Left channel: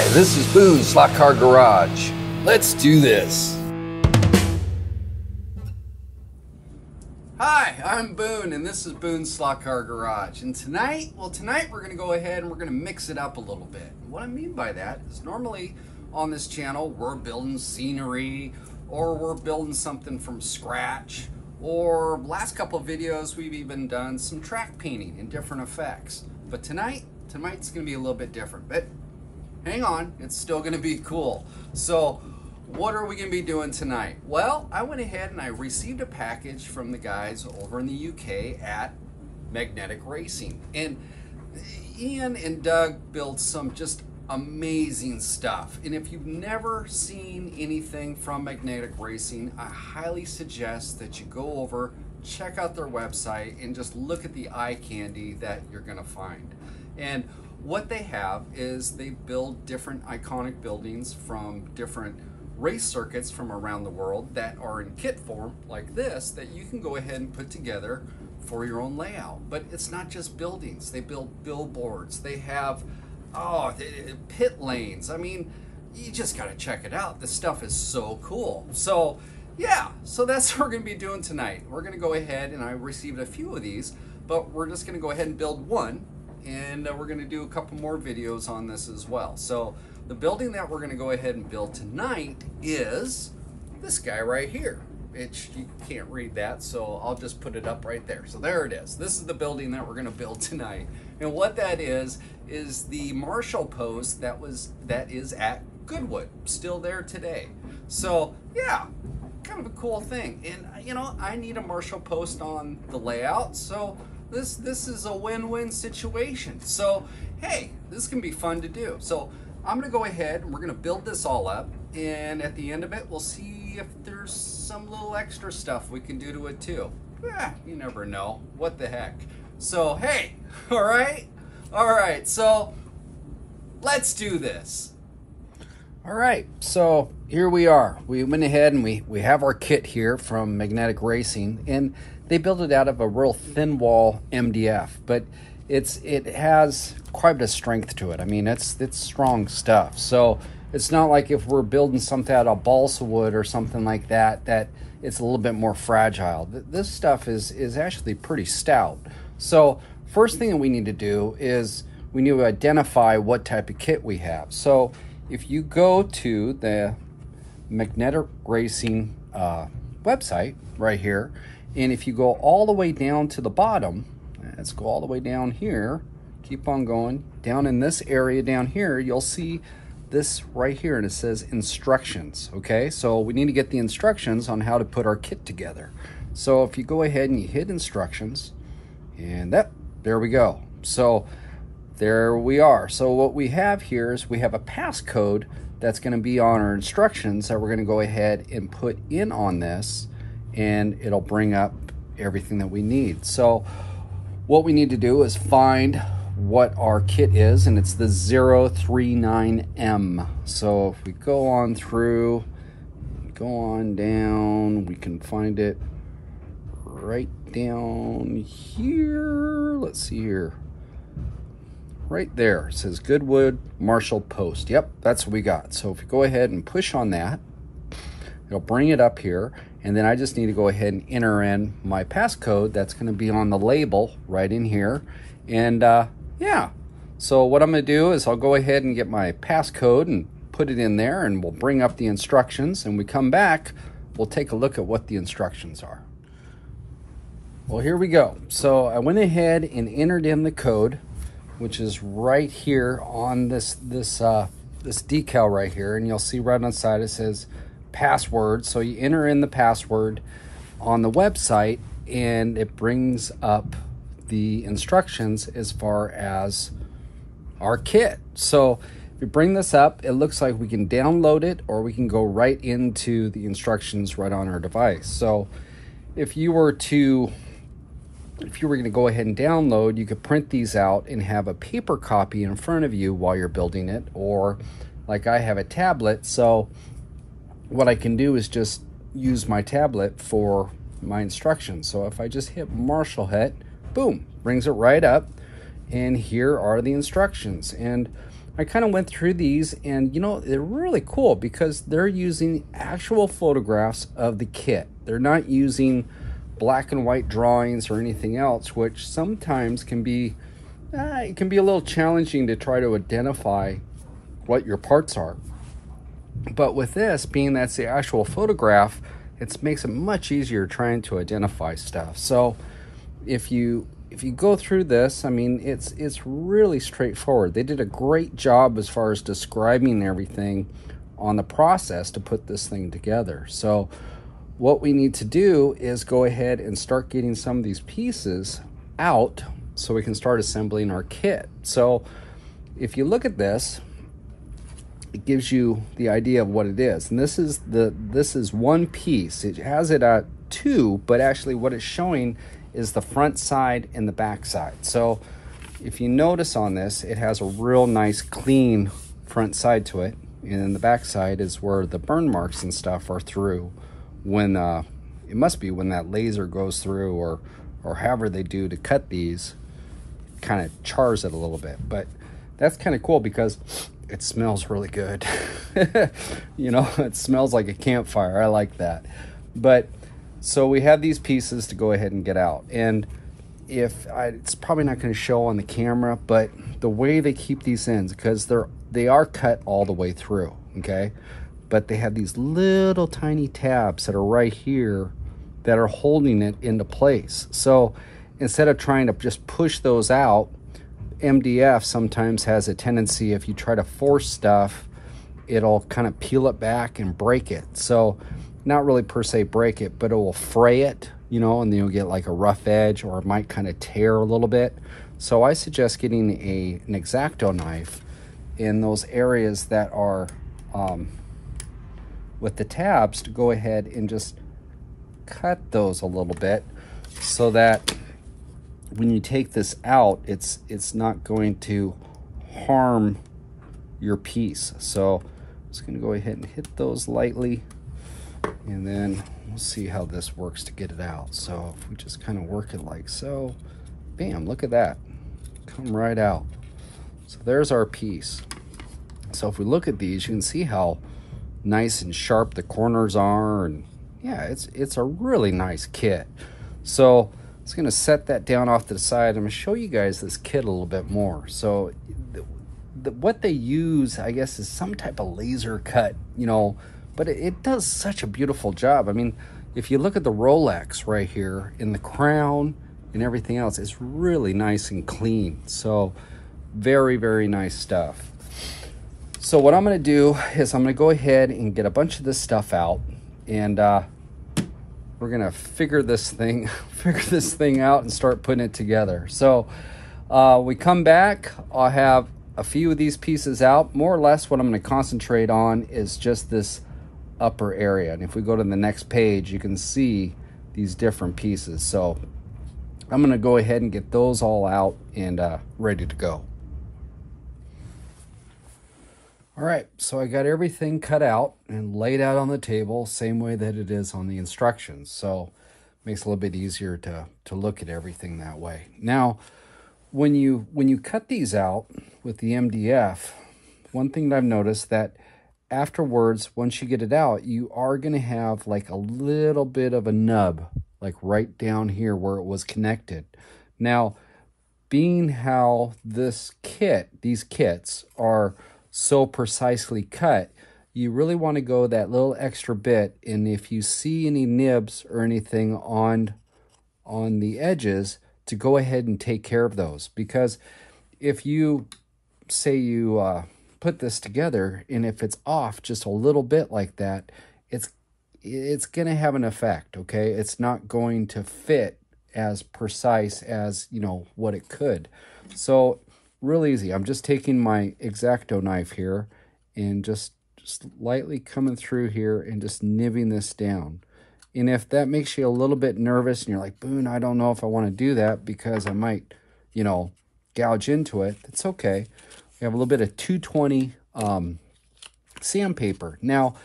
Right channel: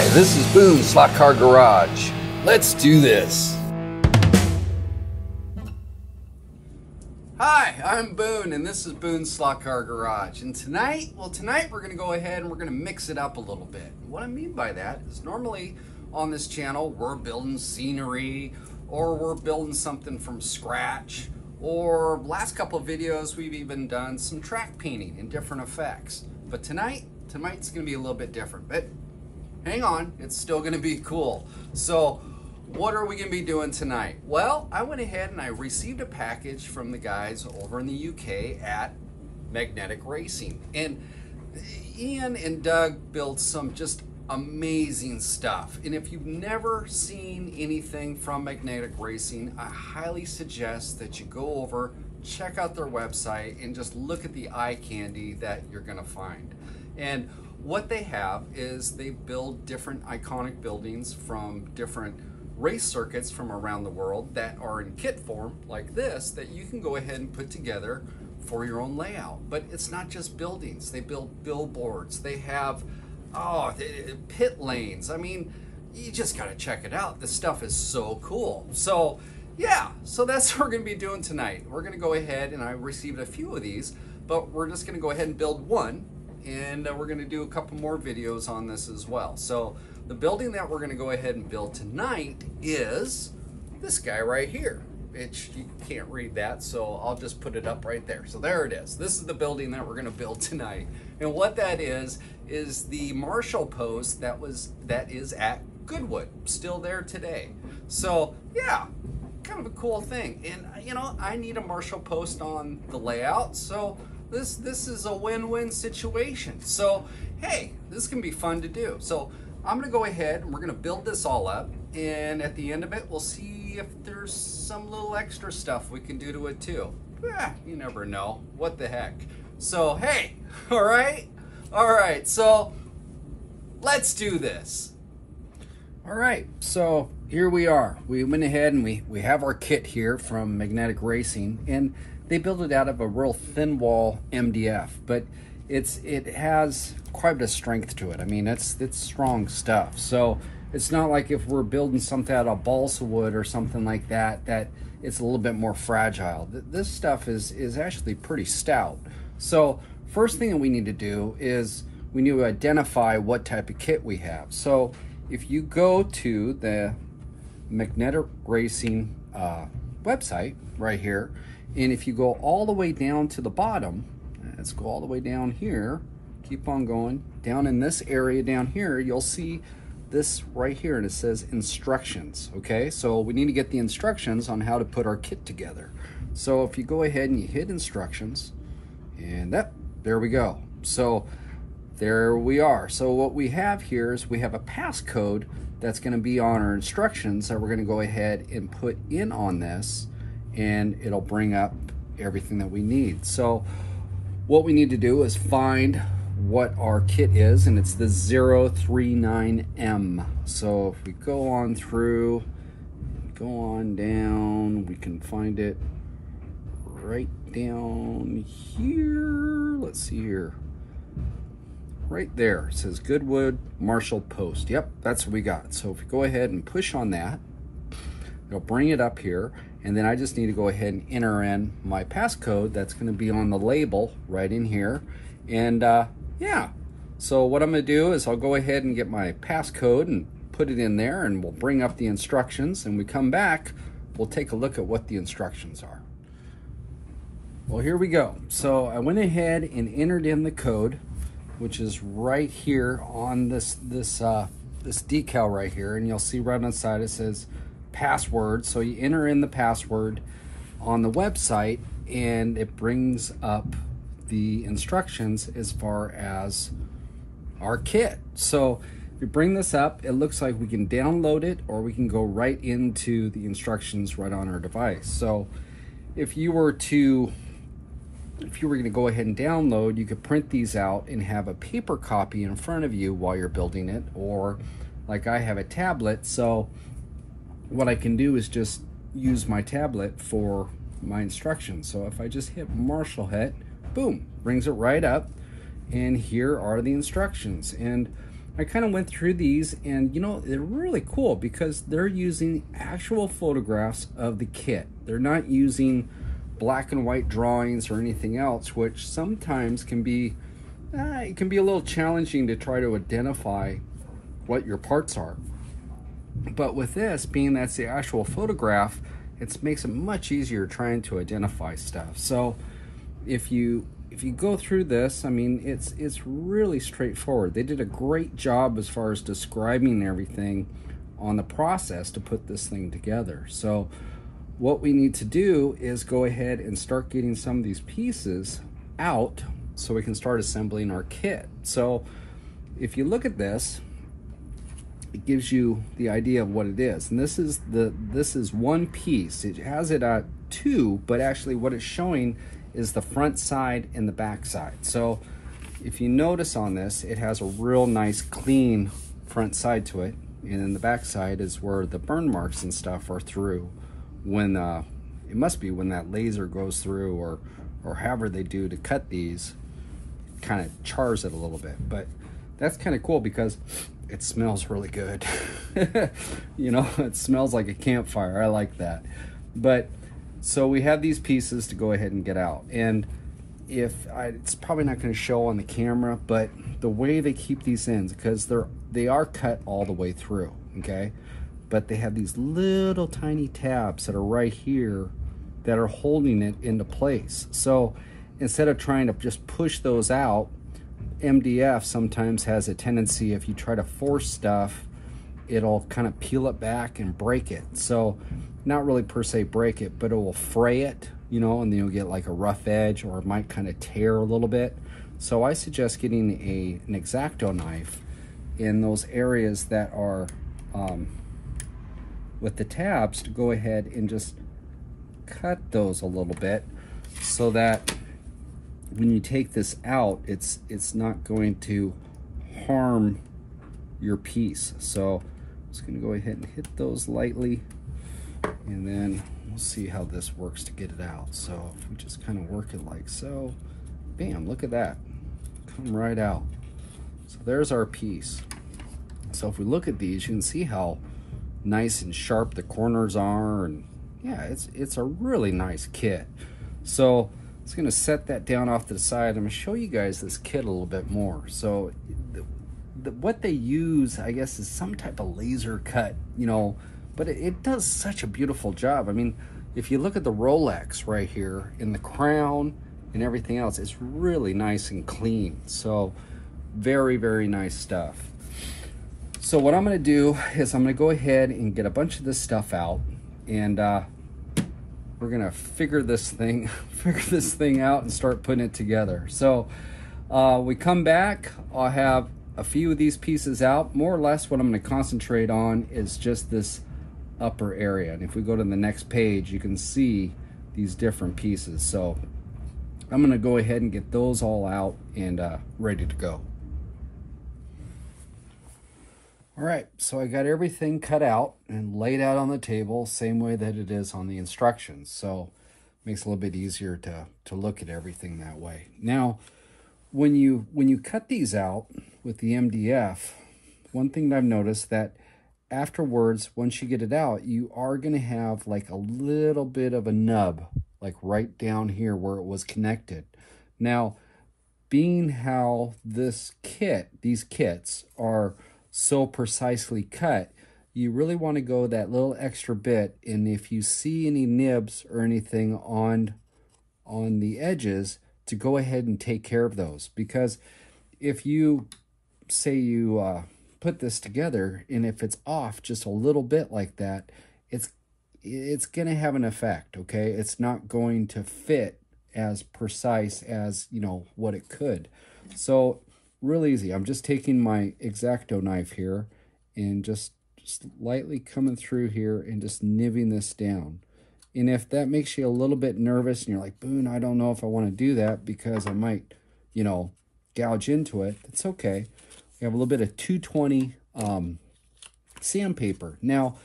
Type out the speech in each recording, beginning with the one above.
Hi, this is Boone, Slot Car Garage. Let's do this. Hi, I'm Boone, and this is Boone's Slot Car Garage. And tonight we're going to go ahead and we're going to mix it up a little bit. What I mean by that is normally on this channel we're building scenery, or we're building something from scratch, or last couple of videos we've even done some track painting and different effects. But tonight's going to be a little bit different. But hang on, it's still going to be cool. So what are we going to be doing tonight? Well, I went ahead and I received a package from the guys over in the UK at Magnetic Racing. And Ian and Doug built some just amazing stuff. And if you've never seen anything from Magnetic Racing, I highly suggest that you go over, check out their website, and just look at the eye candy that you're going to find. And what they have is they build different iconic buildings from different race circuits from around the world that are in kit form like this, that you can go ahead and put together for your own layout. But it's not just buildings. They build billboards. They have pit lanes. I mean, you just got to check it out. This stuff is so cool. So yeah, so that's what we're going to be doing tonight. We're going to go ahead, and I received a few of these, but we're just going to go ahead and build one. And we're going to do a couple more videos on this as well. So the building that we're going to go ahead and build tonight is this guy right here, which you can't read that, so I'll just put it up right there. So there it is. This is the building that we're going to build tonight. And what that is the Marshal Post that is at Goodwood, still there today. So yeah, kind of a cool thing. And you know, I need a Marshal Post on the layout, so this is a win-win situation. So hey, this can be fun to do. So I'm gonna go ahead and we're gonna build this all up, and at the end of it we'll see if there's some little extra stuff we can do to it too. You never know, what the heck. So hey, all right, so let's do this. All right, so here we are. We went ahead and we have our kit here from Magnetic Racing, and they built it out of a real thin wall MDF, but it has quite a bit of strength to it. I mean, it's strong stuff. So it's not like if we're building something out of balsa wood or something like that, that it's a little bit more fragile. This stuff is actually pretty stout. So first thing that we need to do is we need to identify what type of kit we have. So if you go to the Magnetic Racing website right here, and if you go all the way down to the bottom, let's go all the way down here, keep on going, down in this area down here, you'll see this right here, and it says instructions, okay? So we need to get the instructions on how to put our kit together. So if you go ahead and you hit instructions, and there we go. So there we are. So what we have here is we have a passcode that's gonna be on our instructions that we're gonna go ahead and put in on this, and it'll bring up everything that we need. So what we need to do is find what our kit is, and it's the 039M. So if we go on through, go on down, we can find it right down here. Let's see here. Right there, it says Goodwood Marshal Post. Yep, that's what we got. So if we go ahead and push on that, it'll bring it up here, and then I just need to go ahead and enter in my passcode that's going to be on the label right in here. And yeah, so what I'm going to do is I'll go ahead and get my passcode and put it in there, and we'll bring up the instructions, and we come back, we'll take a look at what the instructions are. Well, here we go. So I went ahead and entered in the code, which is right here on this decal right here, and you'll see right on the side it says password. So you enter in the password on the website, and it brings up the instructions as far as our kit. So if you bring this up, it looks like we can download it, or we can go right into the instructions right on our device. So if you were going to go ahead and download, you could print these out and have a paper copy in front of you while you're building it, or like I have a tablet, so what I can do is just use my tablet for my instructions. So if I just hit Marshal hit, boom, brings it right up, and here are the instructions. And I kind of went through these, and you know, they're really cool because they're using actual photographs of the kit. They're not using black and white drawings or anything else, which sometimes can be it can be a little challenging to try to identify what your parts are. But with this, being that's the actual photograph, it makes it much easier trying to identify stuff. So if you go through this, I mean, it's really straightforward. They did a great job as far as describing everything on the process to put this thing together. So what we need to do is go ahead and start getting some of these pieces out so we can start assembling our kit. So if you look at this, it gives you the idea of what it is. And this is one piece. It has it at two, but actually what it's showing is the front side and the back side. So if you notice on this, it has a real nice clean front side to it, and then the back side is where the burn marks and stuff are through when it must be when that laser goes through, or however they do to cut these, kind of chars it a little bit. But that's kind of cool because it smells really good. You know, it smells like a campfire. I like that. But so we have these pieces to go ahead and get out. And it's probably not going to show on the camera, but the way they keep these ends, because they are cut all the way through, okay? But they have these little tiny tabs that are right here that are holding it into place. So instead of trying to just push those out, MDF sometimes has a tendency, if you try to force stuff, it'll kind of peel it back and break it. So not really per se break it, but it will fray it, you know, and then you'll get like a rough edge, or it might kind of tear a little bit. So I suggest getting an X-Acto knife in those areas that are with the tabs, to go ahead and just cut those a little bit so that when you take this out, it's not going to harm your piece. So I'm just going to go ahead and hit those lightly, and then we'll see how this works to get it out. So if we just kind of work it like so, bam, look at that, come right out. So there's our piece. So if we look at these, you can see how nice and sharp the corners are, and yeah, it's a really nice kit. So I'm just gonna set that down off to the side. I'm gonna show you guys this kit a little bit more. So what they use, I guess, is some type of laser cut, you know, but it does such a beautiful job. I mean, if you look at the Rolex right here in the crown and everything else, it's really nice and clean. So very, very nice stuff. So what I'm going to do is I'm going to go ahead and get a bunch of this stuff out, and we're going to figure this thing out and start putting it together. So we come back, I'll have a few of these pieces out. More or less what I'm going to concentrate on is just this upper area. And if we go to the next page, you can see these different pieces. So I'm going to go ahead and get those all out and ready to go. All right, so I got everything cut out and laid out on the table, same way that it is on the instructions. So it makes it a little bit easier to look at everything that way. Now, when you cut these out with the MDF, one thing that I've noticed that afterwards, once you get it out, you are going to have like a little bit of a nub, like right down here where it was connected. Now, being how these kits are so precisely cut, you really want to go that little extra bit, and if you see any nibs or anything on the edges, to go ahead and take care of those. Because if you say you put this together, and if it's off just a little bit like that, it's going to have an effect, okay? It's not going to fit as precise as, you know, what it could. So real easy. I'm just taking my X-Acto knife here and just lightly coming through here and just nibbing this down. And if that makes you a little bit nervous and you're like, Boone, I don't know if I want to do that because I might, you know, gouge into it, it's okay. We have a little bit of 220 sandpaper. Now,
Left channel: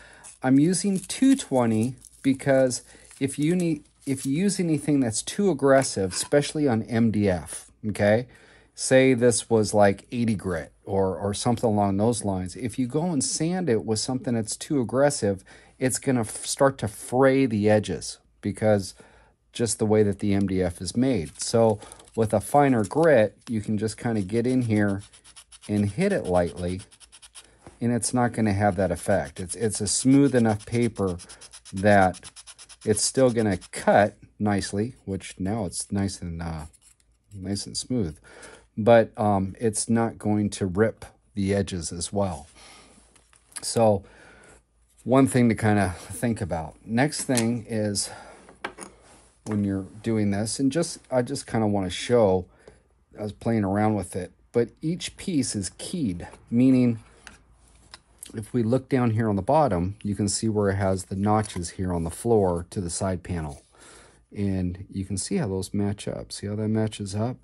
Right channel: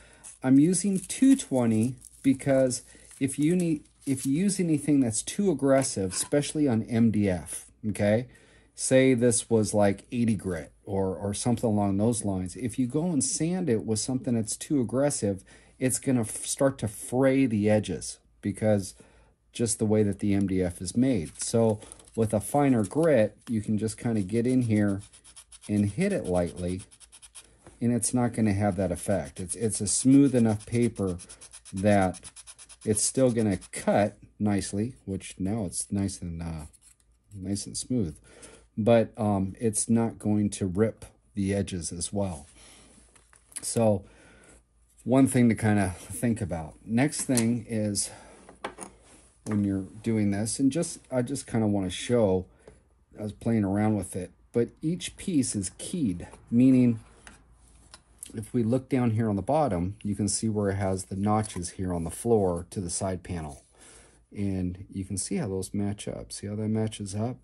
I'm using 220 because if you use anything that's too aggressive, especially on MDF, okay? Say this was like 80 grit or something along those lines. If you go and sand it with something that's too aggressive, it's going to start to fray the edges because just the way that the MDF is made. So with a finer grit, you can just kind of get in here and hit it lightly, and it's not going to have that effect. It's a smooth enough paper that it's still going to cut nicely, which now it's nice and smooth, but it's not going to rip the edges as well. So one thing to kind of think about. Next thing is when you're doing this, and I just kind of want to show, I was playing around with it, but each piece is keyed, meaning if we look down here on the bottom, you can see where it has the notches here on the floor to the side panel. And you can see how those match up. See how that matches up?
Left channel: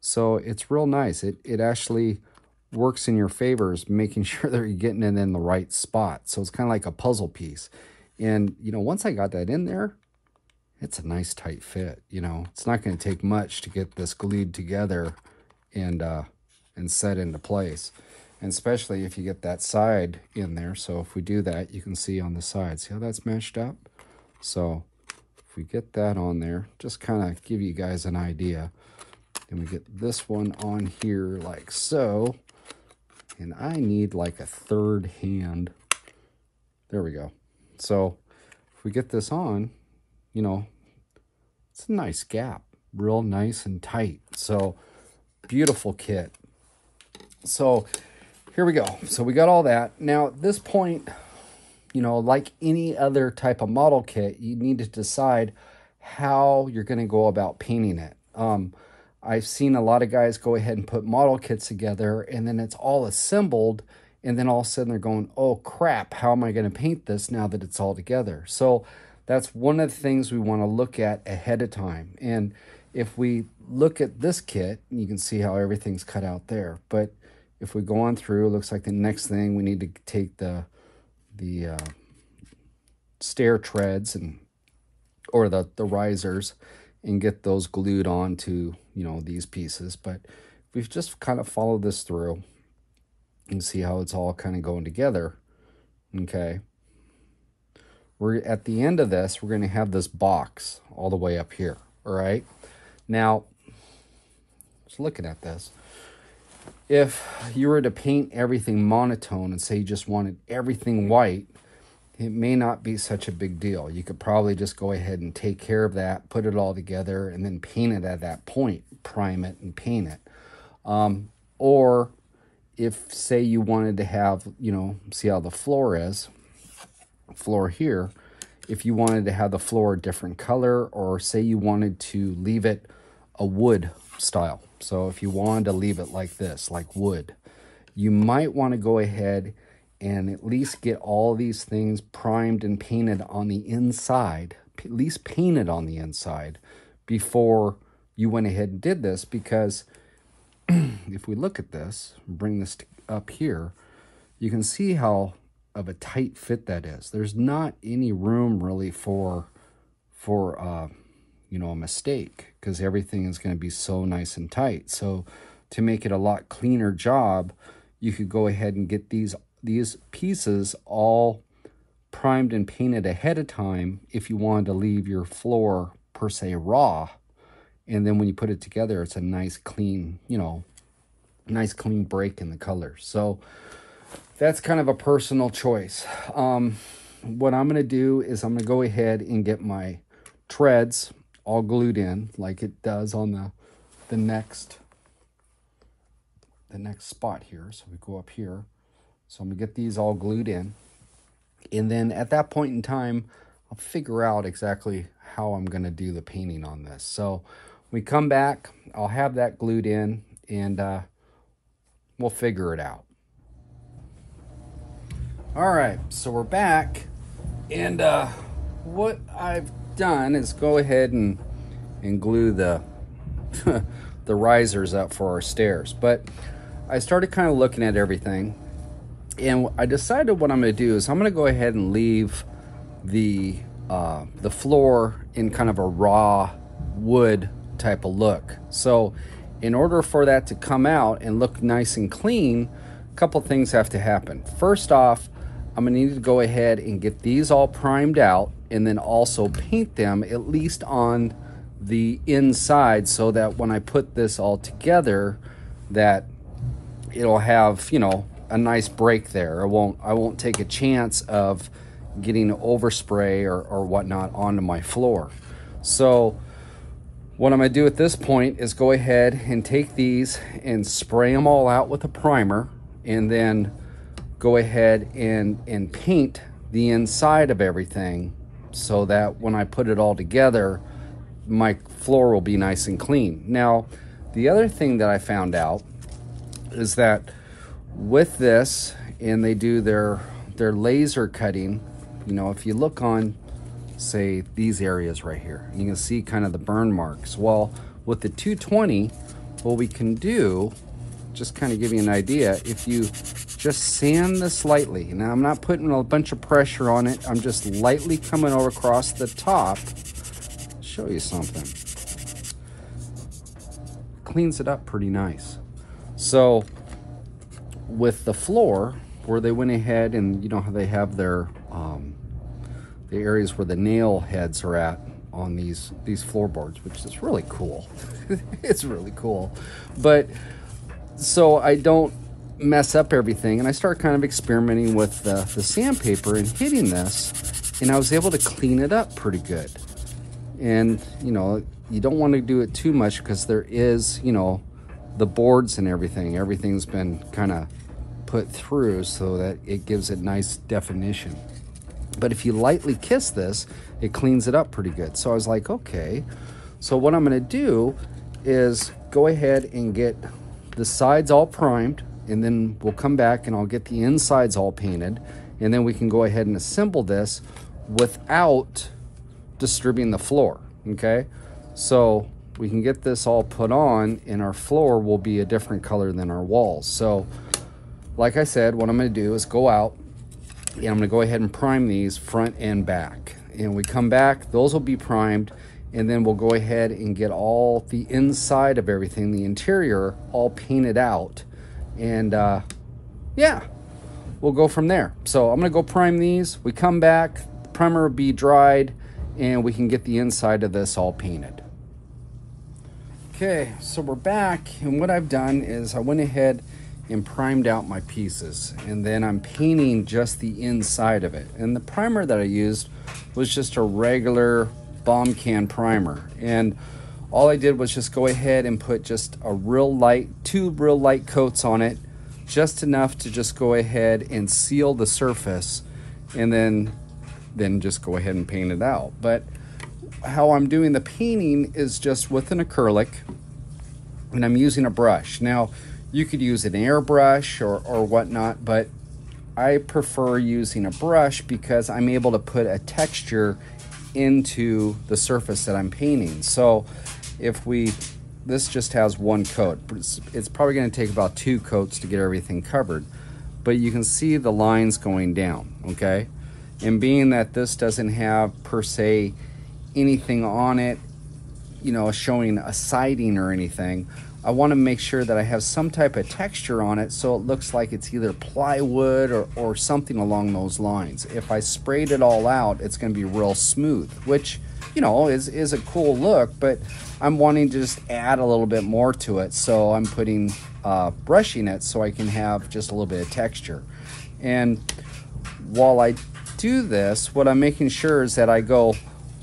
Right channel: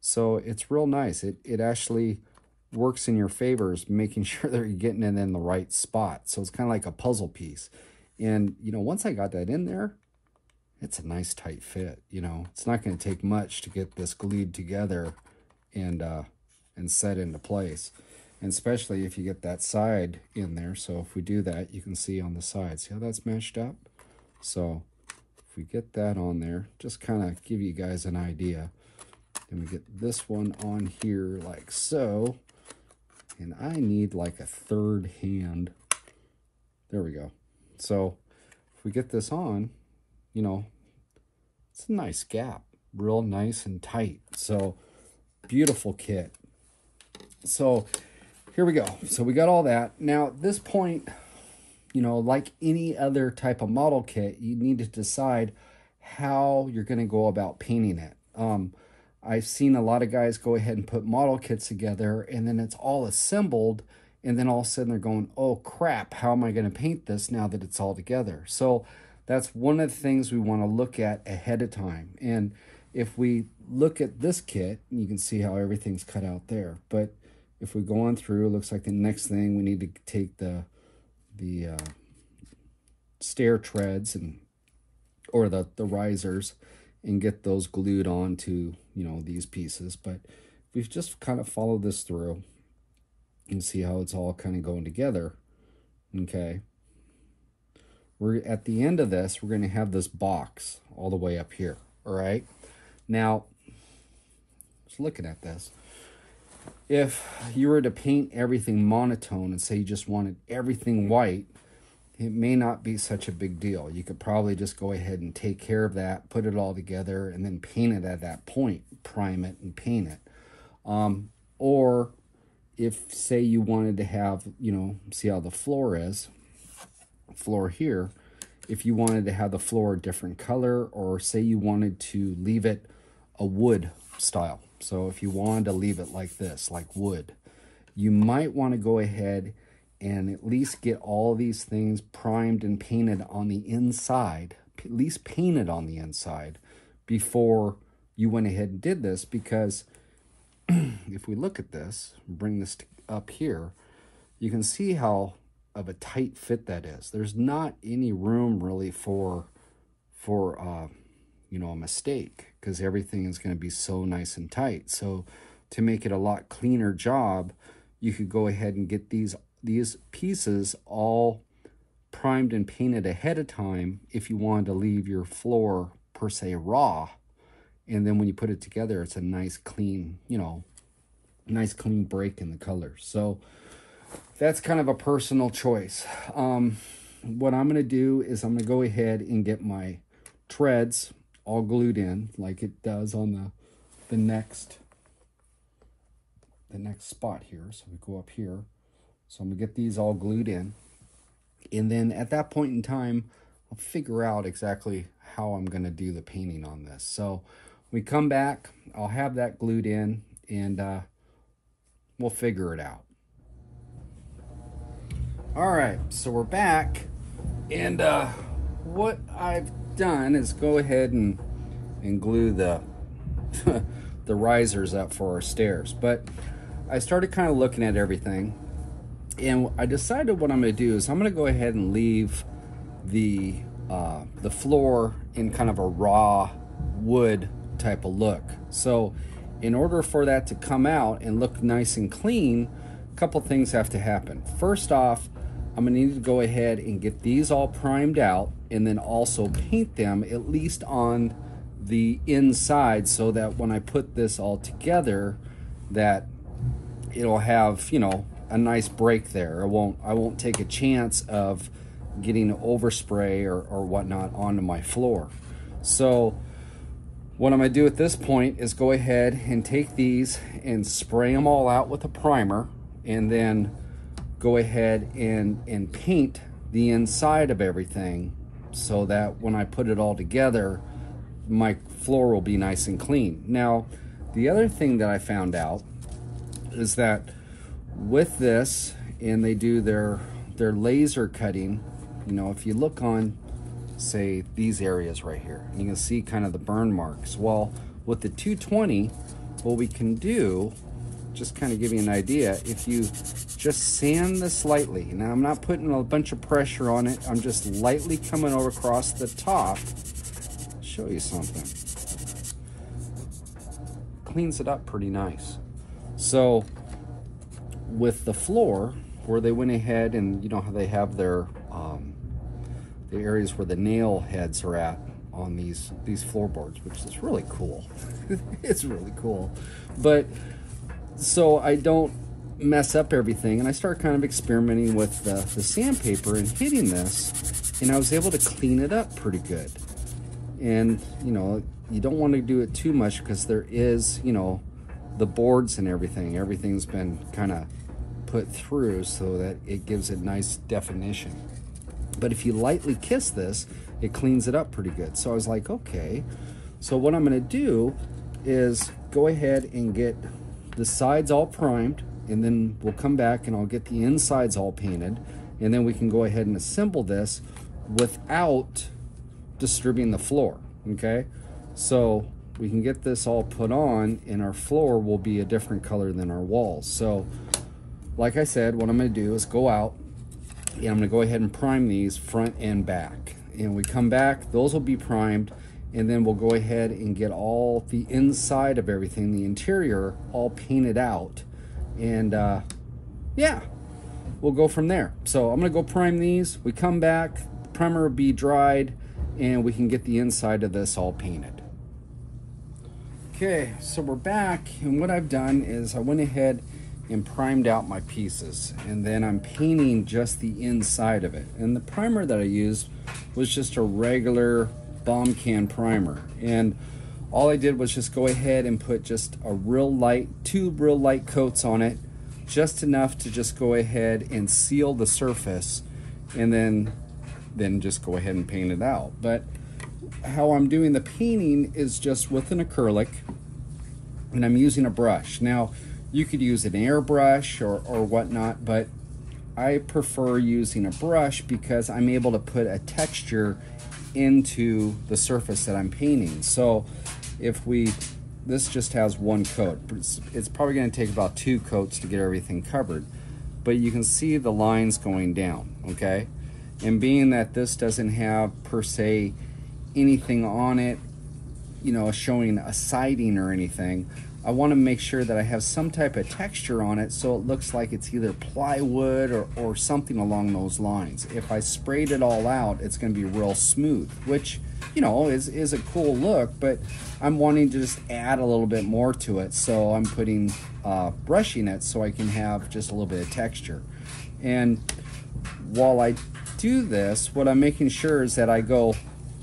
So it's real nice. It actually works in your favors, making sure that you're getting it in the right spot. So it's kind of like a puzzle piece. And, you know, once I got that in there, it's a nice tight fit. You know, it's not going to take much to get this glued together and set into place. And especially if you get that side in there. So if we do that, you can see on the side. See how that's matched up? So if we get that on there, just kind of give you guys an idea. Then we get this one on here like so. And I need like a third hand. There we go. So if we get this on, you know, it's a nice gap. Real nice and tight. So beautiful kit. So here we go. So we got all that. Now at this point, you know, like any other type of model kit, you need to decide how you're going to go about painting it. I've seen a lot of guys go ahead and put model kits together, and then it's all assembled, and then all of a sudden they're going, oh crap, how am I going to paint this now that it's all together? So that's one of the things we want to look at ahead of time. And if we look at this kit, you can see how everything's cut out there. But if we go on through, it looks like the next thing we need to take the stair treads or the risers and get those glued onto, you know, these pieces. But we've just kind of followed this through and see how it's all kind of going together. Okay. We're at the end of this, we're going to have this box all the way up here. All right. Now, just looking at this, if you were to paint everything monotone and say you just wanted everything white, it may not be such a big deal. You could probably just go ahead and take care of that, put it all together, and then paint it at that point, prime it and paint it. Or if, say, you wanted to have, you know, see how the floor is, floor here, if you wanted to have the floor a different color, or say you wanted to leave it a wood style. So if you wanted to leave it like this, like wood, you might want to go ahead and at least get all these things primed and painted on the inside, at least painted on the inside before you went ahead and did this. Because if we look at this, bring this up here, you can see how of a tight fit that is. There's not any room really for you know, a mistake, because everything is going to be so nice and tight. So to make it a lot cleaner job, you could go ahead and get these pieces all primed and painted ahead of time if you wanted to leave your floor per se raw. And then when you put it together, it's a nice clean, you know, nice clean break in the colors. So that's kind of a personal choice. What I'm going to do is I'm going to go ahead and get my treads all glued in like it does on the next spot here. So we go up here. So I'm going to get these all glued in. And then at that point in time, I'll figure out exactly how I'm going to do the painting on this. So we come back, I'll have that glued in, and we'll figure it out. All right, so we're back. And what I've done is go ahead and glue the the risers up for our stairs. But I started kind of looking at everything, and I decided what I'm going to do is I'm going to go ahead and leave the floor in kind of a raw wood type of look. So in order for that to come out and look nice and clean, couple things have to happen. First off, I'm gonna need to go ahead and get these all primed out and then also paint them at least on the inside so that when I put this all together that it'll have, you know, a nice break there. I won't take a chance of getting overspray or whatnot onto my floor. So what I'm gonna do at this point is go ahead and take these and spray them all out with a primer, and then go ahead and paint the inside of everything so that when I put it all together, my floor will be nice and clean. Now, the other thing that I found out is that with this, and they do their laser cutting, you know, if you look on, say, these areas right here, you can see kind of the burn marks. Well, with the 220, what we can do, just kind of give you an idea, if you just sand this lightly, now I'm not putting a bunch of pressure on it, I'm just lightly coming over across the top. I'll show you something. Cleans it up pretty nice. So with the floor, where they went ahead and, you know how they have their the areas where the nail heads are at on these floorboards, which is really cool. It's really cool. But so I don't mess up everything, and I start kind of experimenting with the sandpaper and hitting this, and I was able to clean it up pretty good. And you know, you don't want to do it too much because there is, you know, the boards and everything's been kind of put through so that it gives it nice definition. But if you lightly kiss this, it cleans it up pretty good. So I was like, okay, so what I'm gonna do is go ahead and get the sides all primed, and then we'll come back and I'll get the insides all painted, and then we can go ahead and assemble this without disturbing the floor, okay? So we can get this all put on, and our floor will be a different color than our walls. So like I said, what I'm gonna do is go out, and I'm gonna go ahead and prime these front and back. And we come back, those will be primed, and then we'll go ahead and get all the inside of everything, the interior, all painted out. And yeah, we'll go from there. So I'm gonna go prime these. We come back, the primer will be dried, and we can get the inside of this all painted. Okay, so we're back, and what I've done is I went ahead and primed out my pieces, and then I'm painting just the inside of it. And the primer that I used was just a regular bomb can primer, and all I did was just go ahead and put just a real light, 2 real light coats on it, just enough to just go ahead and seal the surface, and then just go ahead and paint it out. But how I'm doing the painting is just with an acrylic, and I'm using a brush. Now you could use an airbrush or whatnot, but I prefer using a brush because I'm able to put a texture into the surface that I'm painting. So if this just has 1 coat, it's probably going to take about 2 coats to get everything covered, but you can see the lines going down, okay? And being that this doesn't have per se anything on it, you know, showing a siding or anything, I want to make sure that I have some type of texture on it so it looks like it's either plywood or something along those lines. If I sprayed it all out, it's going to be real smooth, which, you know, is a cool look, but I'm wanting to just add a little bit more to it, so I'm putting brushing it so I can have just a little bit of texture. And while I do this, what I'm making sure is that I go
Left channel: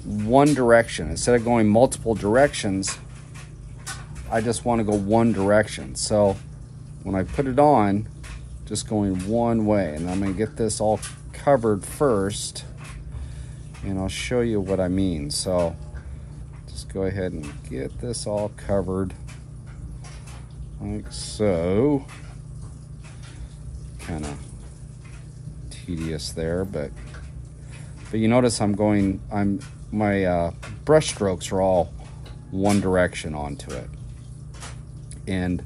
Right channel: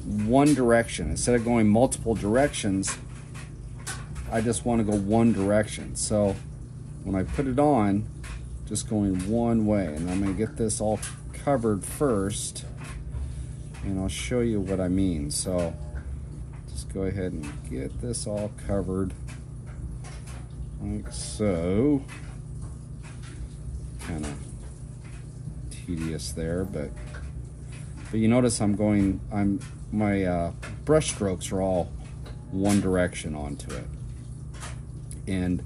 one direction instead of going multiple directions. I just want to go one direction. So when I put it on, just going one way, and I'm going to get this all covered first, and I'll show you what I mean. So just go ahead and get this all covered like so. Kind of tedious there, but you notice my brush strokes are all one direction onto it. And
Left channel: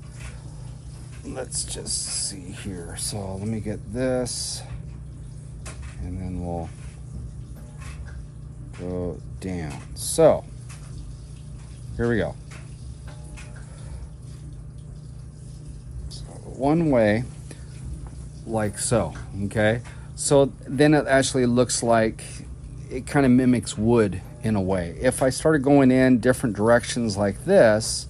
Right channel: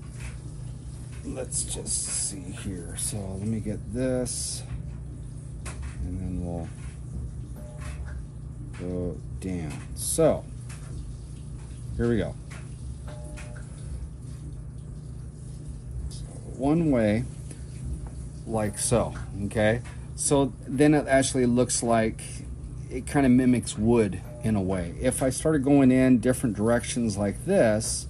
let's just see here. So let me get this, and then we'll go down. So here we go. So one way, like so, okay? So then it actually looks like it kind of mimics wood in a way. If I started going in different directions like this,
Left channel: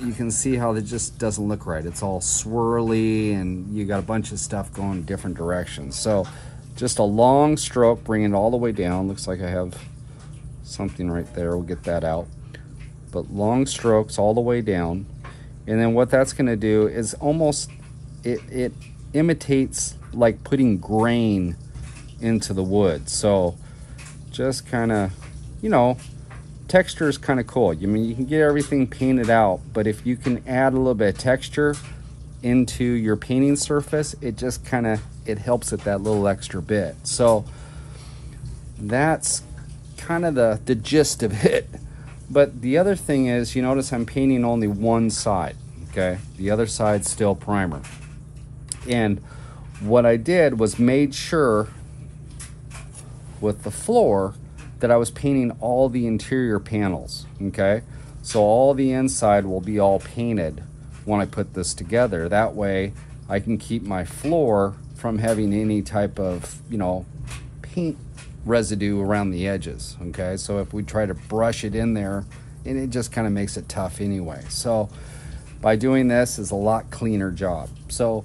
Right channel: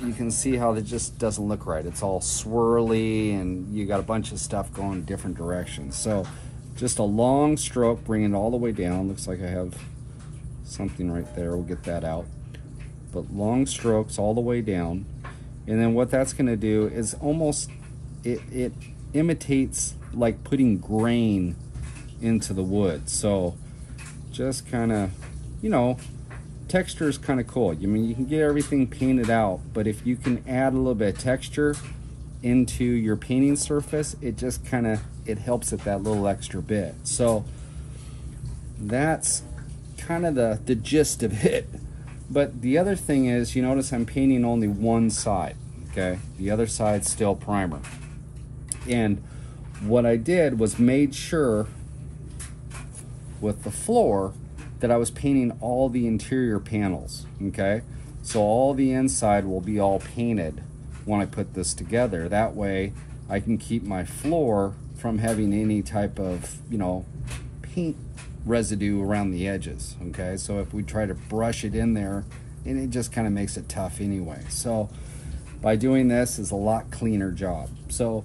you can see how it just doesn't look right. It's all swirly and you got a bunch of stuff going in different directions. So just a long stroke, bring it all the way down. Looks like I have something right there. We'll get that out. But long strokes all the way down. And then what that's gonna do is almost, it imitates like putting grain into the wood. So just kind of, you know, texture is kind of cool. I mean, you can get everything painted out, but if you can add a little bit of texture into your painting surface, it just kind of, it helps it that little extra bit. So that's kind of the gist of it. But the other thing is, you notice I'm painting only one side, okay? The other side's still primer. And what I did was made sure with the floor that I was painting all the interior panels, okay? So all the inside will be all painted when I put this together. That way I can keep my floor from having any type of, you know, paint residue around the edges, okay? So if we try to brush it in there, and it just kind of makes it tough anyway. So by doing this is a lot cleaner job. So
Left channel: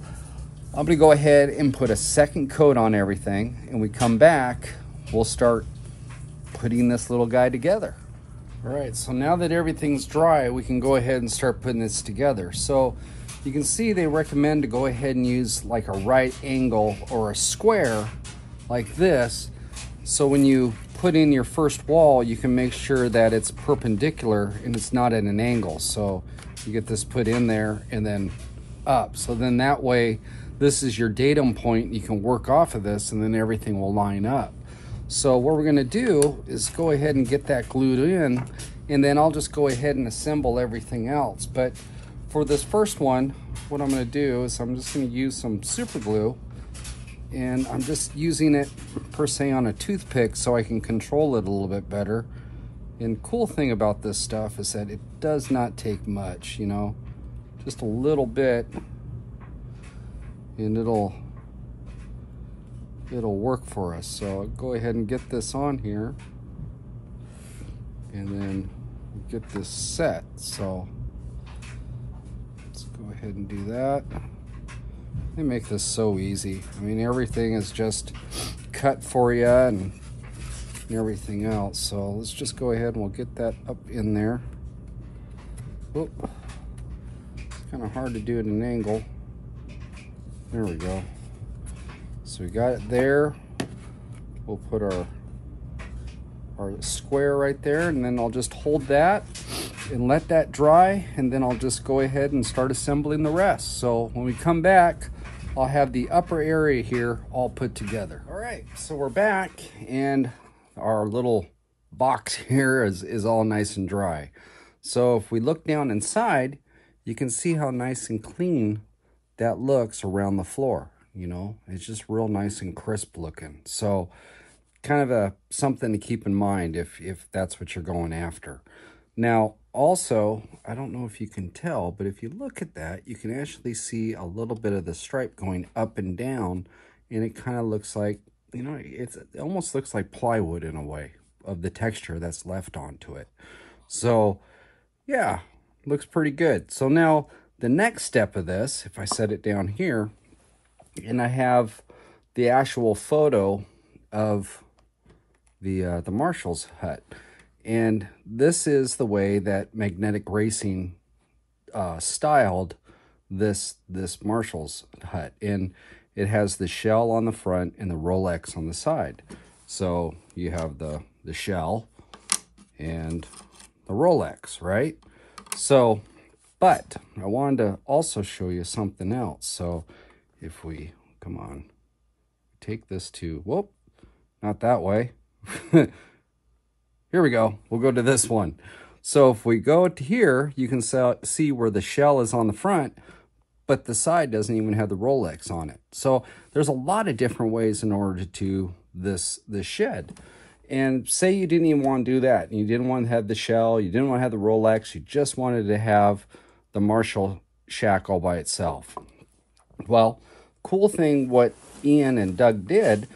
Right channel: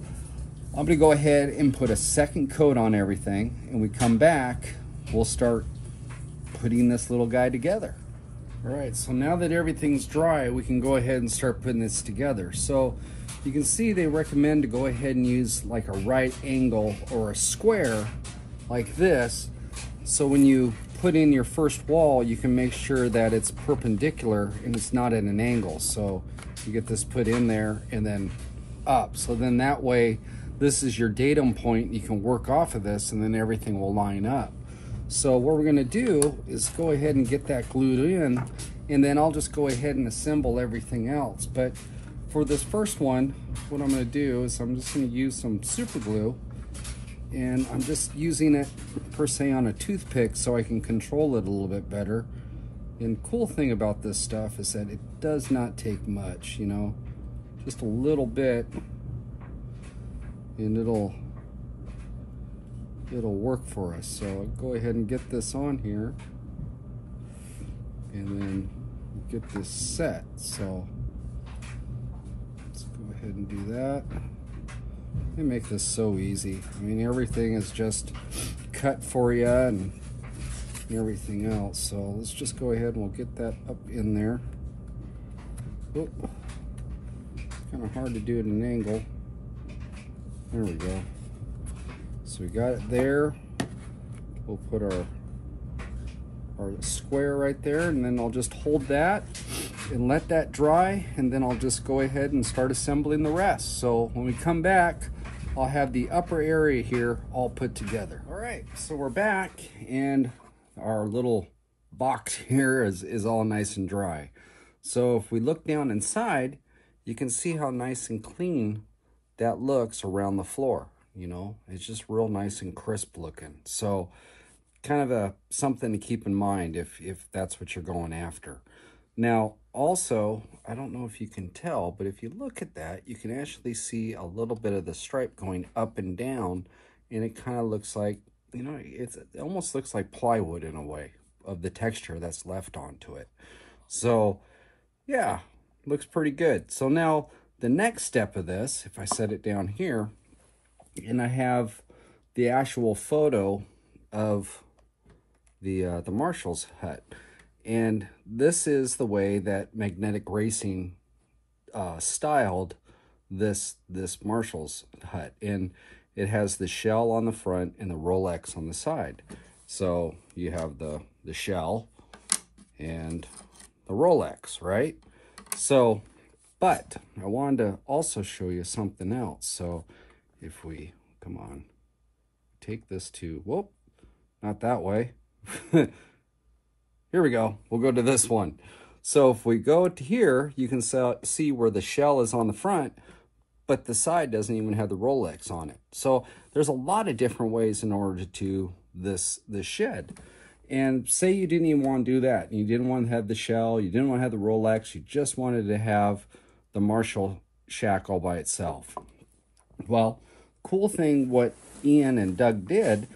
I'm gonna go ahead and put a second coat on everything, and we come back, we'll start putting this little guy together. All right, so now that everything's dry, we can go ahead and start putting this together. So you can see they recommend to go ahead and use like a right angle or a square like this. So when you put in your first wall, you can make sure that it's perpendicular and it's not at an angle. So you get this put in there and then up. So then that way, this is your datum point. You can work off of this and then everything will line up. So what we're gonna do is go ahead and get that glued in, and then I'll just go ahead and assemble everything else. But for this first one, what I'm gonna do is I'm just gonna use some super glue, and I'm just using it per se on a toothpick so I can control it a little bit better. And cool thing about this stuff is that it does not take much, you know, just a little bit, and it'll work for us. So I'll go ahead and get this on here and then get this set. So let's go ahead and do that. They make this so easy. I mean, everything is just cut for you and everything else. So let's just go ahead and we'll get that up in there. Oop. It's kind of hard to do at an angle. There we go. So we got it there. We'll put our square right there, and then I'll just hold that and let that dry, and then I'll just go ahead and start assembling the rest. So when we come back, I'll have the upper area here all put together. All right, so we're back, and our little box here is all nice and dry. So if we look down inside, you can see how nice and clean that looks around the floor. You know, it's just real nice and crisp looking. So kind of something to keep in mind if that's what you're going after. Now, also, I don't know if you can tell, but if you look at that, you can actually see a little bit of the stripe going up and down, and it kind of looks like, you know, it almost looks like plywood in a way of the texture that's left onto it. So, yeah, looks pretty good. So now, the next step of this, if I set it down here, and I have the actual photo of the Marshall's hut. And this is the way that Magnetic Racing styled this Marshall's hut. And it has the shell on the front and the Rolex on the side. So you have the shell and the Rolex, right? So, but I wanted to also show you something else. So if we, come on, take this to, whoop, not that way. Here we go. We'll go to this one. So if we go to here, you can see where the shell is on the front, but the side doesn't even have the Rolex on it. So there's a lot of different ways in order to do this shed. And say you didn't even want to do that. You didn't want to have the shell. You didn't want to have the Rolex. You just wanted to have the Marshall shack all by itself. Well, cool thing what Ian and Doug did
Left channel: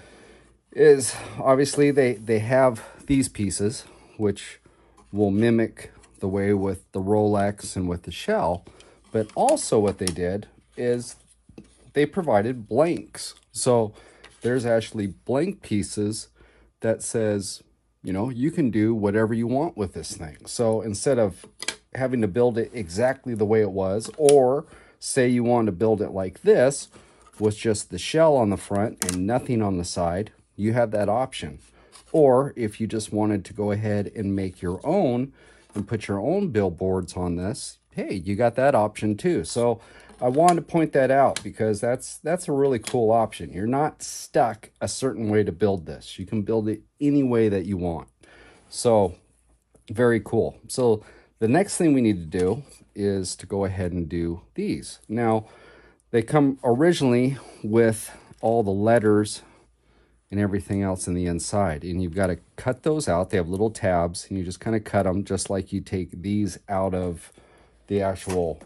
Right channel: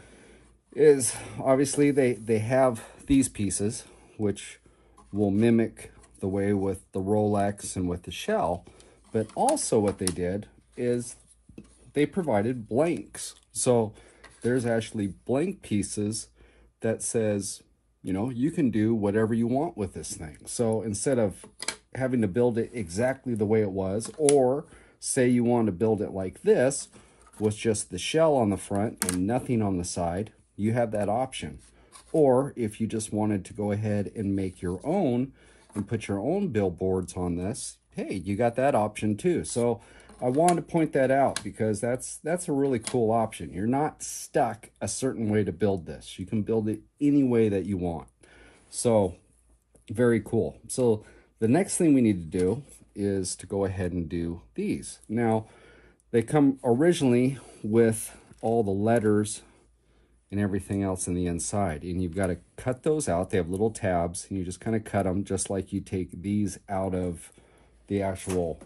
is obviously they have these pieces, which will mimic the way with the Rolex and with the shell. But also what they did is they provided blanks. So there's actually blank pieces that says, you know, you can do whatever you want with this thing. So instead of having to build it exactly the way it was, or say you want to build it like this with just the shell on the front and nothing on the side, you have that option. Or if you just wanted to go ahead and make your own and put your own billboards on this, hey, you got that option too. So I wanted to point that out because that's a really cool option. You're not stuck a certain way to build this. You can build it any way that you want. So very cool. So the next thing we need to do is to go ahead and do these. Now, they come originally with all the letters and everything else in the inside, and you've got to cut those out. They have little tabs, and you just kind of cut them just like you take these out of the actual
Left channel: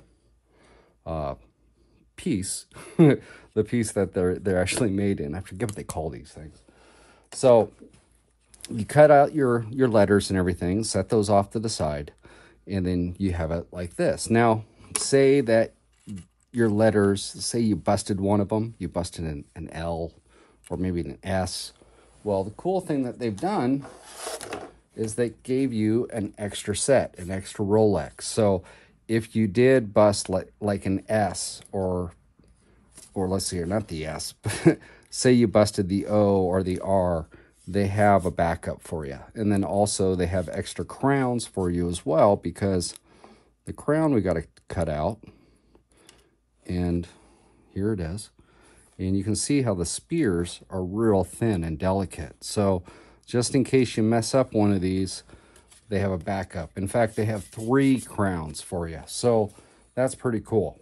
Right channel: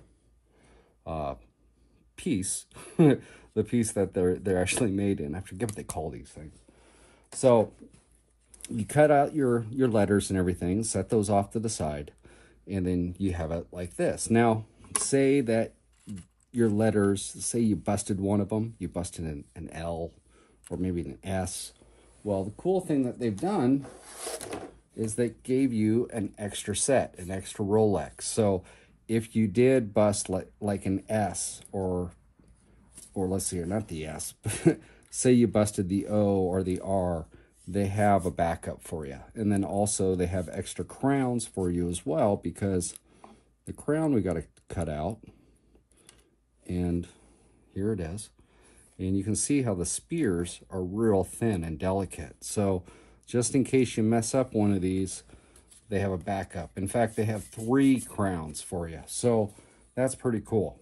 piece, the piece that they're actually made in. I forget what they call these things. So you cut out your letters and everything, set those off to the side, and then you have it like this. Now, say that your letters, say you busted one of them, you busted an L or maybe an S. Well, the cool thing that they've done is they gave you an extra set, an extra Rolex. So if you did bust like an S or let's see here, not the S, but say you busted the O or the R, they have a backup for you. And then also they have extra crowns for you as well, because the crown we got to cut out. And here it is. And you can see how the spears are real thin and delicate. So just in case you mess up one of these, they have a backup. In fact, they have 3 crowns for you. So that's pretty cool.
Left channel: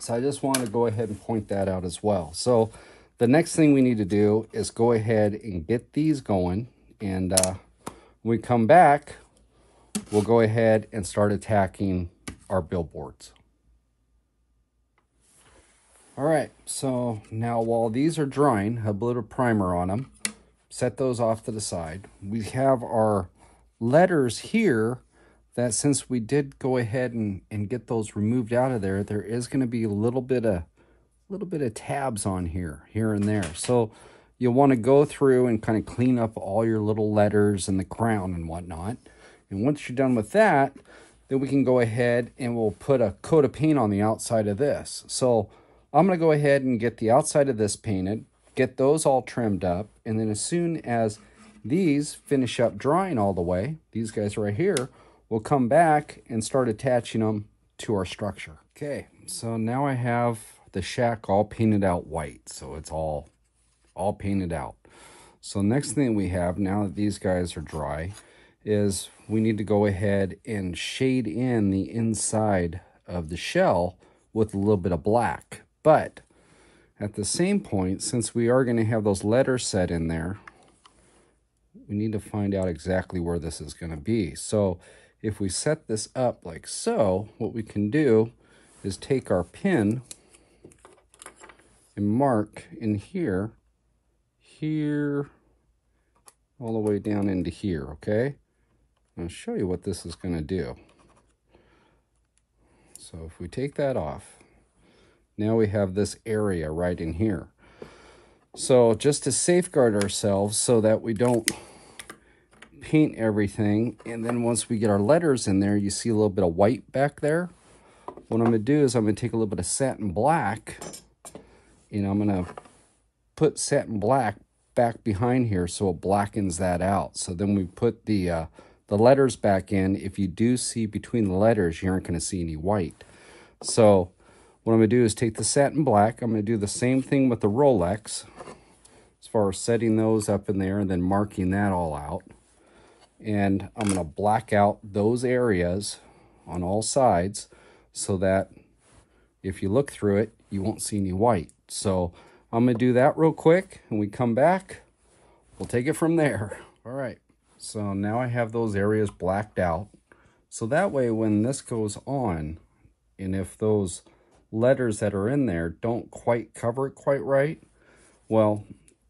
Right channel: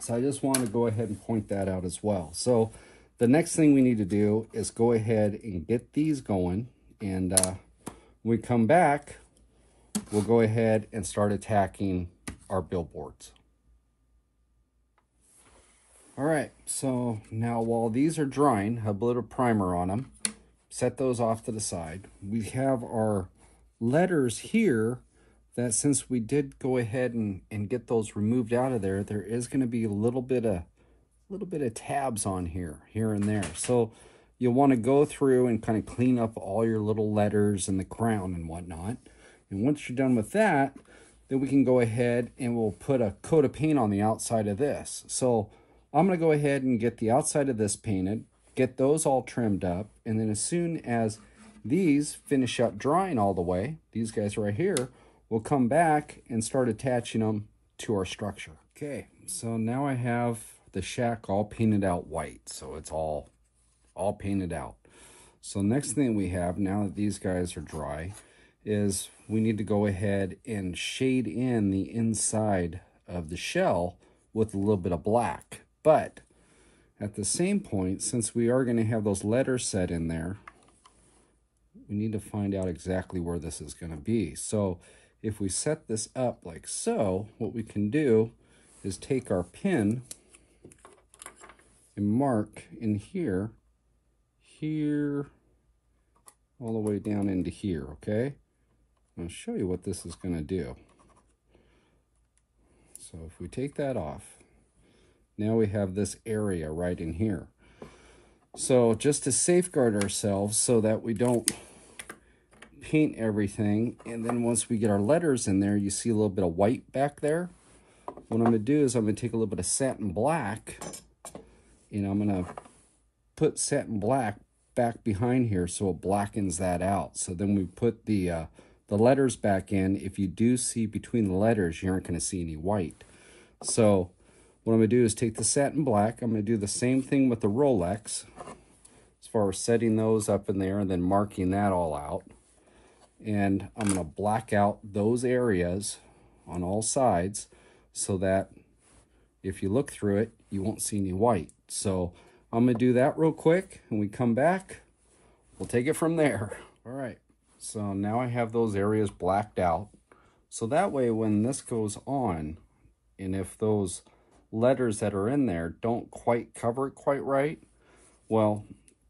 So I just want to go ahead and point that out as well. So the next thing we need to do is go ahead and get these going. And when we come back, we'll go ahead and start attacking our billboards. All right, so now while these are drying, a little primer on them, set those off to the side. We have our letters here that, since we did go ahead and get those removed out of there, there is going to be a little bit of tabs on here and there. So you'll want to go through and kind of clean up all your little letters and the crown and whatnot. And once you're done with that, then we can go ahead and we'll put a coat of paint on the outside of this. So I'm going to go ahead and get the outside of this painted, get those all trimmed up, and then as soon as these finish up drying all the way, these guys right here, we'll come back and start attaching them to our structure. Okay, so now I have the shack all painted out white, so it's all painted out. So next thing we have, now that these guys are dry, is we need to go ahead and shade in the inside of the shell with a little bit of black. But at the same point, since we are going to have those letters set in there, we need to find out exactly where this is going to be. So if we set this up like so, what we can do is take our pin and mark in here, all the way down into here, okay? I'll show you what this is going to do. So if we take that off, now we have this area right in here. So just to safeguard ourselves so that we don't paint everything, and then once we get our letters in there, you see a little bit of white back there. What I'm going to do is I'm going to take a little bit of satin black, and I'm going to put satin black back behind here so it blackens that out. So then we put the letters back in. If you do see between the letters, you aren't going to see any white. So what I'm going to do is take the satin black. I'm going to do the same thing with the Rolex as far as setting those up in there and then marking that all out. And I'm going to black out those areas on all sides so that if you look through it, you won't see any white. So I'm going to do that real quick, and we come back, we'll take it from there. All right, so now I have those areas blacked out. So that way when this goes on, and if those letters that are in there don't quite cover it quite right, well,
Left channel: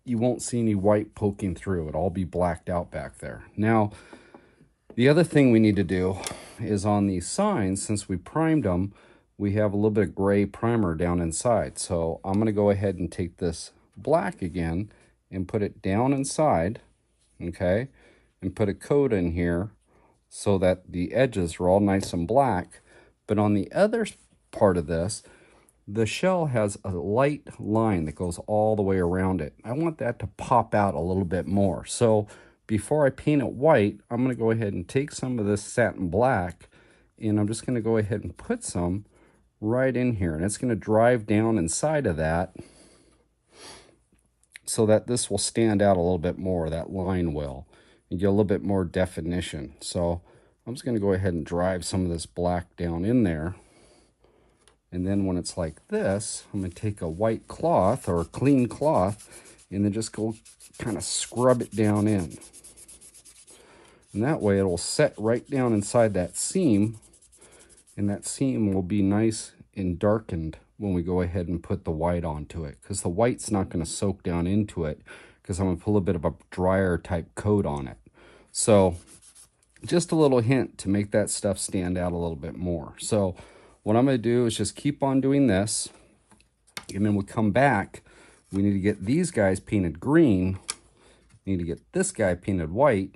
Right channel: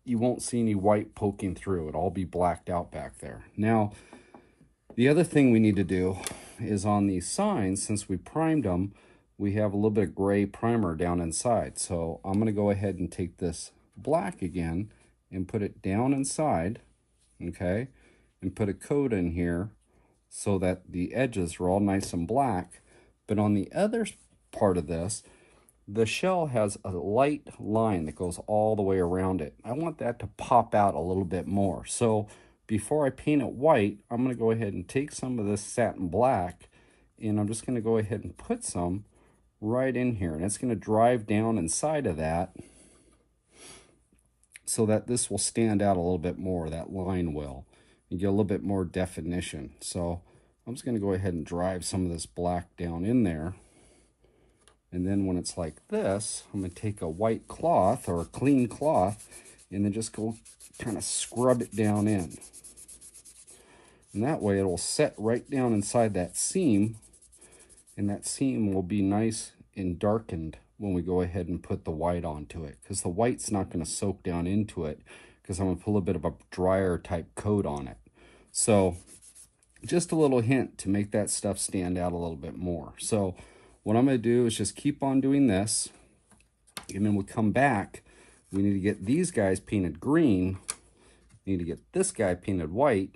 you won't see any white poking through. It'll all be blacked out back there. Now, the other thing we need to do is on these signs, since we primed them, we have a little bit of gray primer down inside. So I'm going to go ahead and take this black again and put it down inside, okay, and put a coat in here so that the edges are all nice and black. But on the other part of this, the shell has a light line that goes all the way around it. I want that to pop out a little bit more. So before I paint it white, I'm going to go ahead and take some of this satin black, and I'm just going to go ahead and put some right in here. And it's going to drive down inside of that so that this will stand out a little bit more, that line will, and get a little bit more definition. So I'm just going to go ahead and drive some of this black down in there. And then when it's like this, I'm going to take a white cloth or a clean cloth and then just go kind of scrub it down in. And that way it'll set right down inside that seam, and that seam will be nice and darkened when we go ahead and put the white onto it, because the white's not going to soak down into it because I'm going to put a little bit of a drier type coat on it. So just a little hint to make that stuff stand out a little bit more. So what I'm going to do is just keep on doing this, and then we come back. We need to get these guys painted green. We need to get this guy painted white.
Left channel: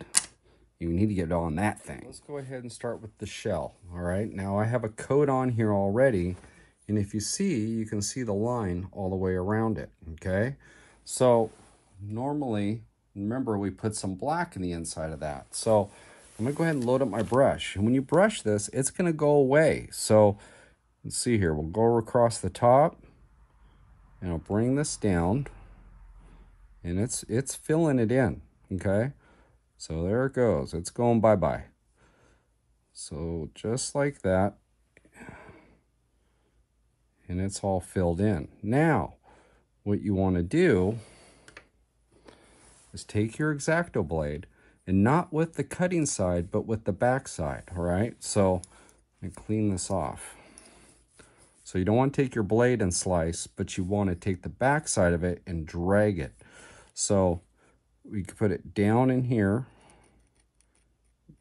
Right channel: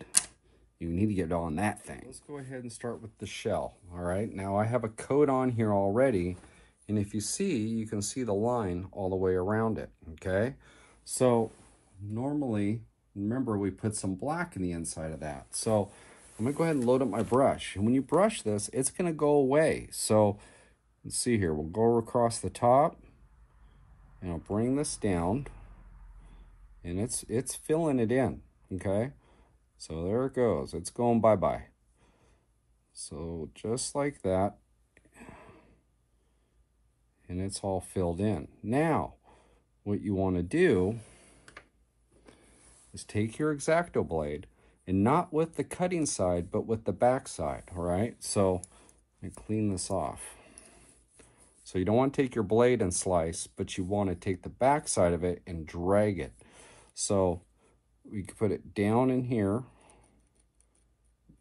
You need to get on that thing. Let's go ahead and start with the shell. All right, now I have a coat on here already, and if you see, you can see the line all the way around it, okay? So normally, remember, we put some black in the inside of that. So I'm gonna go ahead and load up my brush, and when you brush this, it's gonna go away. So let's see here, we'll go across the top, and I'll bring this down, and it's filling it in, okay? So there it goes, it's going bye-bye. So just like that, and it's all filled in. Now, what you wanna do is take your X-Acto blade, and not with the cutting side, but with the back side, all right? So let me clean this off. So you don't want to take your blade and slice, but you want to take the back side of it and drag it. So we can put it down in here,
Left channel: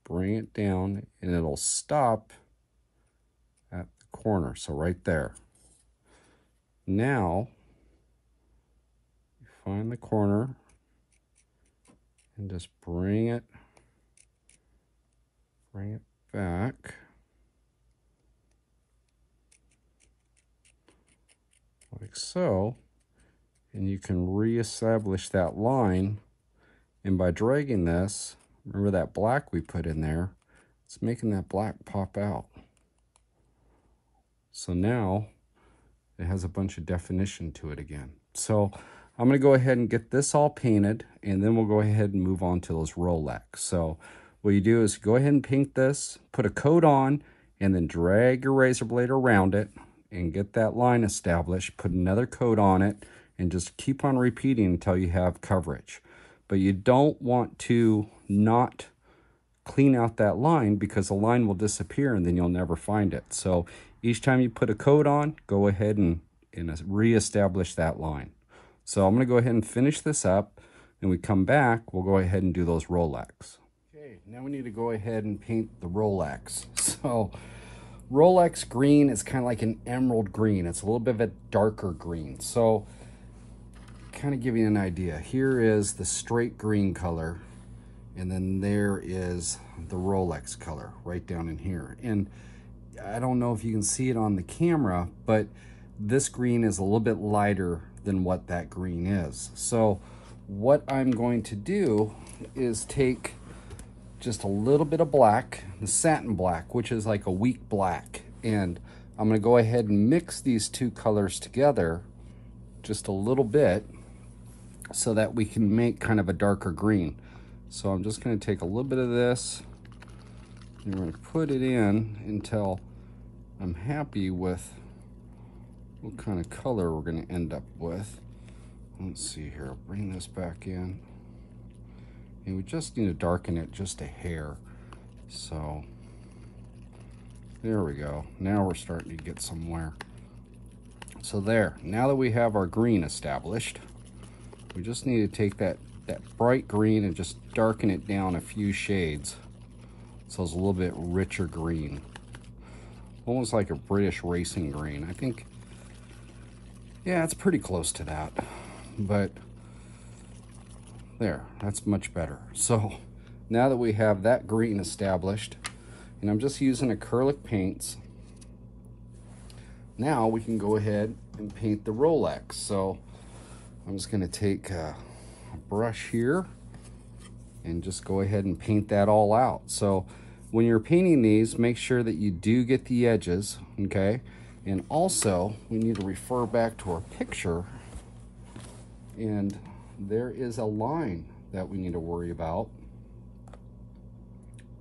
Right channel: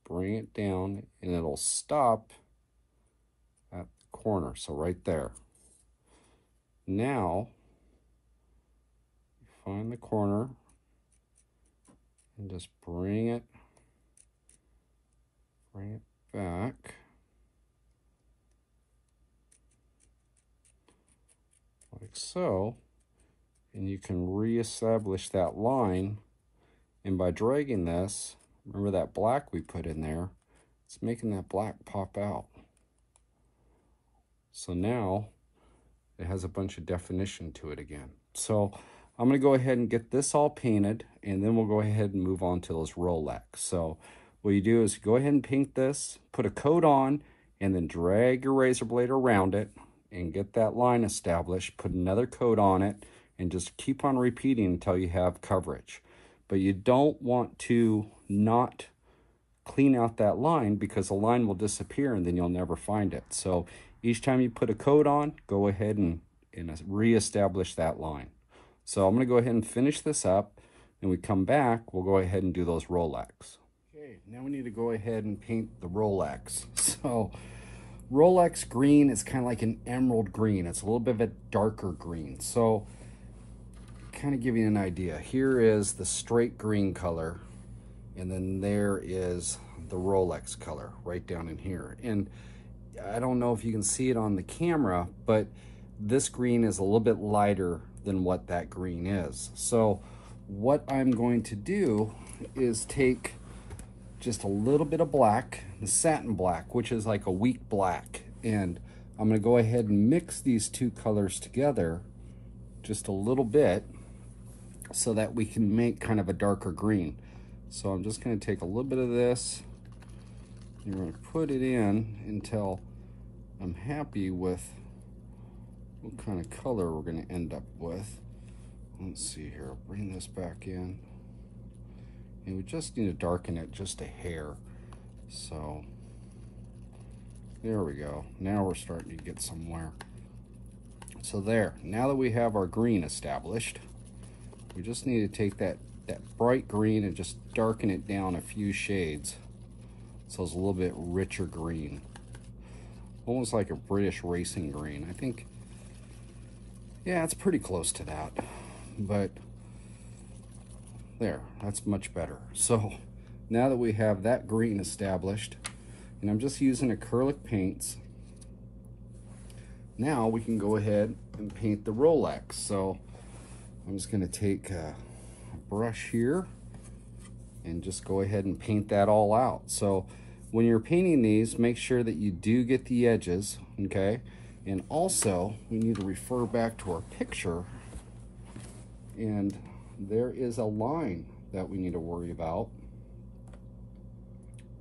bring it down, and it'll stop at the corner, so right there. Now, find the corner and just bring it back. Like so, and you can reestablish that line, and by dragging this, remember that black we put in there, it's making that black pop out. So now it has a bunch of definition to it again. So I'm going to go ahead and get this all painted, and then we'll go ahead and move on to those Rolex. So what you do is go ahead and paint this, put a coat on, and then drag your razor blade around it and get that line established, put another coat on it, and just keep on repeating until you have coverage. But you don't want to not clean out that line, because the line will disappear and then you'll never find it. So each time you put a coat on, go ahead and reestablish that line. So I'm going to go ahead and finish this up, and we come back, we'll go ahead and do those Rolex. Okay, now we need to go ahead and paint the Rolex. So Rolex green is kind of like an emerald green. It's a little bit of a darker green. So kind of give you an idea. Here is the straight green color, and then there is the Rolex color right down in here. And I don't know if you can see it on the camera, but this green is a little bit lighter than what that green is. So what I'm going to do is take just a little bit of black, the satin black, which is like a weak black, and I'm going to go ahead and mix these two colors together just a little bit so that we can make kind of a darker green. So I'm just going to take a little bit of this, and we're going to put it in until I'm happy with what kind of color we're going to end up with. Let's see here, bring this back in. And we just need to darken it just a hair. So there we go. Now we're starting to get somewhere. So there, now that we have our green established, we just need to take that bright green and just darken it down a few shades so it's a little bit richer green. Almost like a British racing green. I think, yeah, it's pretty close to that. But there, that's much better. So now that we have that green established, and I'm just using acrylic paints, now we can go ahead and paint the Rolex. So I'm just going to take a brush here and just go ahead and paint that all out. So when you're painting these, make sure that you do get the edges, okay? And also, we need to refer back to our picture, and there is a line that we need to worry about.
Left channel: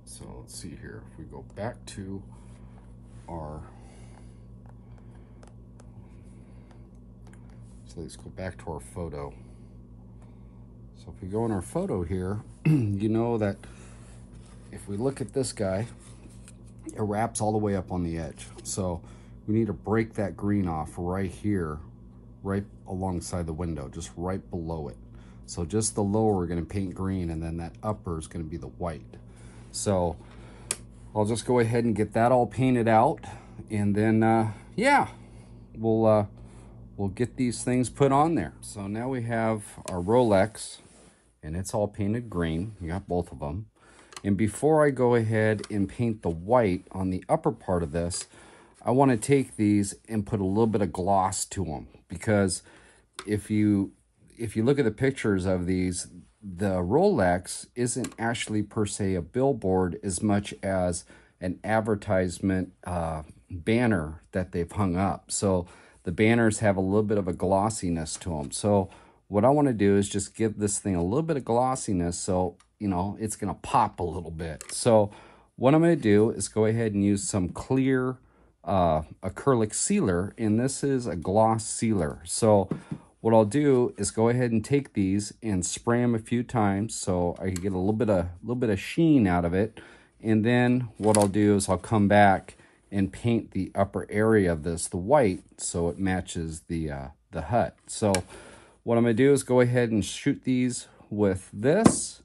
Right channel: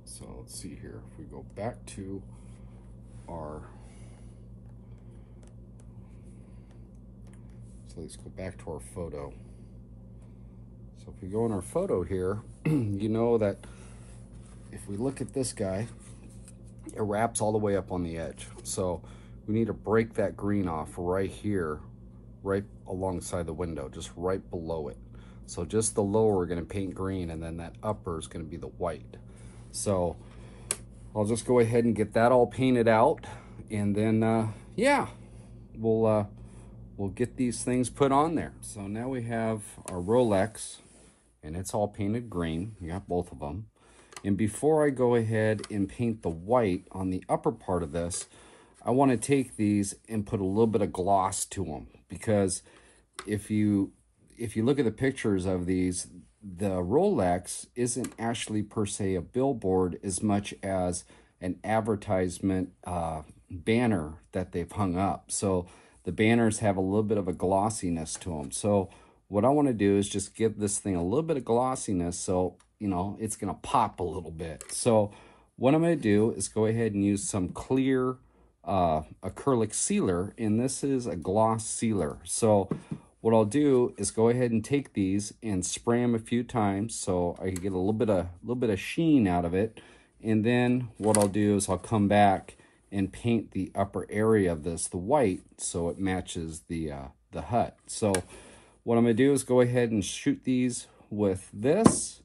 So let's see here, if we go back to our, so let's go back to our photo. So if we go in our photo here, you know that if we look at this guy, it wraps all the way up on the edge. So we need to break that green off right here, right alongside the window, just right below it. So just the lower we're gonna paint green, and then that upper is gonna be the white. So I'll just go ahead and get that all painted out, and then yeah, we'll get these things put on there. So now we have our Rolex, and it's all painted green. You got both of them. And before I go ahead and paint the white on the upper part of this, I want to take these and put a little bit of gloss to them, because if you look at the pictures of these, the Rolex isn't actually per se a billboard as much as an advertisement banner that they've hung up. So the banners have a little bit of a glossiness to them. So what I want to do is just give this thing a little bit of glossiness, so you know it's going to pop a little bit. So what I'm going to do is go ahead and use some clear acrylic sealer, and this is a gloss sealer. So what I'll do is go ahead and take these and spray them a few times so I can get a little bit of sheen out of it. And then what I'll do is I'll come back and paint the upper area of this the white so it matches the hut. So what I'm going to do is go ahead and shoot these with this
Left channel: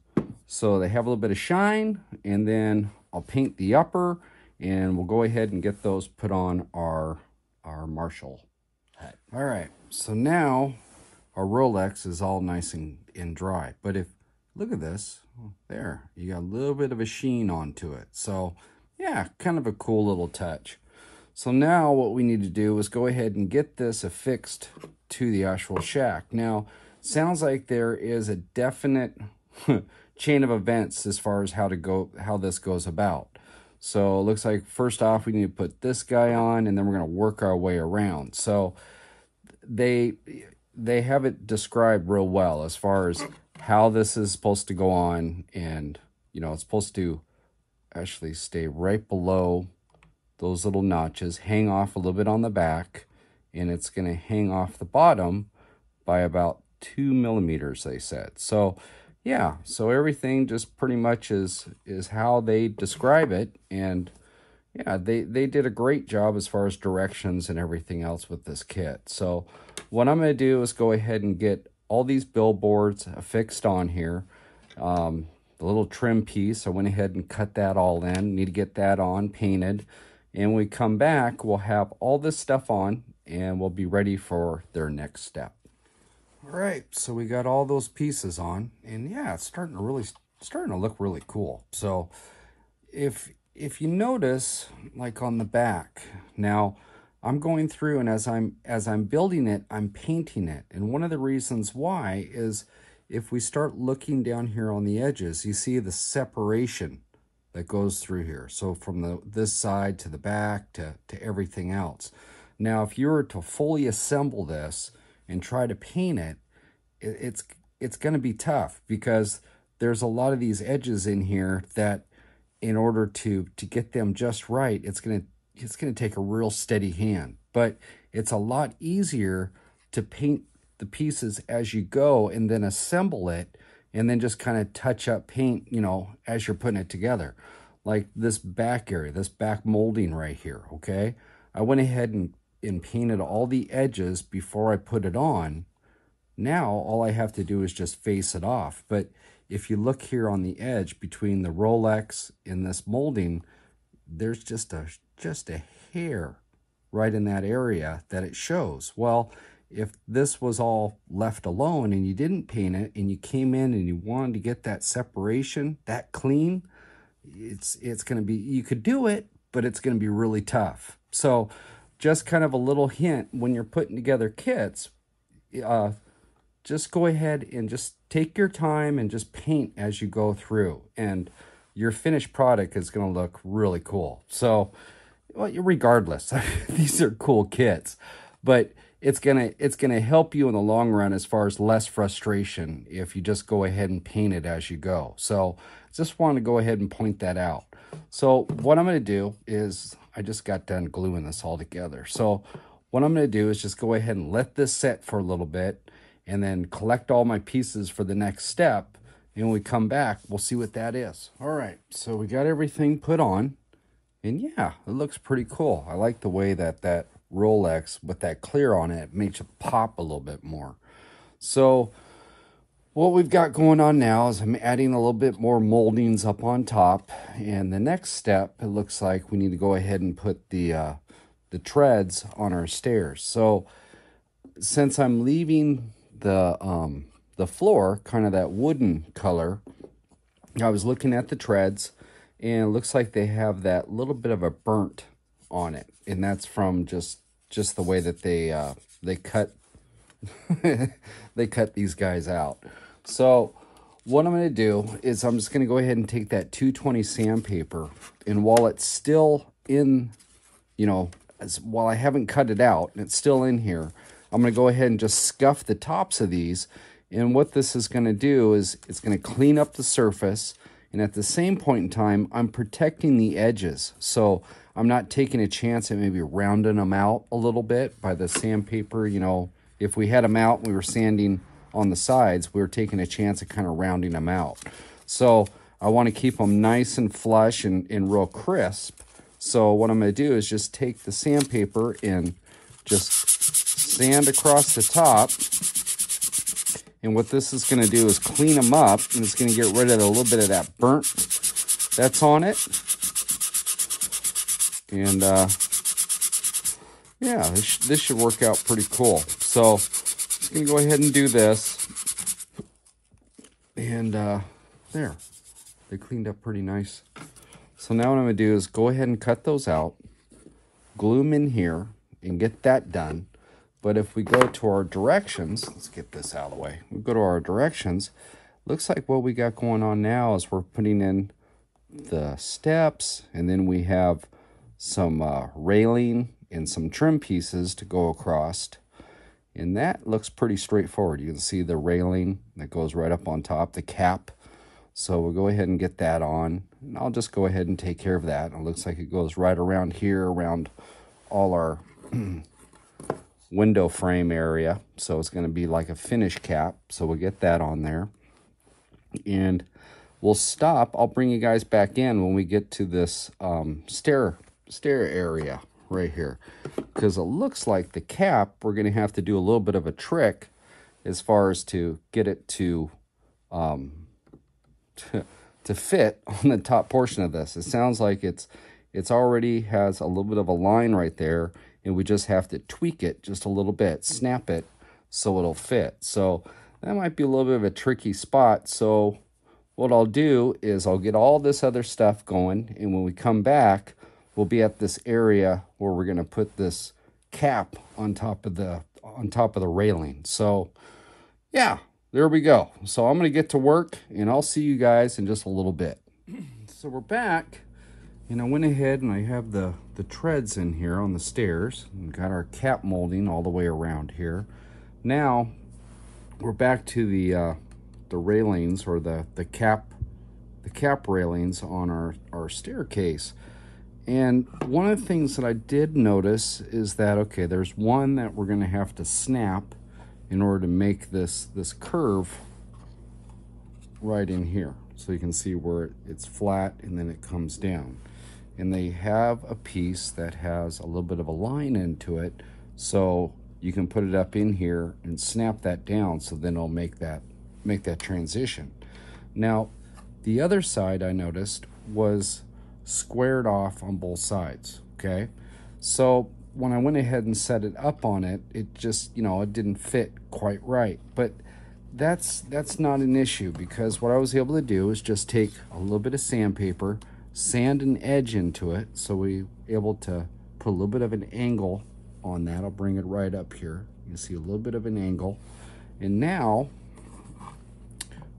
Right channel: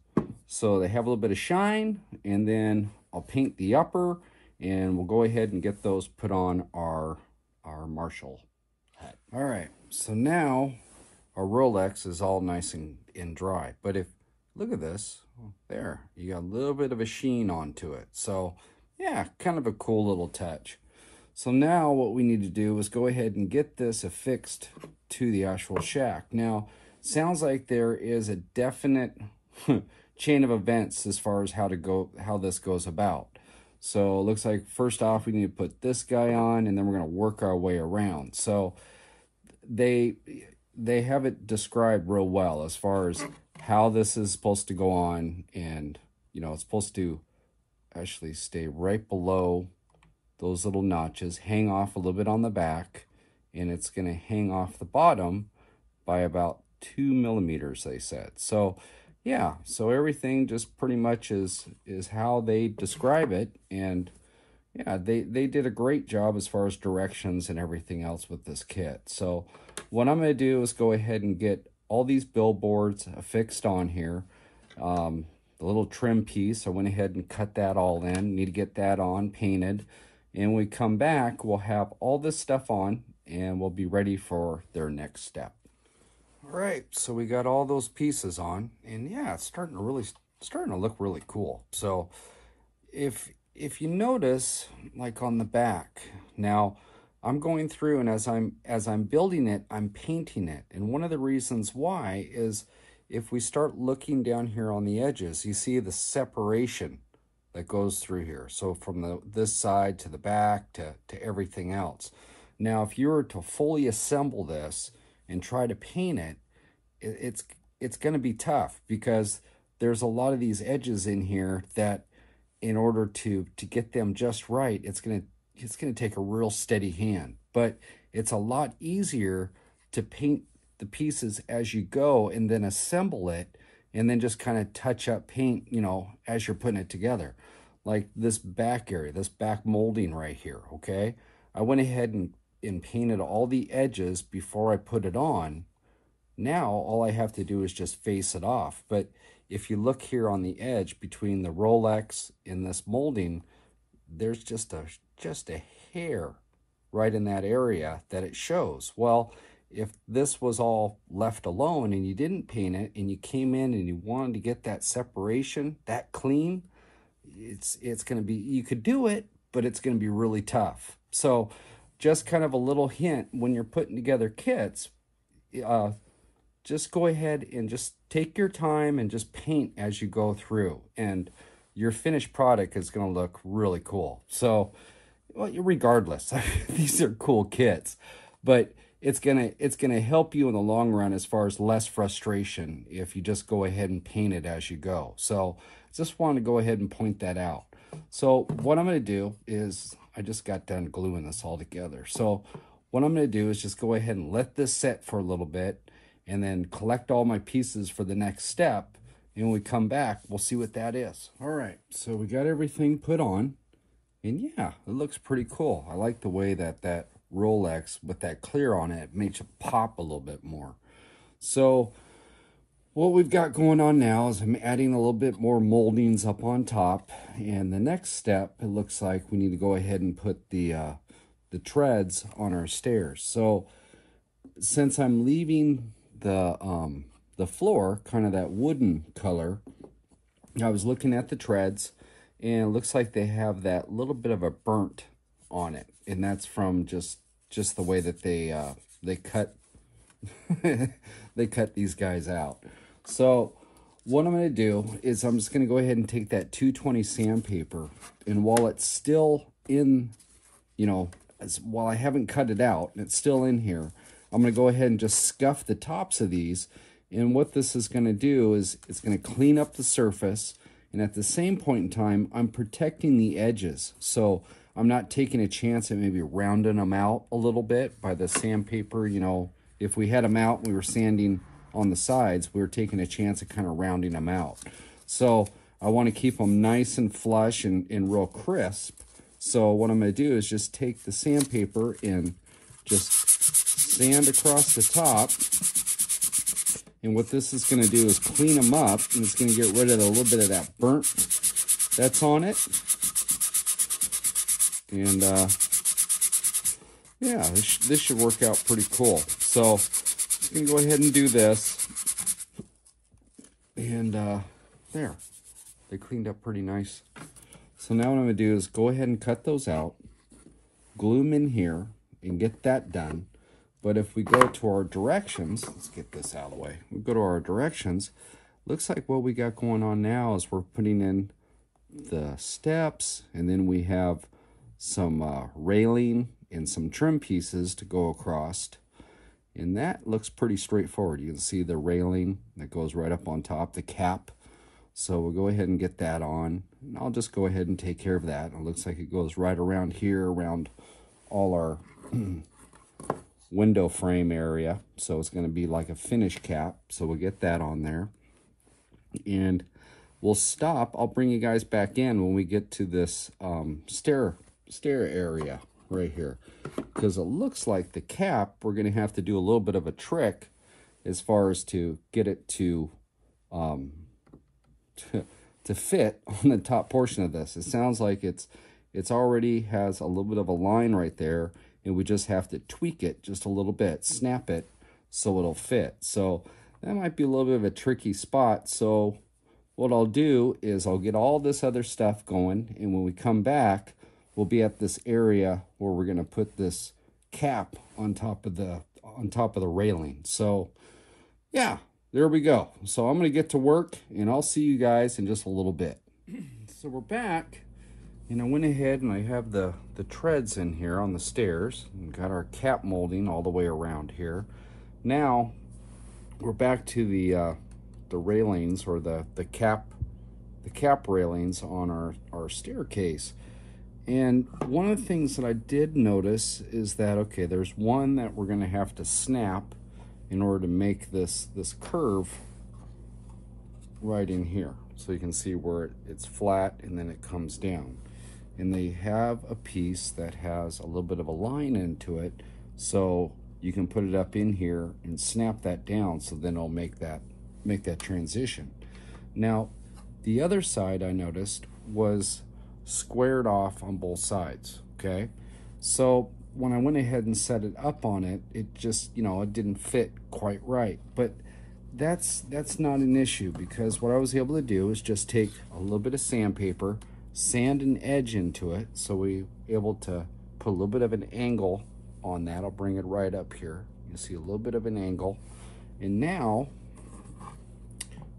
so they have a little bit of shine, and then I'll paint the upper, and we'll go ahead and get those put on our Marshall hut. All right, so now our Rolex is all nice and dry. But if, look at this, there, you got a little bit of a sheen onto it. So yeah, kind of a cool little touch. So now what we need to do is go ahead and get this affixed to the actual shack. Now, sounds like there is a definite chain of events as far as how this goes about. So it looks like first off we need to put this guy on, and then we're going to work our way around. So they have it described real well as far as how this is supposed to go on, and you know it's supposed to actually stay right below those little notches, hang off a little bit on the back, and it's going to hang off the bottom by about 2 millimeters, they said. So yeah, so everything just pretty much is how they describe it. And yeah, they did a great job as far as directions and everything else with this kit. So what I'm going to do is go ahead and get all these billboards affixed on here. The little trim piece, I went ahead and cut that all in. Need to get that on, painted. And when we come back, we'll have all this stuff on, and we'll be ready for their next step. All right, so we got all those pieces on, and yeah, it's starting to look really cool. So if you notice, like on the back, now I'm going through, and as I'm building it, I'm painting it. And one of the reasons why is if we start looking down here on the edges, you see the separation that goes through here. So from this side to the back to everything else. Now, if you were to fully assemble this and try to paint it, it's going to be tough, because there's a lot of these edges in here that in order to get them just right, it's going to take a real steady hand. But it's a lot easier to paint the pieces as you go and then assemble it, and then just kind of touch up paint, you know, as you're putting it together. Like this back area, this back molding right here, okay? I went ahead and and painted all the edges before I put it on, now all I have to do is just face it off. But if you look here on the edge between the Rolex and this molding, there's just a hair right in that area that it shows. Well, if this was all left alone and you didn't paint it and you came in and you wanted to get that separation, that clean, it's going to be, you could do it, but it's going to be really tough. So just kind of a little hint when you're putting together kits, just go ahead and just take your time and just paint as you go through, and your finished product is going to look really cool. So, well, regardless, these are cool kits, but it's gonna help you in the long run as far as less frustration if you just go ahead and paint it as you go. So, just want to go ahead and point that out. So, what I'm going to do is, I just got done gluing this all together. So, what I'm going to do is just go ahead and let this set for a little bit, and then collect all my pieces for the next step. And when we come back, we'll see what that is. All right, so we got everything put on. And yeah, it looks pretty cool. I like the way that that Rolex with that clear on it makes it pop a little bit more. So what we've got going on now is I'm adding a little bit more moldings up on top. And the next step, it looks like we need to go ahead and put the treads on our stairs. So since I'm leaving the floor kind of that wooden color, I was looking at the treads, and it looks like they have that little bit of a burnt on it, and that's from just the way that they cut they cut these guys out. So what I'm going to do is I'm just going to go ahead and take that 220 sandpaper, and while it's still in, you know, while I haven't cut it out and it's still in here, I'm going to go ahead and just scuff the tops of these. And what this is going to do is it's going to clean up the surface. And at the same point in time, I'm protecting the edges. So I'm not taking a chance at maybe rounding them out a little bit by the sandpaper. You know, if we had them out and we were sanding on the sides, we were taking a chance at kind of rounding them out. So I want to keep them nice and flush and real crisp. So what I'm going to do is just take the sandpaper and just sand across the top. And what this is going to do is clean them up, and it's going to get rid of a little bit of that burnt that's on it. And yeah, this should work out pretty cool. So I'm going to go ahead and do this. And there, they cleaned up pretty nice. So now what I'm going to do is go ahead and cut those out, glue them in here, and get that done. But if we go to our directions, let's get this out of the way. We go to our directions. Looks like what we got going on now is we're putting in the steps, and then we have some railing and some trim pieces to go across. And that looks pretty straightforward. You can see the railing that goes right up on top, the cap. So we'll go ahead and get that on. And I'll just go ahead and take care of that. It looks like it goes right around here, around all our window frame area. So it's going to be like a finish cap. So we'll get that on there. And we'll stop. I'll bring you guys back in when we get to this stair area right here. Because it looks like the cap, we're going to have to do a little bit of a trick as far as to get it to fit on the top portion of this. It sounds like it's already has a little bit of a line right there, and we just have to tweak it just a little bit, snap it so it'll fit. So that might be a little bit of a tricky spot. So what I'll do is I'll get all this other stuff going, and when we come back, we'll be at this area where we're going to put this cap on top of the railing. So yeah, there we go. So I'm going to get to work, and I'll see you guys in just a little bit. So we're back, and I went ahead and I have the treads in here on the stairs, and got our cap molding all the way around here. Now we're back to the railings, or the cap railings on our staircase. And one of the things that I did notice is that, okay, there's one that we're going to have to snap in order to make this curve right in here. So you can see where it's flat and then it comes down. And they have a piece that has a little bit of a line into it So you can put it up in here and snap that down, so then it'll make that transition. Now, the other side I noticed was squared off on both sides, okay? So when I went ahead and set it up on it, it just, it didn't fit quite right. But that's not an issue, because what I was able to do is just take a little bit of sandpaper, sand an edge into it, so we were able to put a little bit of an angle on that. I'll bring it right up here. You see a little bit of an angle. And now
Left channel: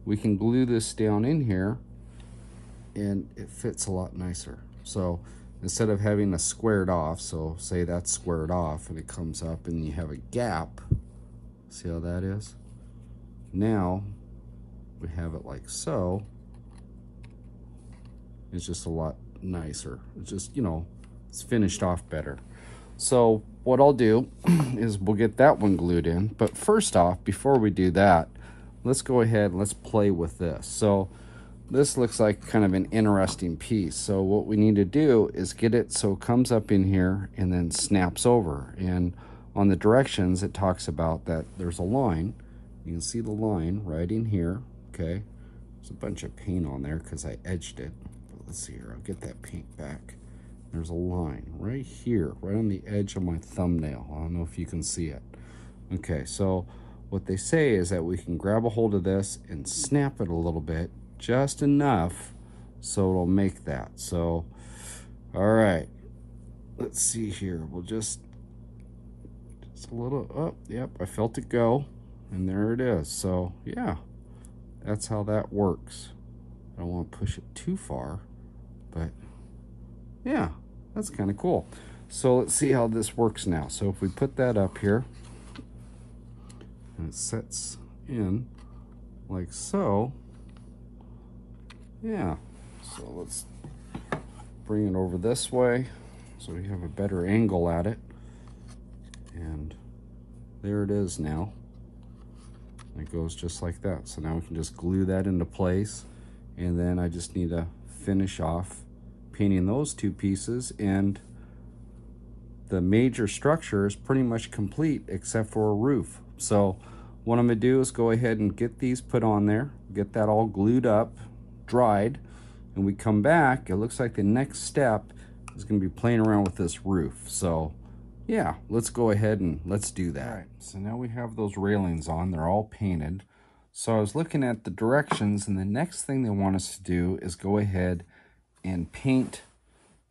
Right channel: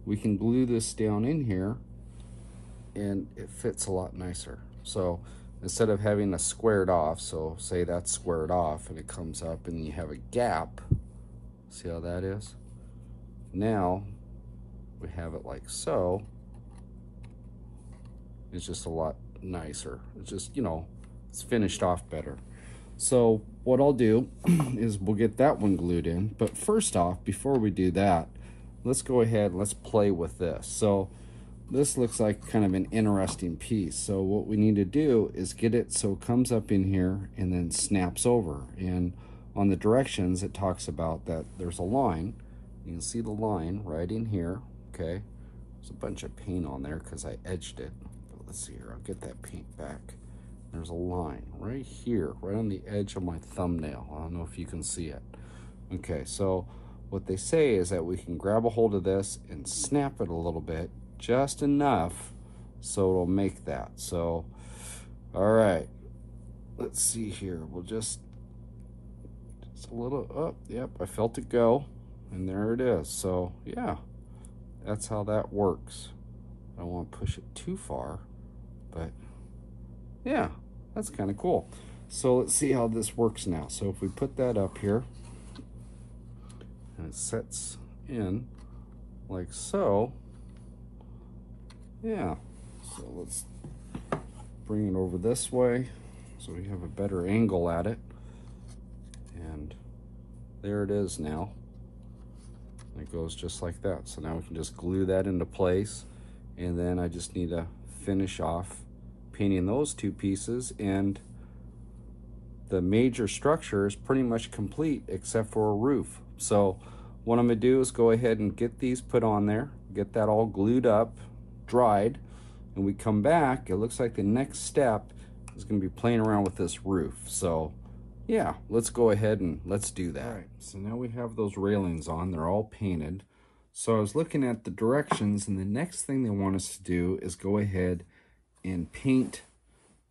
we can glue this down in here, and it fits a lot nicer. So instead of having a squared off, so say that's squared off and it comes up and you have a gap, see how that is? Now we have it like so. It's just a lot nicer. It's just, it's finished off better. So what I'll do is we'll get that one glued in. But first off, before we do that, let's go ahead and let's play with this. So this looks like kind of an interesting piece. So what we need to do is get it so it comes up in here and then snaps over. And on the directions, it talks about that there's a line. You can see the line right in here, okay? There's a bunch of paint on there because I edged it. But let's see here, I'll get that paint back. There's a line right here, right on the edge of my thumbnail. I don't know if you can see it. Okay, so what they say is that we can grab a hold of this and snap it a little bit, just enough so it'll make that. So, all right, let's see here. We'll just a little, oh, yep, I felt it go, and there it is. So, yeah, that's how that works. I don't want to push it too far, but yeah, that's kind of cool. So let's see how this works now. So if we put that up here, and it sets in like so, yeah. So let's bring it over this way so we have a better angle at it. And there it is now. It goes just like that. So now we can just glue that into place. And then I just need to finish off painting those two pieces, and the major structure is pretty much complete except for a roof. So what I'm gonna do is go ahead and get these put on there, get that all glued up, dried, and we come back, it looks like the next step is gonna be playing around with this roof. So yeah, let's go ahead and let's do that. All right, so now we have those railings on, they're all painted. So I was looking at the directions, and the next thing they want us to do is go ahead and paint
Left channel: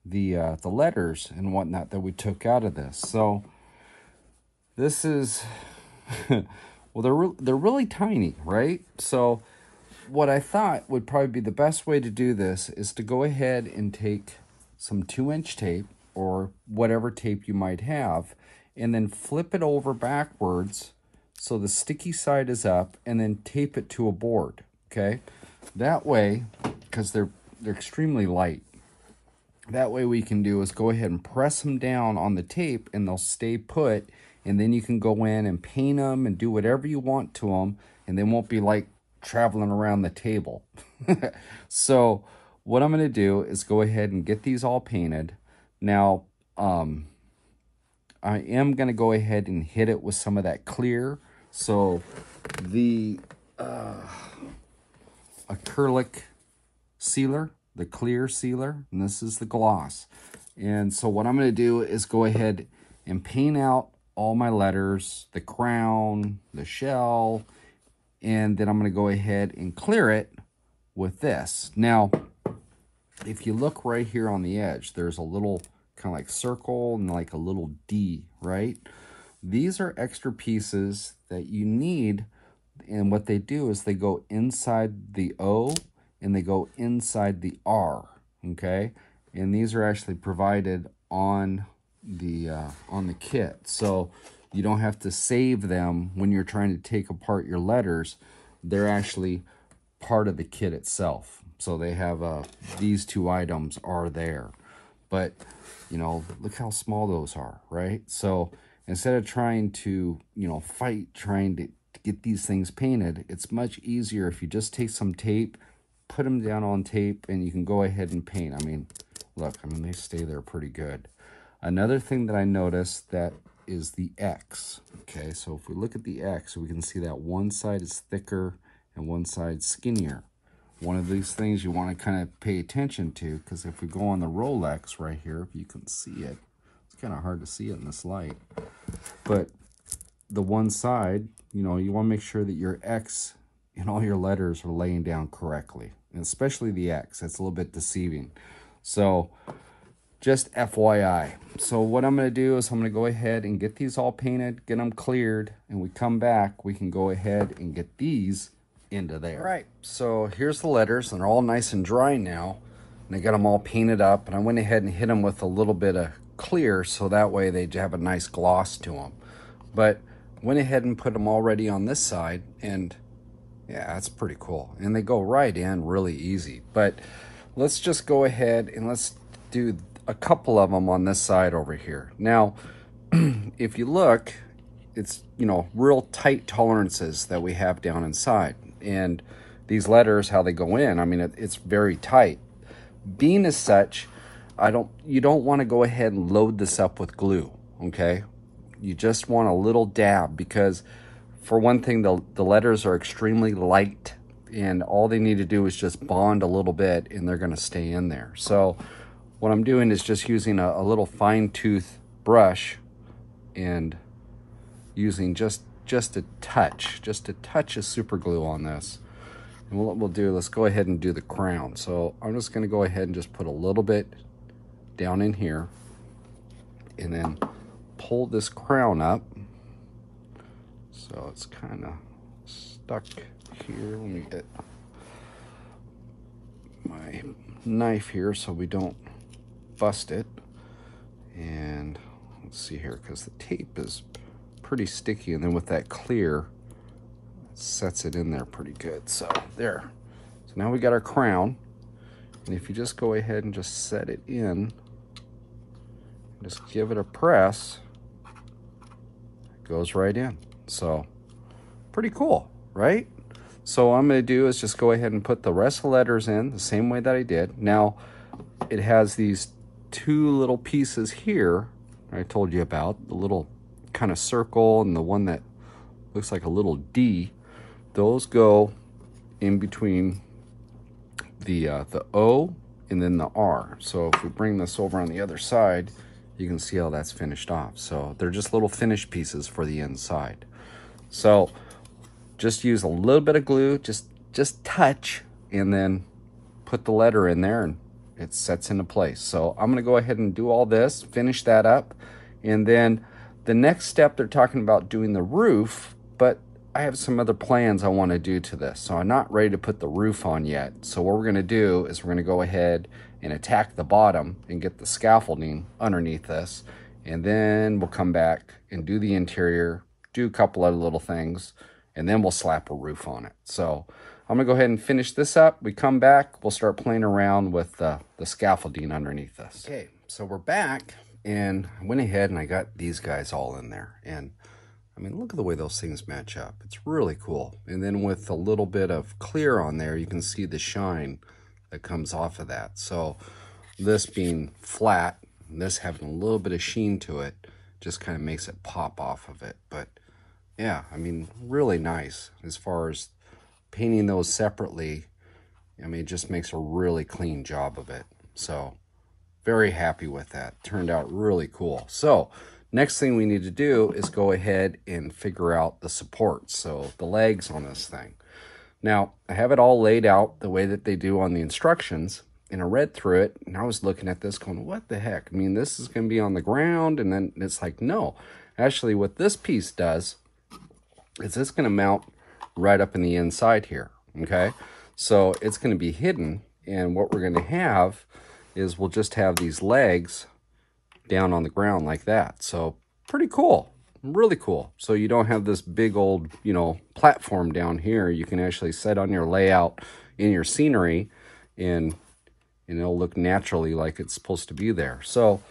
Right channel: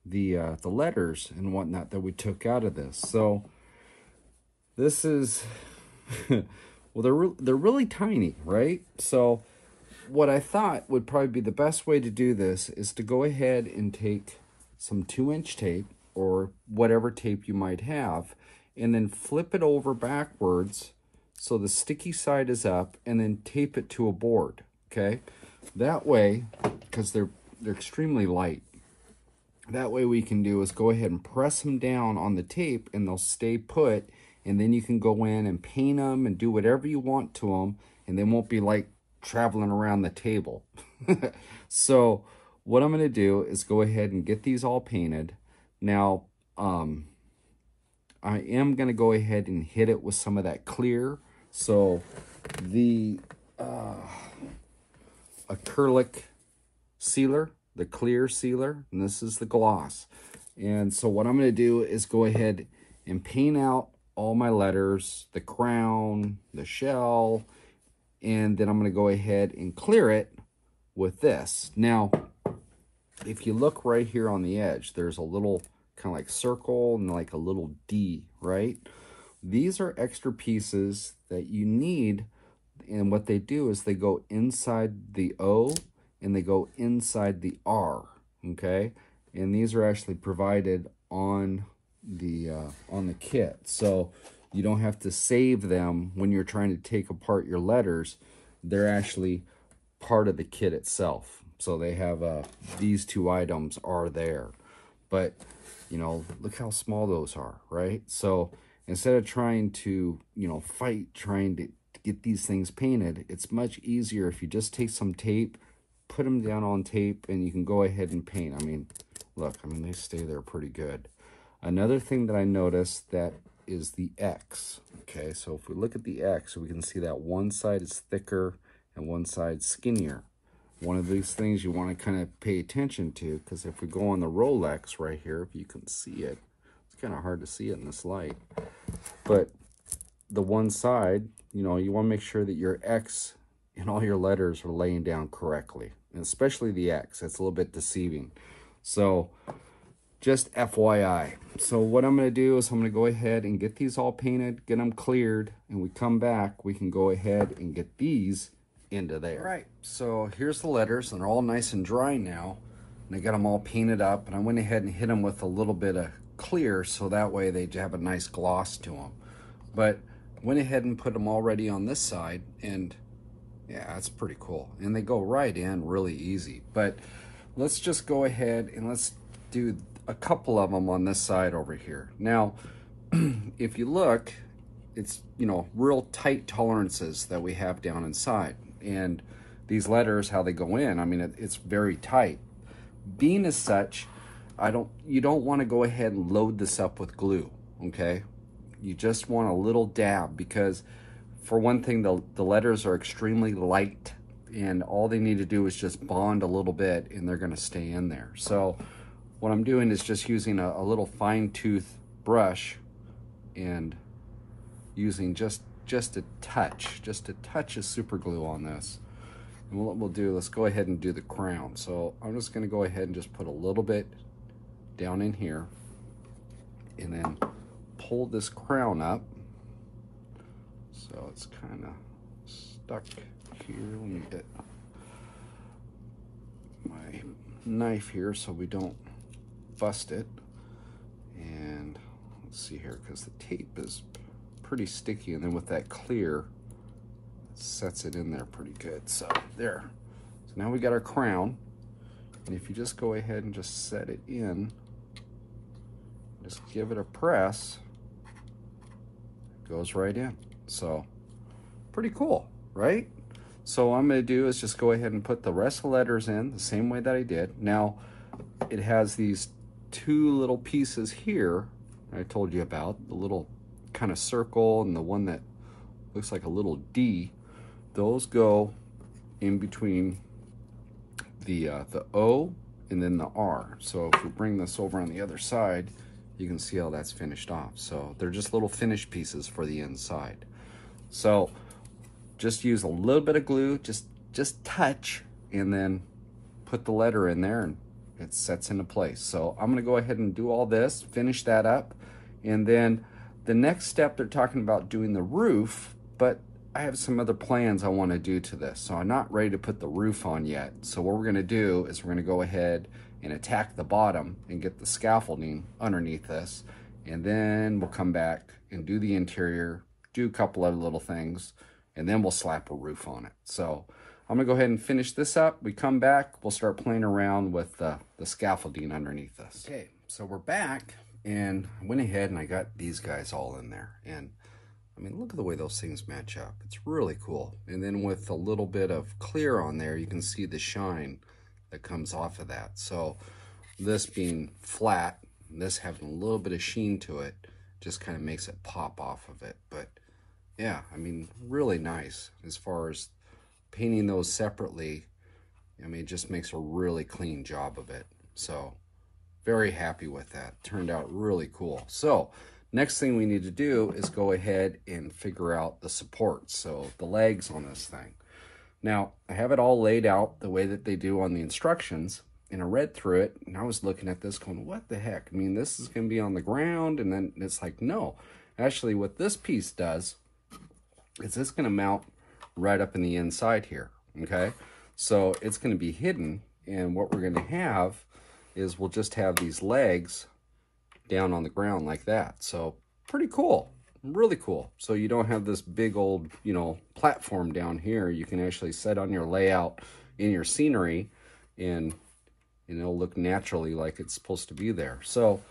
the letters and whatnot that we took out of this. So this is, well, they're really tiny, right? So what I thought would probably be the best way to do this is to go ahead and take some 2-inch tape or whatever tape you might have, and then flip it over backwards so the sticky side is up, and then tape it to a board, okay? That way, because they're extremely light, that way we can do is go ahead and press them down on the tape and they'll stay put, and then you can go in and paint them and do whatever you want to them, and they won't be like traveling around the table. So what I'm going to do is go ahead and get these all painted. Now, I am going to go ahead and hit it with some of that clear. So the Acrylic Sealer, the clear sealer, and this is the gloss. And so what I'm going to do is go ahead and paint out all my letters, the crown, the shell, and then I'm going to go ahead and clear it with this. Now, if you look right here on the edge, there's a little kind of like circle and like a little D, right? These are extra pieces that you need, and what they do is they go inside the O and they go inside the R, okay? And these are actually provided on the kit, so you don't have to save them when you're trying to take apart your letters. They're actually part of the kit itself. So they have these two items are there, but you know, look how small those are, right? So instead of trying to, you know, fight trying to get these things painted, it's much easier if you just take some tape, put them down on tape, and you can go ahead and paint. I mean, look, I mean, they stay there pretty good. Another thing that I noticed that is the X. Okay, so if we look at the X, we can see that one side is thicker and one side skinnier. One of these things you want to kind of pay attention to, because if we go on the Rolex right here, if you can see it, it's kind of hard to see it in this light, but the one side, you know, you want to make sure that your X and all your letters are laying down correctly, and especially the X. That's a little bit deceiving. So just FYI. So what I'm going to do is I'm going to go ahead and get these all painted, get them cleared, and we come back, we can go ahead and get these into there. All right, so here's the letters, and they're all nice and dry now, and I got them all painted up, and I went ahead and hit them with a little bit of clear so that way they have a nice gloss to them. But went ahead and put them already on this side, and yeah, that's pretty cool, and they go right in really easy. But let's just go ahead and let's do a couple of them on this side over here. Now if you look, it's, you know, real tight tolerances that we have down inside, and these letters, how they go in, I mean, it's very tight. Being as such, you don't want to go ahead and load this up with glue, okay? You just want a little dab, because for one thing, the letters are extremely light, and all they need to do is just bond a little bit and they're going to stay in there. So what I'm doing is just using a little fine tooth brush and using just a touch of super glue on this. And what we'll do, let's go ahead and do the crown. So I'm just going to go ahead and just put a little bit down in here, and then pull this crown up. So it's kind of stuck here. Let me get my knife here so we don't bust it. And let's see here, because the tape is pretty sticky, and then with that clear, it sets it in there pretty good. So there. So now we got our crown, and if you just go ahead and just set it in, just give it a press, it goes right in. So pretty cool, right? So what I'm going to do is just go ahead and put the rest of the letters in the same way that I did. Now it has these two little pieces here I told you about, the little kind of circle and the one that looks like a little D. Those go in between the O and then the R. So if we bring this over on the other side, you can see how that's finished off. So they're just little finish pieces for the inside. So just use a little bit of glue, just touch, and then put the letter in there, and it sets into place. So I'm gonna go ahead and do all this, finish that up, and then the next step, they're talking about doing the roof, but I have some other plans I want to do to this. So I'm not ready to put the roof on yet. So what we're going to do is we're going to go ahead and attack the bottom and get the scaffolding underneath this. And then we'll come back and do the interior, do a couple other little things, and then we'll slap a roof on it. So I'm going to go ahead and finish this up. We come back, we'll start playing around with the scaffolding underneath this. Okay, so we're back. And I went ahead and I got these guys all in there. And I mean, look at the way those things match up. It's really cool. And then with a little bit of clear on there, you can see the shine that comes off of that. So this being flat, and this having a little bit of sheen to it, just kind of makes it pop off of it. But yeah, I mean, really nice as far as painting those separately. I mean, it just makes a really clean job of it. So very happy with that. Turned out really cool. So next thing we need to do is go ahead and figure out the supports, so the legs on this thing. Now, I have it all laid out the way that they do on the instructions, and I read through it, and I was looking at this going, what the heck? I mean, this is going to be on the ground, and then it's like, no. Actually, what this piece does is it's going to mount right up in the inside here, okay? So it's going to be hidden, and what we're going to have is we'll just have these legs down on the ground like that. So pretty cool, really cool. So you don't have this big old, you know, platform down here. You can actually set on your layout in your scenery, and it'll look naturally like it's supposed to be there. So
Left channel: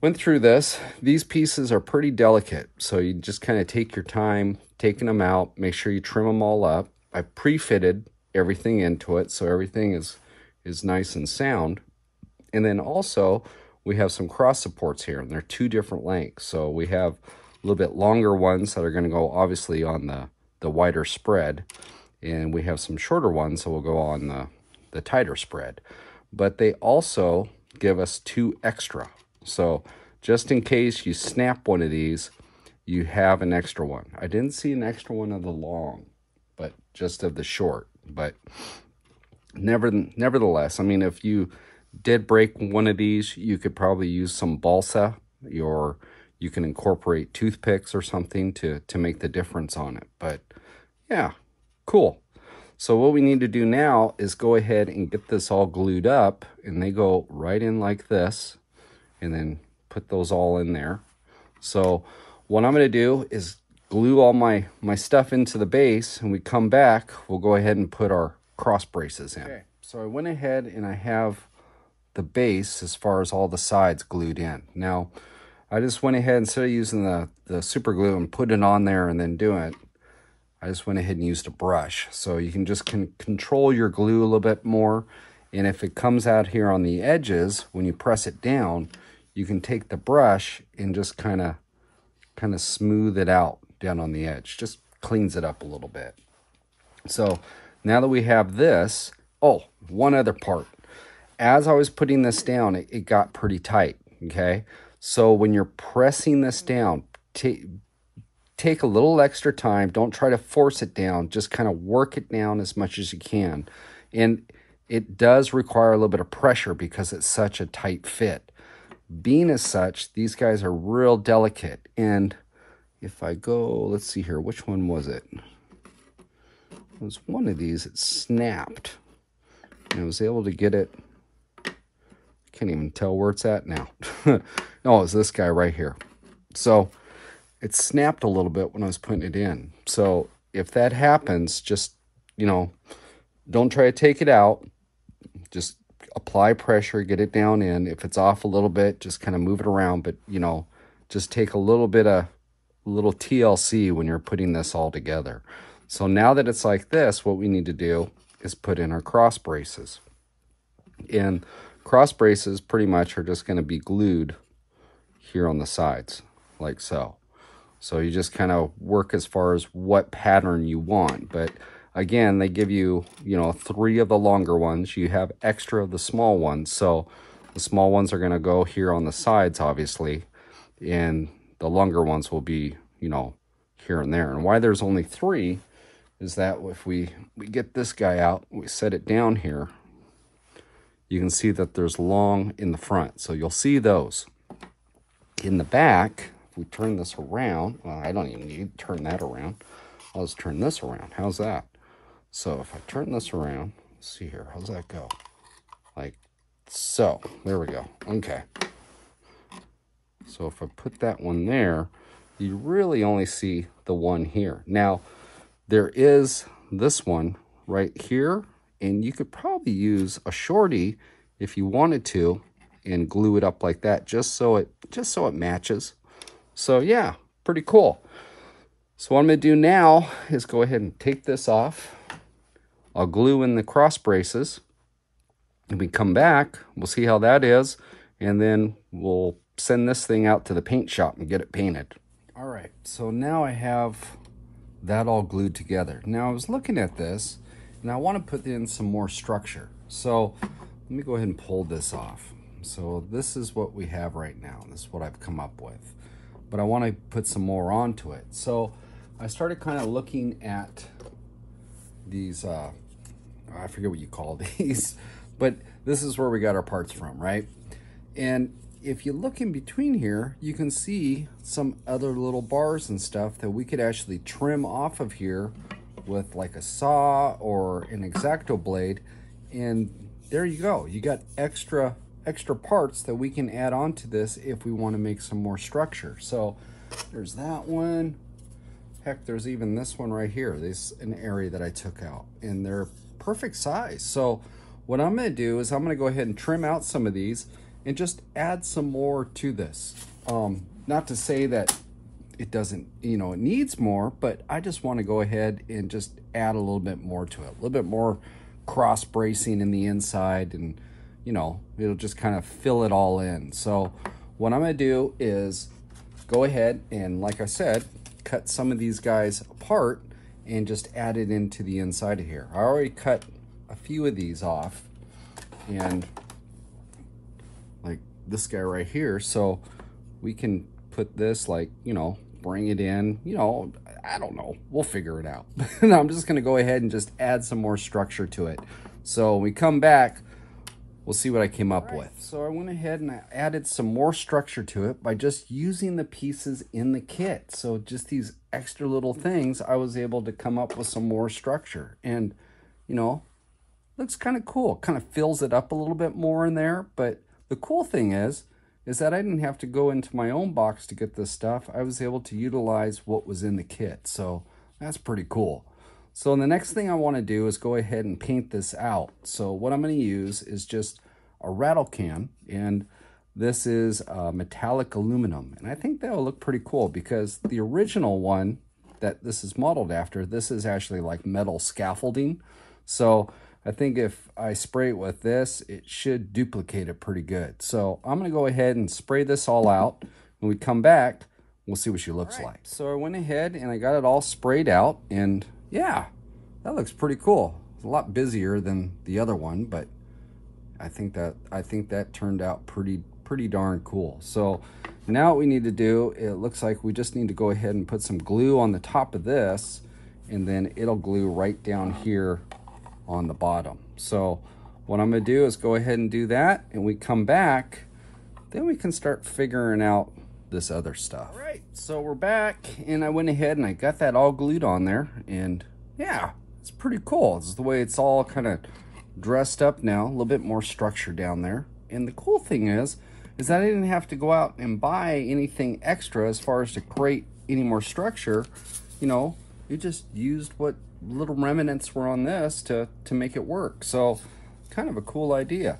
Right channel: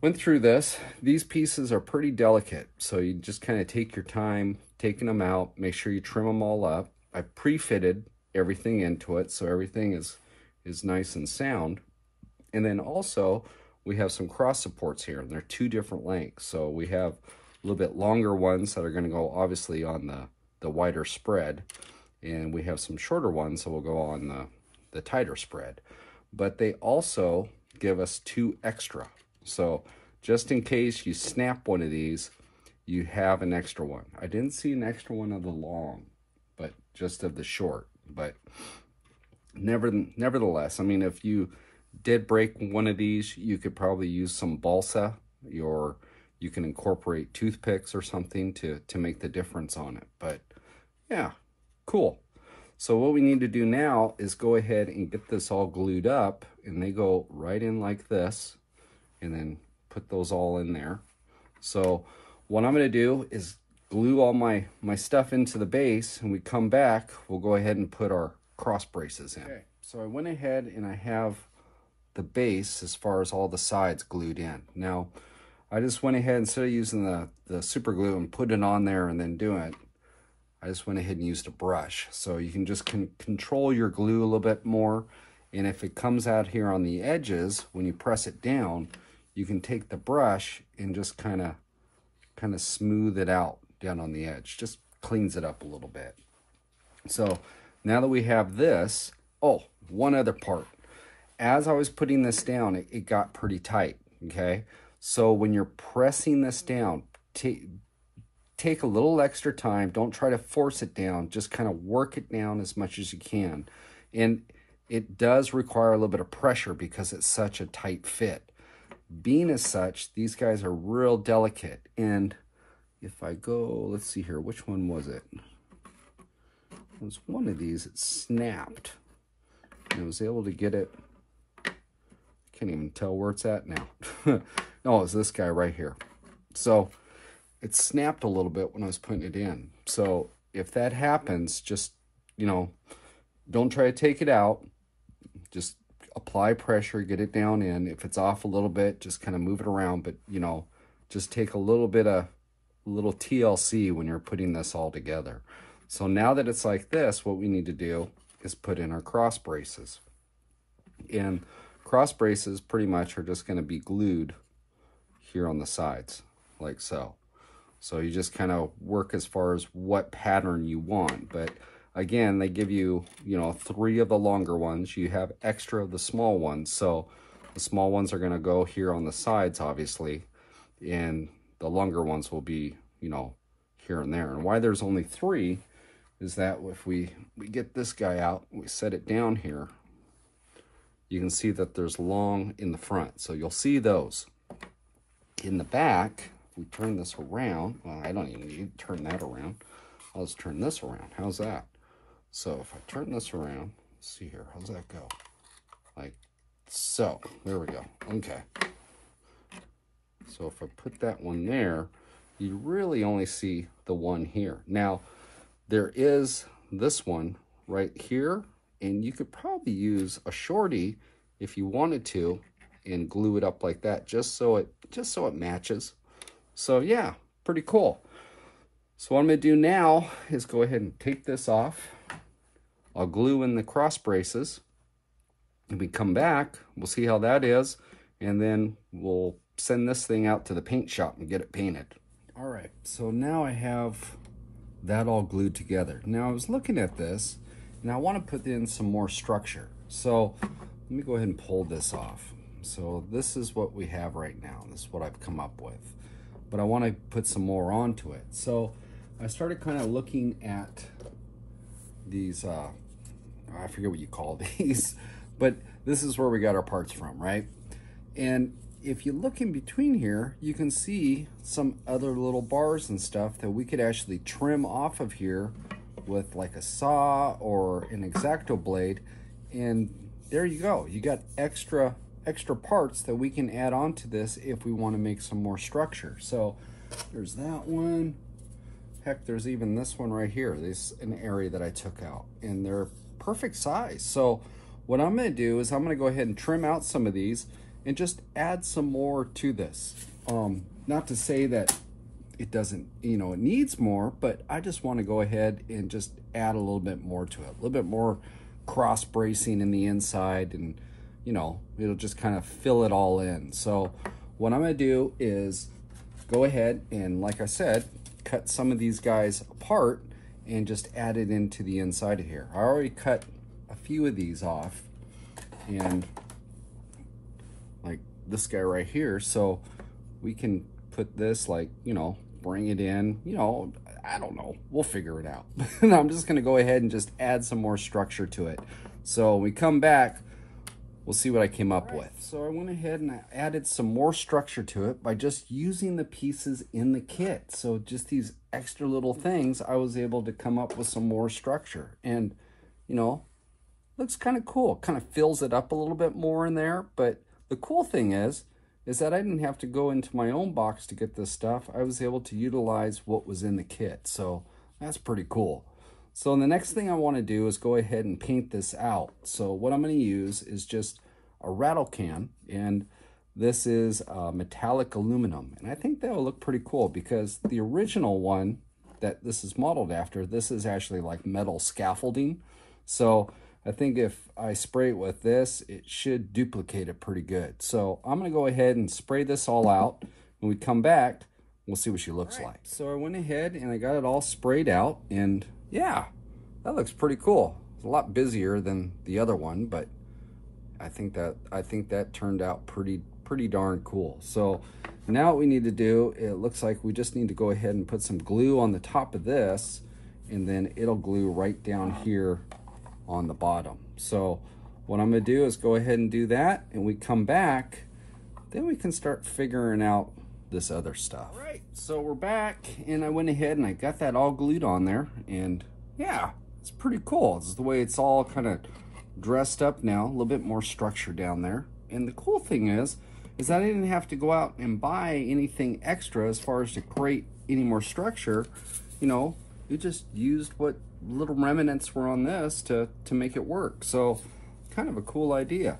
went through this. These pieces are pretty delicate, so you just kind of take your time taking them out, make sure you trim them all up. I pre-fitted everything into it, so everything is nice and sound. And then also, we have some cross supports here, and they're 2 different lengths. So we have a little bit longer ones that are going to go obviously on the wider spread, and we have some shorter ones that will go on the tighter spread. But they also give us 2 extra. So just in case you snap one of these, you have an extra one. I didn't see an extra one of the long, but just of the short. But nevertheless, I mean, if you did break one of these, you could probably use some balsa, or you can incorporate toothpicks or something to make the difference on it. But yeah, cool. So what we need to do now is go ahead and get this all glued up, and they go right in like this, and then put those all in there. So what I'm going to do is glue all my stuff into the base, and we come back, we'll go ahead and put our cross braces in. Okay, so I went ahead and I have the base as far as all the sides glued in. Now, I just went ahead, instead of using the super glue and put it on there and then do it, I just went ahead and used a brush. So you can just control your glue a little bit more. And if it comes out here on the edges, when you press it down, you can take the brush and just kind of smooth it out down on the edge. Just cleans it up a little bit. So now that we have this, oh, one other part. As I was putting this down, it got pretty tight, okay? So when you're pressing this down, take a little extra time. Don't try to force it down. Just kind of work it down as much as you can. And it does require a little bit of pressure because it's such a tight fit. Being as such, these guys are real delicate. And if I go, let's see here, which one was it? It was one of these. It snapped. And I was able to get it. I can't even tell where it's at now. No, it's this guy right here. So it snapped a little bit when I was putting it in. So if that happens, just, you know, don't try to take it out. Just apply pressure, get it down in. If it's off a little bit, just kind of move it around. But, you know, just take a little TLC when you're putting this all together. So now that it's like this, what we need to do is put in our cross braces. And cross braces pretty much are just going to be glued here on the sides, like so. So you just kind of work as far as what pattern you want. But again, they give you, you know, 3 of the longer ones. You have extra of the small ones. So the small ones are going to go here on the sides, obviously. And the longer ones will be, you know, here and there. And why there's only 3 is that if we get this guy out, we set it down here, you can see that there's long in the front. So you'll see those. In the back, if we turn this around, well, I don't even need to turn that around. I'll just turn this around. How's that? So if I turn this around, let's see here, how's that go? Like so. There we go. Okay. So if I put that one there, you really only see the one here. Now, there is this one right here, and you could probably use a shorty if you wanted to and glue it up like that just so it matches. So yeah, pretty cool. So what I'm going to do now is go ahead and take this off. I'll glue in the cross braces. When we come back, we'll see how that is, and then we'll send this thing out to the paint shop and get it painted. All right, so now I have that all glued together. Now I was looking at this, and I want to put in some more structure. So let me go ahead and pull this off. So this is what we have right now. This is what I've come up with. But I want to put some more onto it. So I started kind of looking at these, I forget what you call these, but this is where we got our parts from, right? And if you look in between here, you can see some other little bars and stuff that we could actually trim off of here with like a saw or an X-Acto blade. And there you go. You got extra parts that we can add on to this if we want to make some more structure. So there's that one. Heck, there's even this one right here. This is an area that I took out, and they're perfect size. So what I'm going to do is I'm going to go ahead and trim out some of these and just add some more to this. Not to say that it doesn't, you know, it needs more, but I just want to go ahead and just add a little bit more to it. A little bit more cross bracing in the inside, and you know, it'll just kind of fill it all in. So what I'm gonna do is go ahead and, like I said, cut some of these guys apart and just add it into the inside of here. I already cut a few of these off, and like this guy right here, so we can put this, like, you know, bring it in, you know, I don't know, we'll figure it out. And I'm just gonna go ahead and just add some more structure to it. So when we come back, we'll see what I came up with. So I went ahead and I added some more structure to it by just using the pieces in the kit. So just these extra little things, I was able to come up with some more structure. And, you know, looks kind of cool. Kind of fills it up a little bit more in there. But the cool thing is that I didn't have to go into my own box to get this stuff. I was able to utilize what was in the kit. So that's pretty cool. So the next thing I want to do is go ahead and paint this out. So what I'm going to use is just a rattle can, and this is metallic aluminum. And I think that'll look pretty cool because the original one that this is modeled after, this is actually like metal scaffolding. So I think if I spray it with this, it should duplicate it pretty good. So I'm going to go ahead and spray this all out. When we come back, we'll see what she looks like. So I went ahead and I got it all sprayed out, and yeah, that looks pretty cool. It's a lot busier than the other one, but I think that turned out pretty darn cool. So now what we need to do, it looks like we just need to go ahead and put some glue on the top of this, and then it'll glue right down here on the bottom. So what I'm gonna do is go ahead and do that, and we come back, then we can start figuring out this other stuff. All right, so we're back, and I went ahead and I got that all glued on there, and yeah, it's pretty cool. It's the way it's all kind of dressed up now, a little bit more structure down there. And the cool thing is that I didn't have to go out and buy anything extra as far as to create any more structure. You know, you just used what little remnants were on this to make it work. So kind of a cool idea.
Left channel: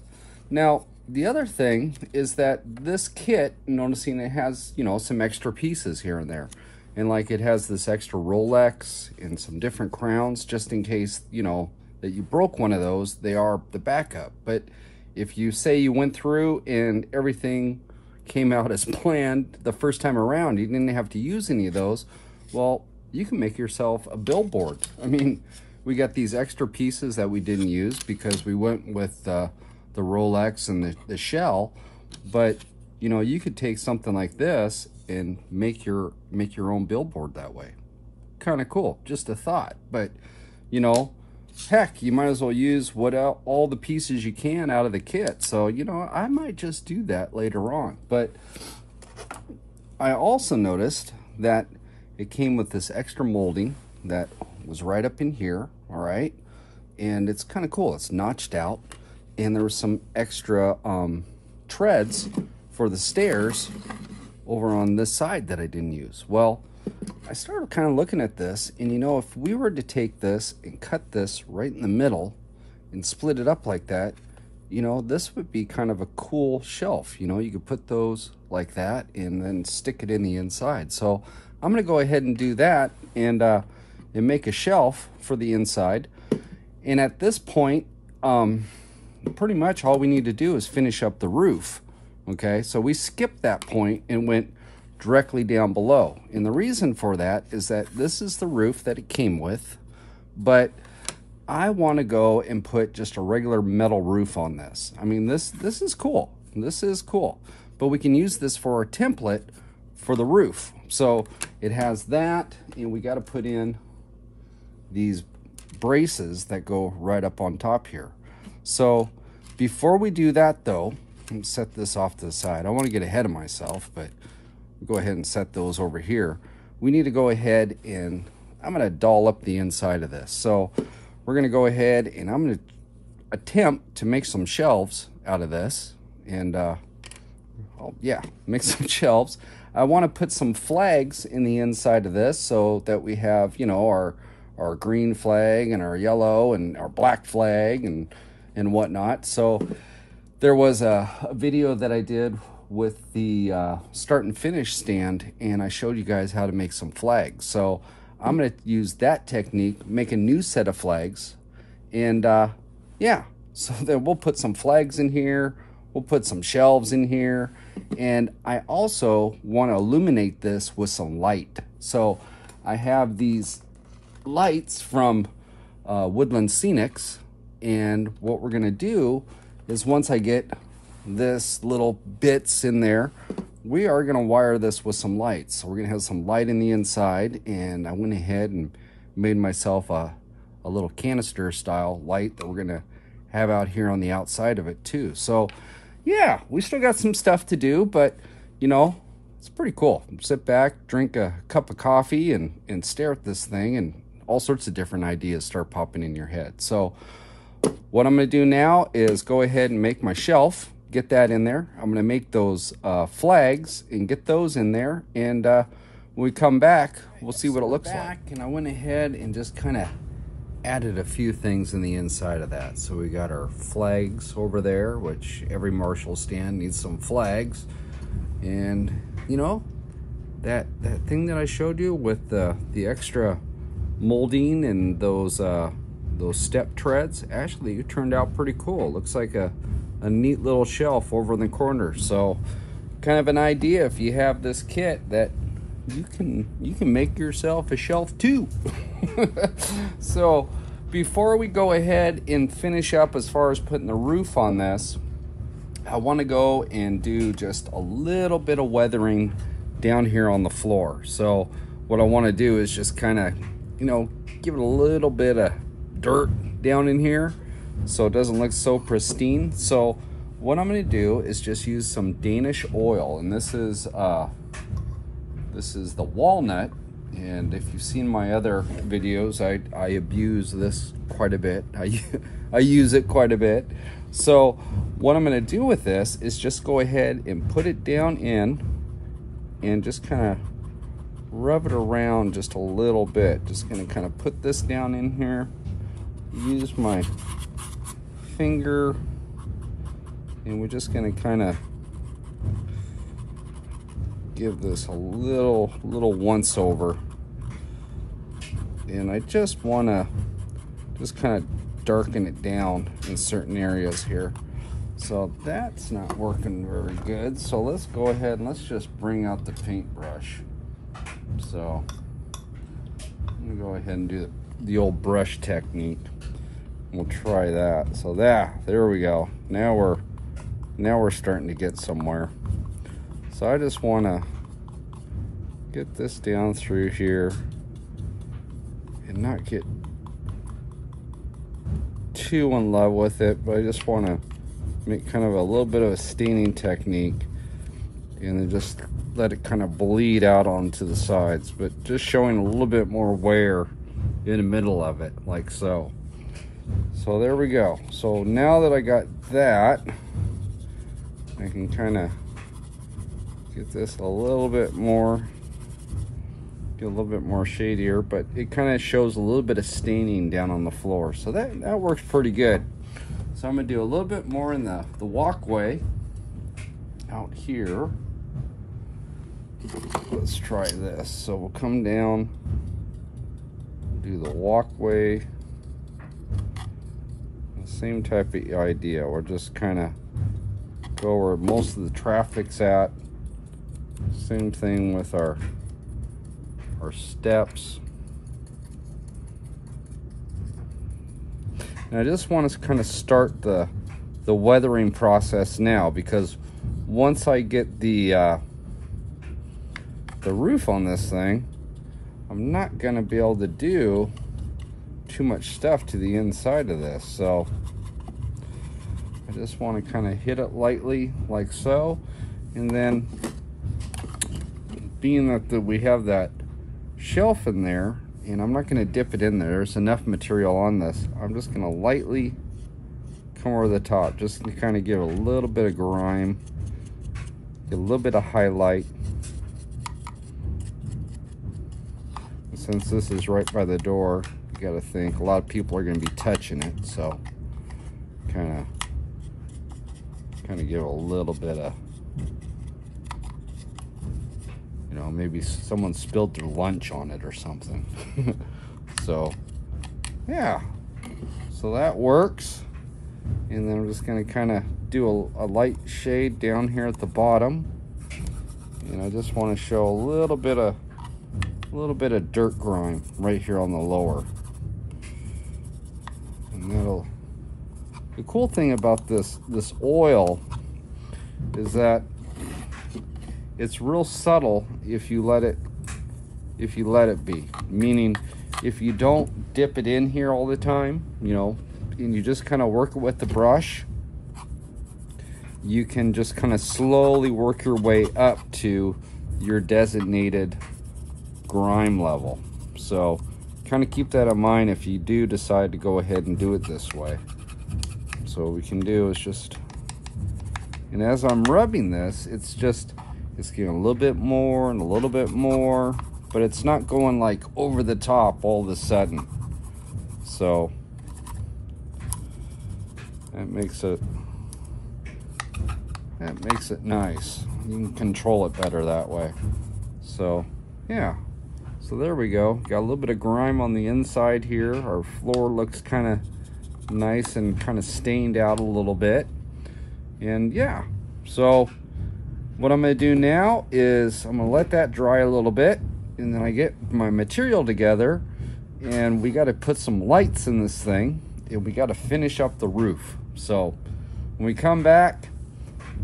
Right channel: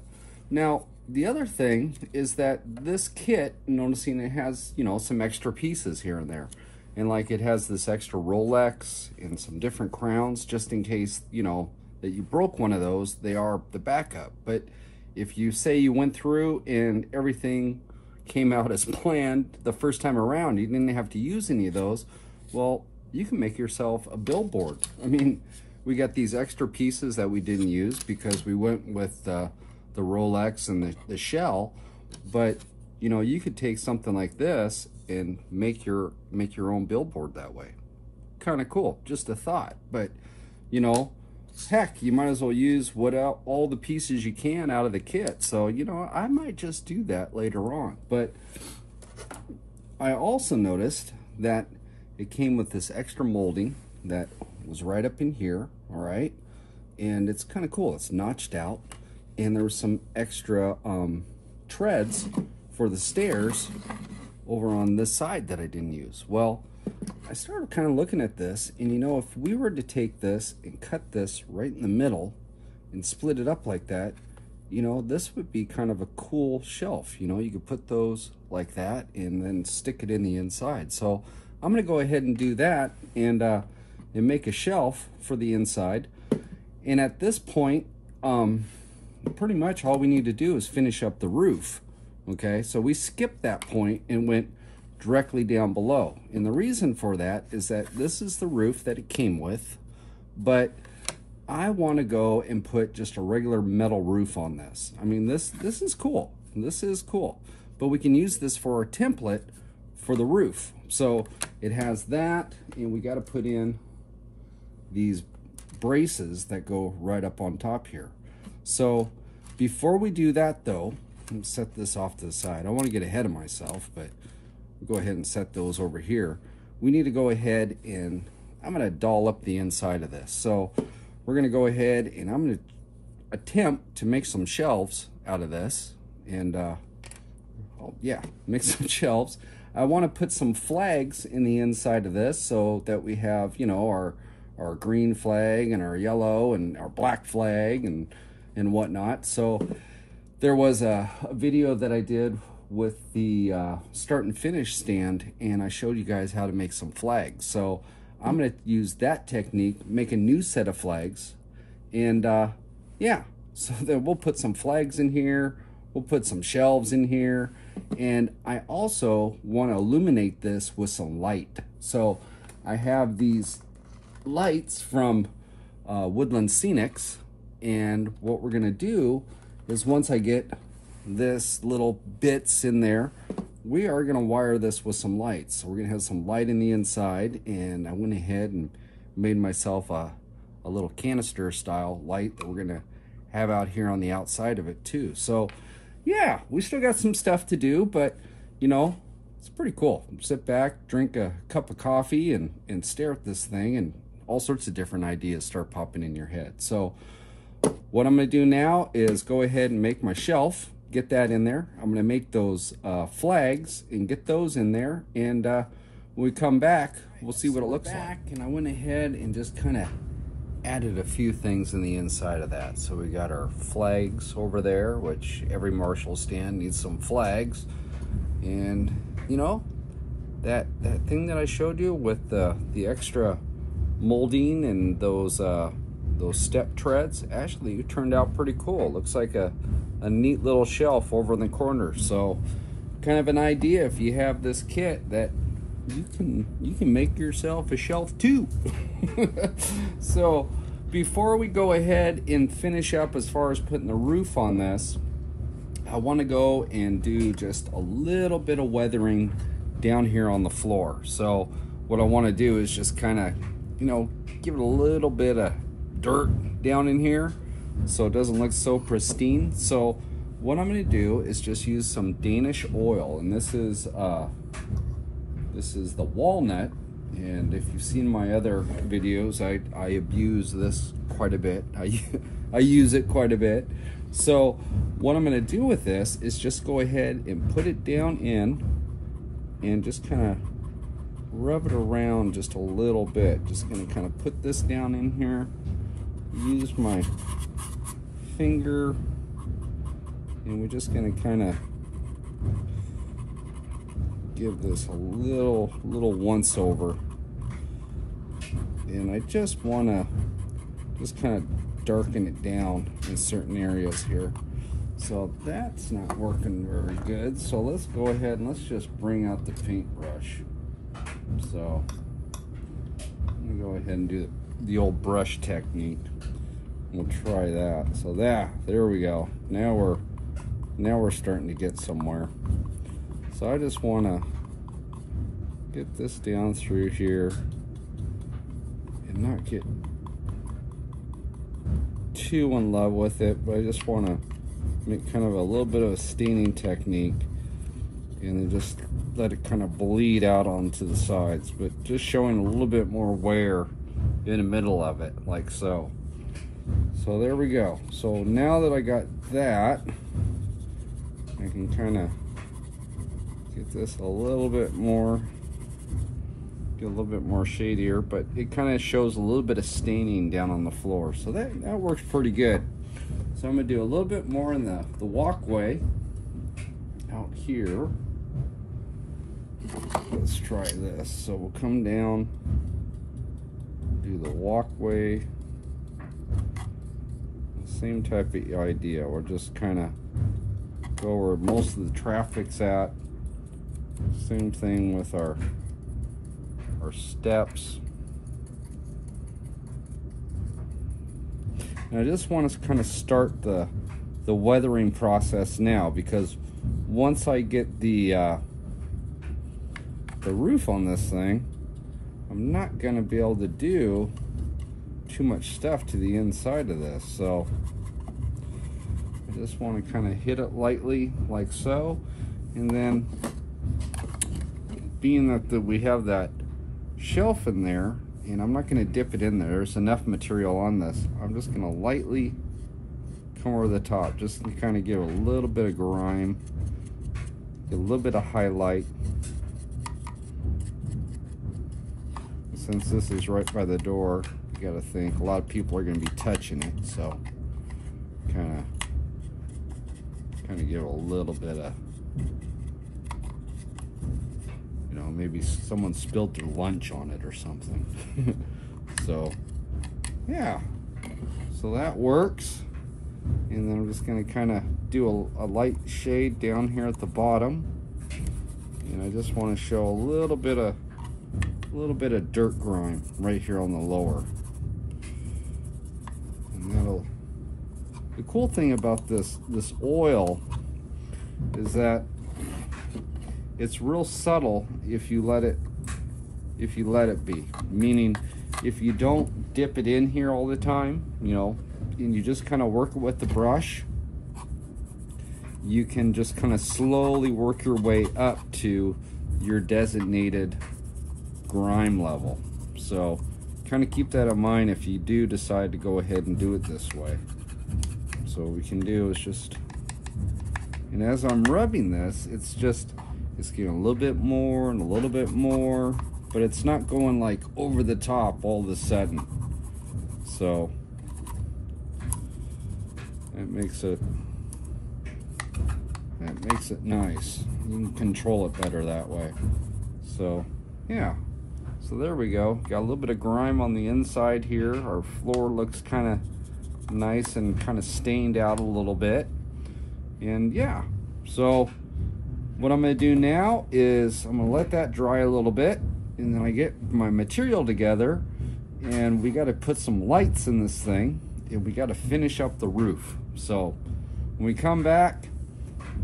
Now the other thing is that this kit, noticing it has, you know, some extra pieces here and there, and like it has this extra Rolex and some different crowns just in case, you know, that you broke one of those. They are the backup. But if you say you went through and everything came out as planned the first time around, you didn't have to use any of those, well, you can make yourself a billboard. I mean, we got these extra pieces that we didn't use because we went with the Rolex and the shell, but you know, you could take something like this and make your own billboard that way. Kind of cool, just a thought. But you know, heck, you might as well use all the pieces you can out of the kit. So, you know, I might just do that later on. But I also noticed that it came with this extra molding that was right up in here, all right? And it's kind of cool. It's notched out. And there was some extra treads for the stairs over on this side that I didn't use. Well, I started kind of looking at this, and you know, if we were to take this and cut this right in the middle and split it up like that, you know, this would be kind of a cool shelf. You know, you could put those like that and then stick it in the inside. So I'm going to go ahead and do that and make a shelf for the inside. And at this point, pretty much all we need to do is finish up the roof. Okay, so we skipped that point and went directly down below. And the reason for that is that this is the roof that it came with, but I want to go and put just a regular metal roof on this. I mean, this is cool. This is cool. But we can use this for a template for the roof. So it has that, and we got to put in these braces that go right up on top here. So before we do that though, let me set this off to the side. I want to get ahead of myself, but go ahead and set those over here. We need to go ahead and I'm going to doll up the inside of this. So we're going to go ahead and I'm going to attempt to make some shelves out of this. And yeah, make some shelves. I want to put some flags in the inside of this so that we have, you know, our green flag and our yellow and our black flag and whatnot. So there was a video that I did with the start and finish stand, and I showed you guys how to make some flags. So I'm going to use that technique, make a new set of flags, and yeah, So then we'll put some flags in here, we'll put some shelves in here, and I also want to illuminate this with some light. So I have these lights from Woodland Scenics, and what we're gonna do is once I get this little bits in there, we are gonna wire this with some lights. So we're gonna have some light in the inside, and I went ahead and made myself a little canister style light that we're gonna have out here on the outside of it too. So yeah, we still got some stuff to do, but you know, it's pretty cool. Sit back, drink a cup of coffee, and stare at this thing, and all sorts of different ideas start popping in your head. So what I'm gonna do now is go ahead and make my shelf, get that in there. I'm gonna make those flags and get those in there, and when we come back, we'll see what it looks like. And I went ahead and just kind of added a few things in the inside of that. So we got our flags over there, which every Marshall stand needs some flags. And you know, that thing that I showed you with the extra molding and those step treads, actually it turned out pretty cool. Looks like a neat little shelf over in the corner. So kind of an idea, if you have this kit, that you can make yourself a shelf too. So before we go ahead and finish up as far as putting the roof on this, I want to go and do just a little bit of weathering down here on the floor. So what I want to do is just kind of, you know, give it a little bit of dirt down in here so it doesn't look so pristine. So what I'm going to do is just use some Danish oil, and this is the walnut, and if you've seen my other videos, I abuse this quite a bit. I use it quite a bit. So what I'm going to do with this is just go ahead and put it down in and just kind of rub it around just a little bit. Just going to kind of put this down in here, use my finger, and we're just going to kind of give this a little once over. And I just want to just kind of darken it down in certain areas here. So that's not working very good. So let's go ahead and let's just bring out the paintbrush. So I'm gonna go ahead and do the old brush technique. We'll try that. So there we go. Now we're starting to get somewhere. So I just want to get this down through here and not get too in love with it, but I just want to make kind of a little bit of a staining technique and then just let it kind of bleed out onto the sides, but just showing a little bit more wear in the middle of it, like so. So there we go. So now that I got that, I can kind of get this a little bit more, get a little bit more shadier, but it kind of shows a little bit of staining down on the floor. So that works pretty good. So I'm gonna do a little bit more in the walkway out here. Let's try this. So we'll come down, do the walkway. Same type of idea. We're just kind of go where most of the traffic's at. Same thing with our steps. And I just want to kind of start the weathering process now, because once I get the roof on this thing, I'm not going to be able to do too much stuff to the inside of this. So I just want to kind of hit it lightly like so, and then being that we have that shelf in there, and I'm not going to dip it in there, there's enough material on this, I'm just going to lightly come over the top just to kind of give a little bit of grime, get a little bit of highlight. Since this is right by the door, you got to think a lot of people are going to be touching it, so kind of give a little bit of, you know, maybe someone spilled their lunch on it or something. So yeah, so that works. And then I'm just going to kind of do a light shade down here at the bottom. And I just want to show a little bit of dirt grime right here on the lower. And the cool thing about this oil is that it's real subtle if you let it be. Meaning, if you don't dip it in here all the time, you know, and you just kind of work it with the brush, you can just kind of slowly work your way up to your designated grime level. So kind of keep that in mind if you do decide to go ahead and do it this way. So what we can do is just, and as I'm rubbing this, it's getting a little bit more and a little bit more, but it's not going like over the top all of a sudden. So that makes it nice. You can control it better that way. So yeah, so there we go. Got a little bit of grime on the inside here. Our floor looks kind of nice and kind of stained out a little bit. And yeah, so what I'm going to do now is I'm going to let that dry a little bit, and then I get my material together, and we got to put some lights in this thing, and we got to finish up the roof. So when we come back,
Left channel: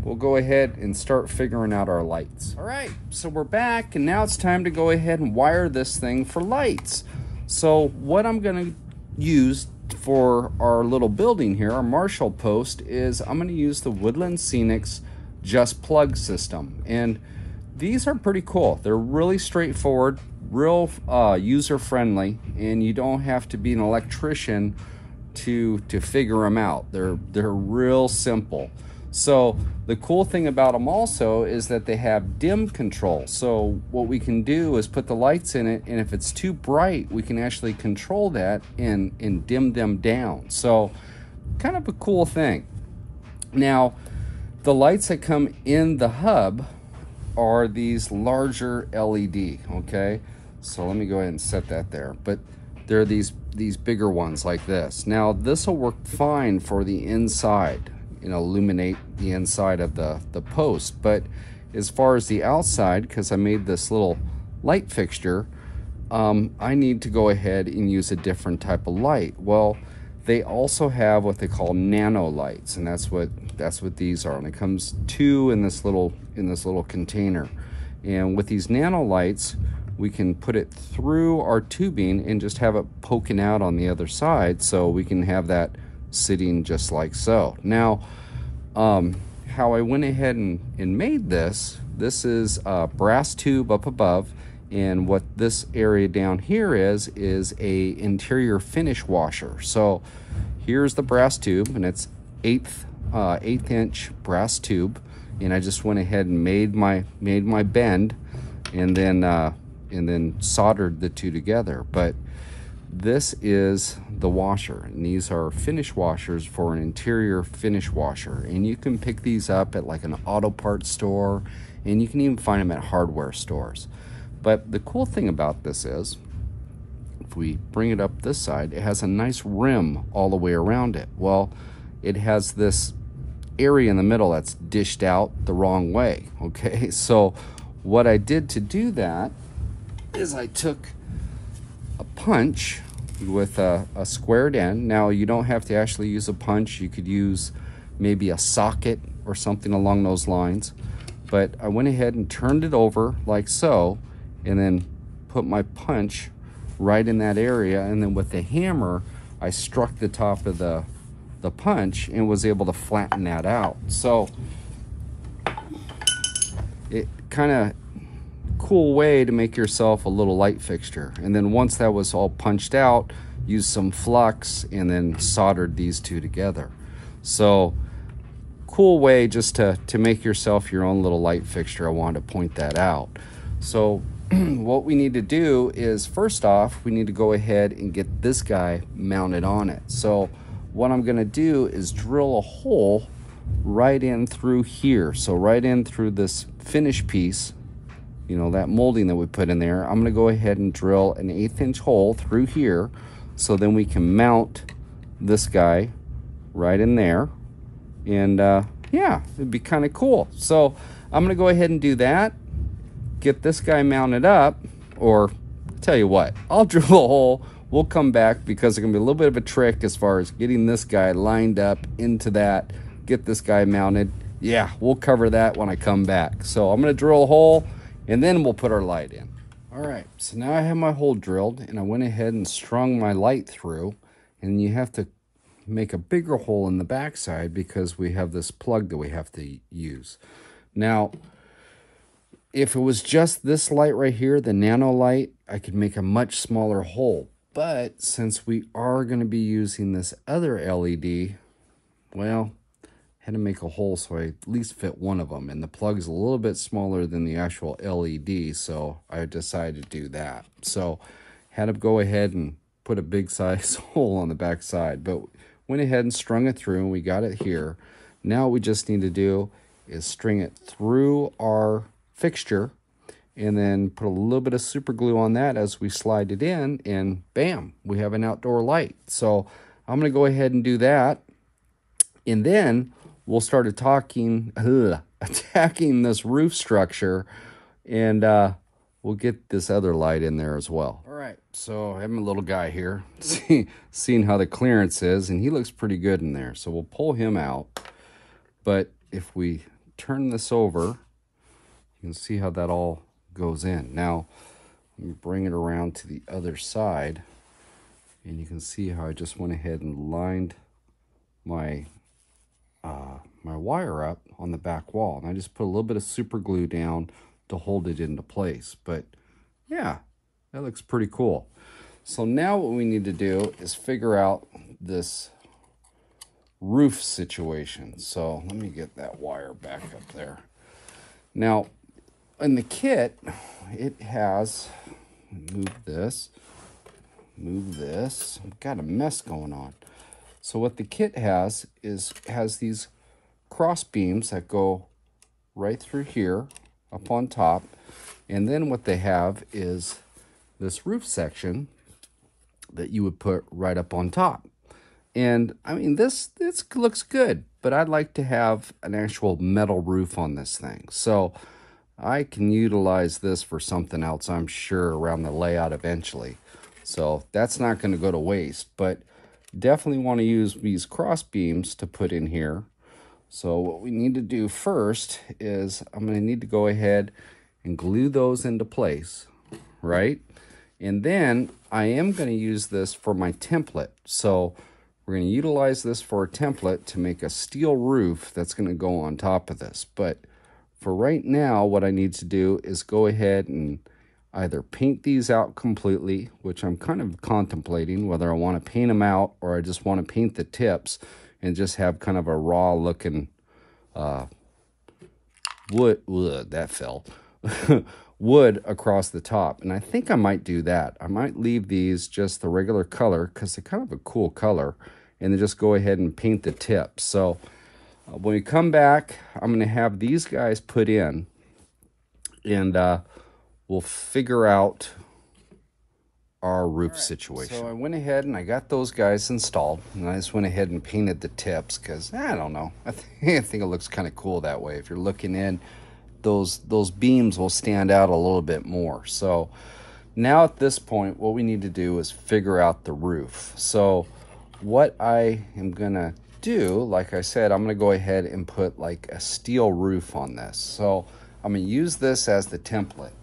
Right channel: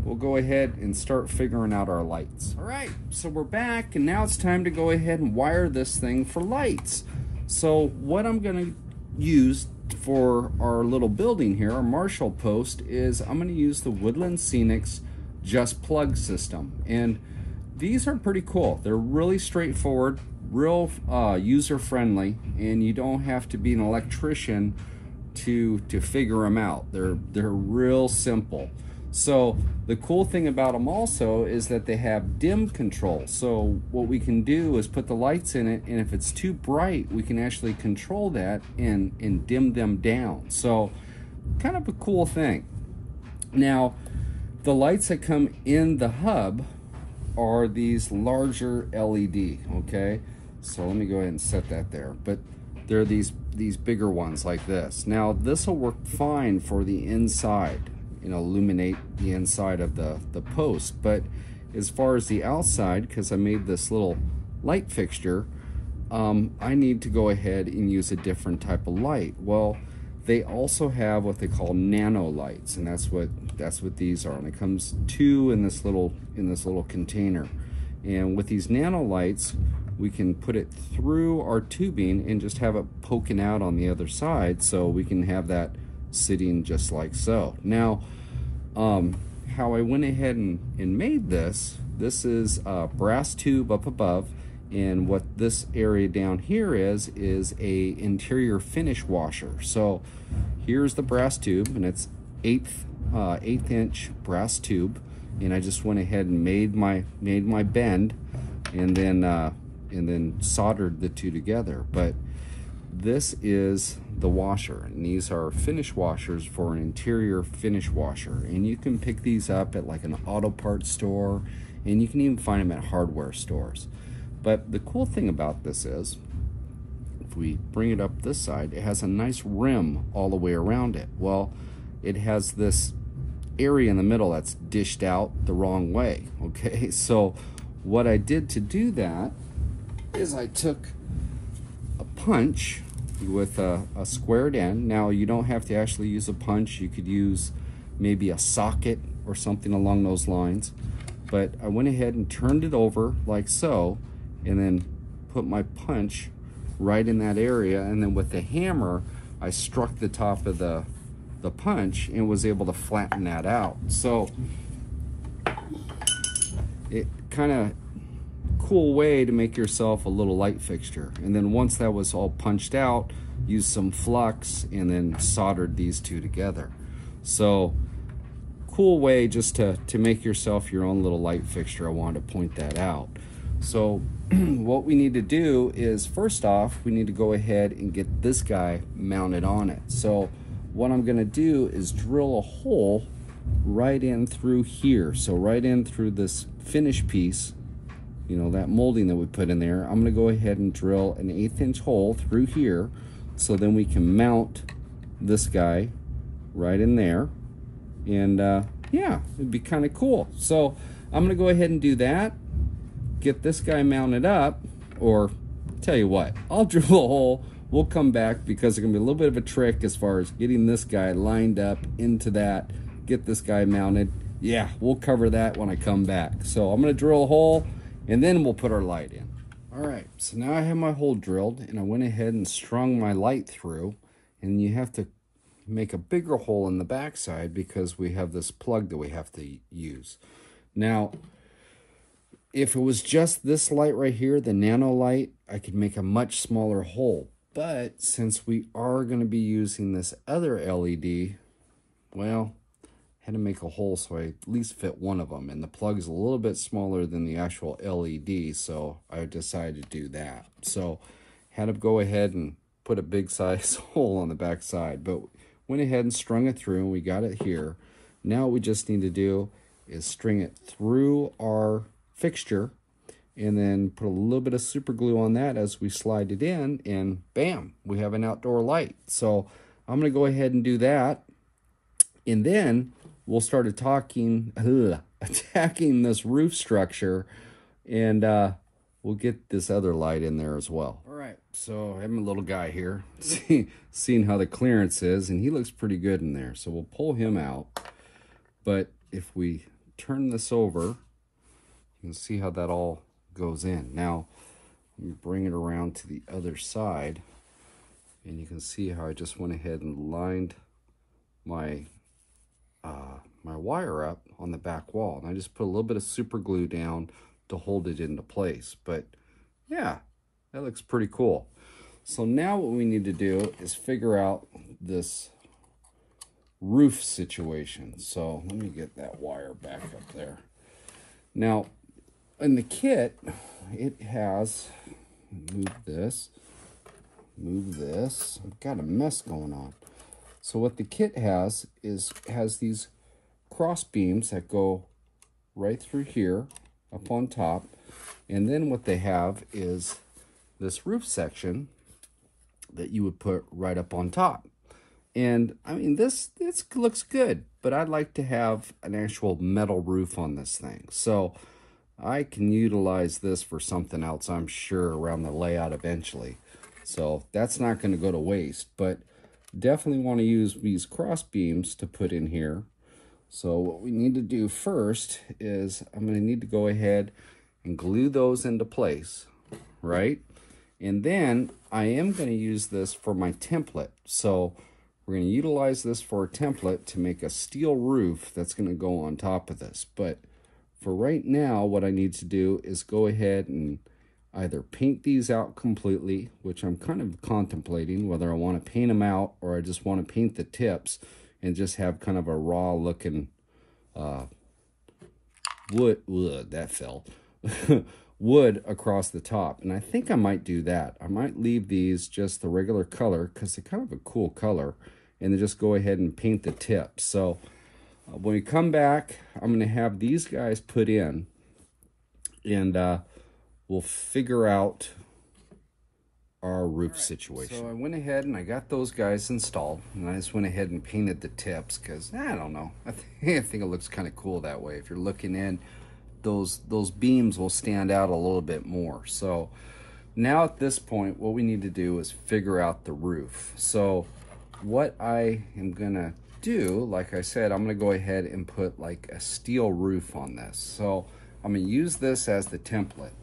we'll go ahead and start figuring out our lights. All right, so we're back, and now it's time to go ahead and wire this thing for lights. So what I'm going to use for our little building here, our Marshal Post, is I'm going to use the Woodland Scenics just plug system. And these are pretty cool. They're really straightforward, real user friendly, and you don't have to be an electrician to figure them out. They're real simple. So the cool thing about them also is that they have dim control. So what we can do is put the lights in it, and if it's too bright, we can actually control that and dim them down. So kind of a cool thing. Now, the lights that come in the hub are these larger LED, okay? So let me go ahead and set that there. But they're these bigger ones like this. Now, this will work fine for the inside, you know, illuminate the inside of the post. But as far as the outside, because I made this little light fixture, I need to go ahead and use a different type of light. Well, they also have what they call Nano Lights, and that's what these are. And it comes two in this little container. And with these Nano Lights, we can put it through our tubing and just have it poking out on the other side, so we can have that sitting just like so. Now, how I went ahead and made this is a brass tube up above, and what this area down here is a interior finish washer. So here's the brass tube, and it's eighth inch brass tube, and I just went ahead and made my bend, and then soldered the two together. But this is the washer, and these are finish washers for an interior finish washer, and you can pick these up at like an auto parts store, and you can even find them at hardware stores. But the cool thing about this is, if we bring it up this side, it has a nice rim all the way around it. Well, it has this area in the middle that's dished out the wrong way, okay? So what I did to do that is I took a punch with a squared end. Now, you don't have to actually use a punch. You could use maybe a socket or something along those lines. But I went ahead and turned it over like so, and then put my punch right in that area, and then with the hammer I struck the top of the punch and was able to flatten that out. So it kind of cool way to make yourself a little light fixture. And then once that was all punched out, used some flux and then soldered these two together. So cool way just to make yourself your own little light fixture. I wanted to point that out. So what we need to do is, first off, we need to go ahead and get this guy mounted on it. So what I'm going to do is drill a hole right in through here. So right in through this finish piece, you know, that molding that we put in there. I'm going to go ahead and drill an 1/8 inch hole through here, so then we can mount this guy right in there. And yeah, it'd be kind of cool. So I'm gonna go ahead and do that, get this guy mounted up, or tell you what, I'll drill a hole. We'll come back because it's gonna be a little bit of a trick as far as getting this guy lined up into that, get this guy mounted. Yeah, we'll cover that when I come back. So I'm gonna drill a hole and then we'll put our light in. All right, so now I have my hole drilled and I went ahead and strung my light through, and you have to make a bigger hole in the backside because we have this plug that we have to use. Now, if it was just this light right here, the Nano light, I could make a much smaller hole. But since we are going to be using this other LED, well, I had to make a hole so I at least fit one of them. And the plug's a little bit smaller than the actual LED, so I decided to do that. So had to go ahead and put a big size hole on the back side. But went ahead and strung it through, and we got it here. Now what we just need to do is string it through our fixture and then put a little bit of super glue on that as we slide it in, and bam, we have an outdoor light. So I'm going to go ahead and do that, and then we'll start attacking this roof structure, and we'll get this other light in there as well. All right, so I have my little guy here, seeing how the clearance is, and he looks pretty good in there. So we'll pull him out. But if we turn this over, you can see how that all goes in. Now, let me bring it around to the other side, and you can see how I just went ahead and lined my my wire up on the back wall. And I just put a little bit of super glue down to hold it into place. But yeah, that looks pretty cool. So now what we need to do is figure out this roof situation. So let me get that wire back up there. Now in the kit, it has, move this, I've got a mess going on. So what the kit has these cross beams that go right through here up on top, and then what they have is this roof section that you would put right up on top. And I mean, this looks good, but I'd like to have an actual metal roof on this thing. So I can utilize this for something else, I'm sure, around the layout eventually. So that's not going to go to waste, but definitely want to use these cross beams to put in here. So what we need to do first is I'm going to need to go ahead and glue those into place, right? And then I am going to use this for my template. So we're going to utilize this for a template to make a steel roof that's going to go on top of this. But for right now, what I need to do is go ahead and either paint these out completely, which I'm kind of contemplating whether I want to paint them out or I just want to paint the tips and just have kind of a raw looking wood across the top. And I think I might do that. I might leave these just the regular color because they're kind of a cool color, and then just go ahead and paint the tips. So when we come back, I'm going to have these guys put in, and we'll figure out our roof situation. So I went ahead and I got those guys installed, and I just went ahead and painted the tips because I don't know, I think it looks kind of cool that way. If you're looking in, those beams will stand out a little bit more. So now at this point, what we need to do is figure out the roof. So what I am gonna do, like I said, I'm gonna go ahead and put like a steel roof on this. So I'm gonna use this as the template.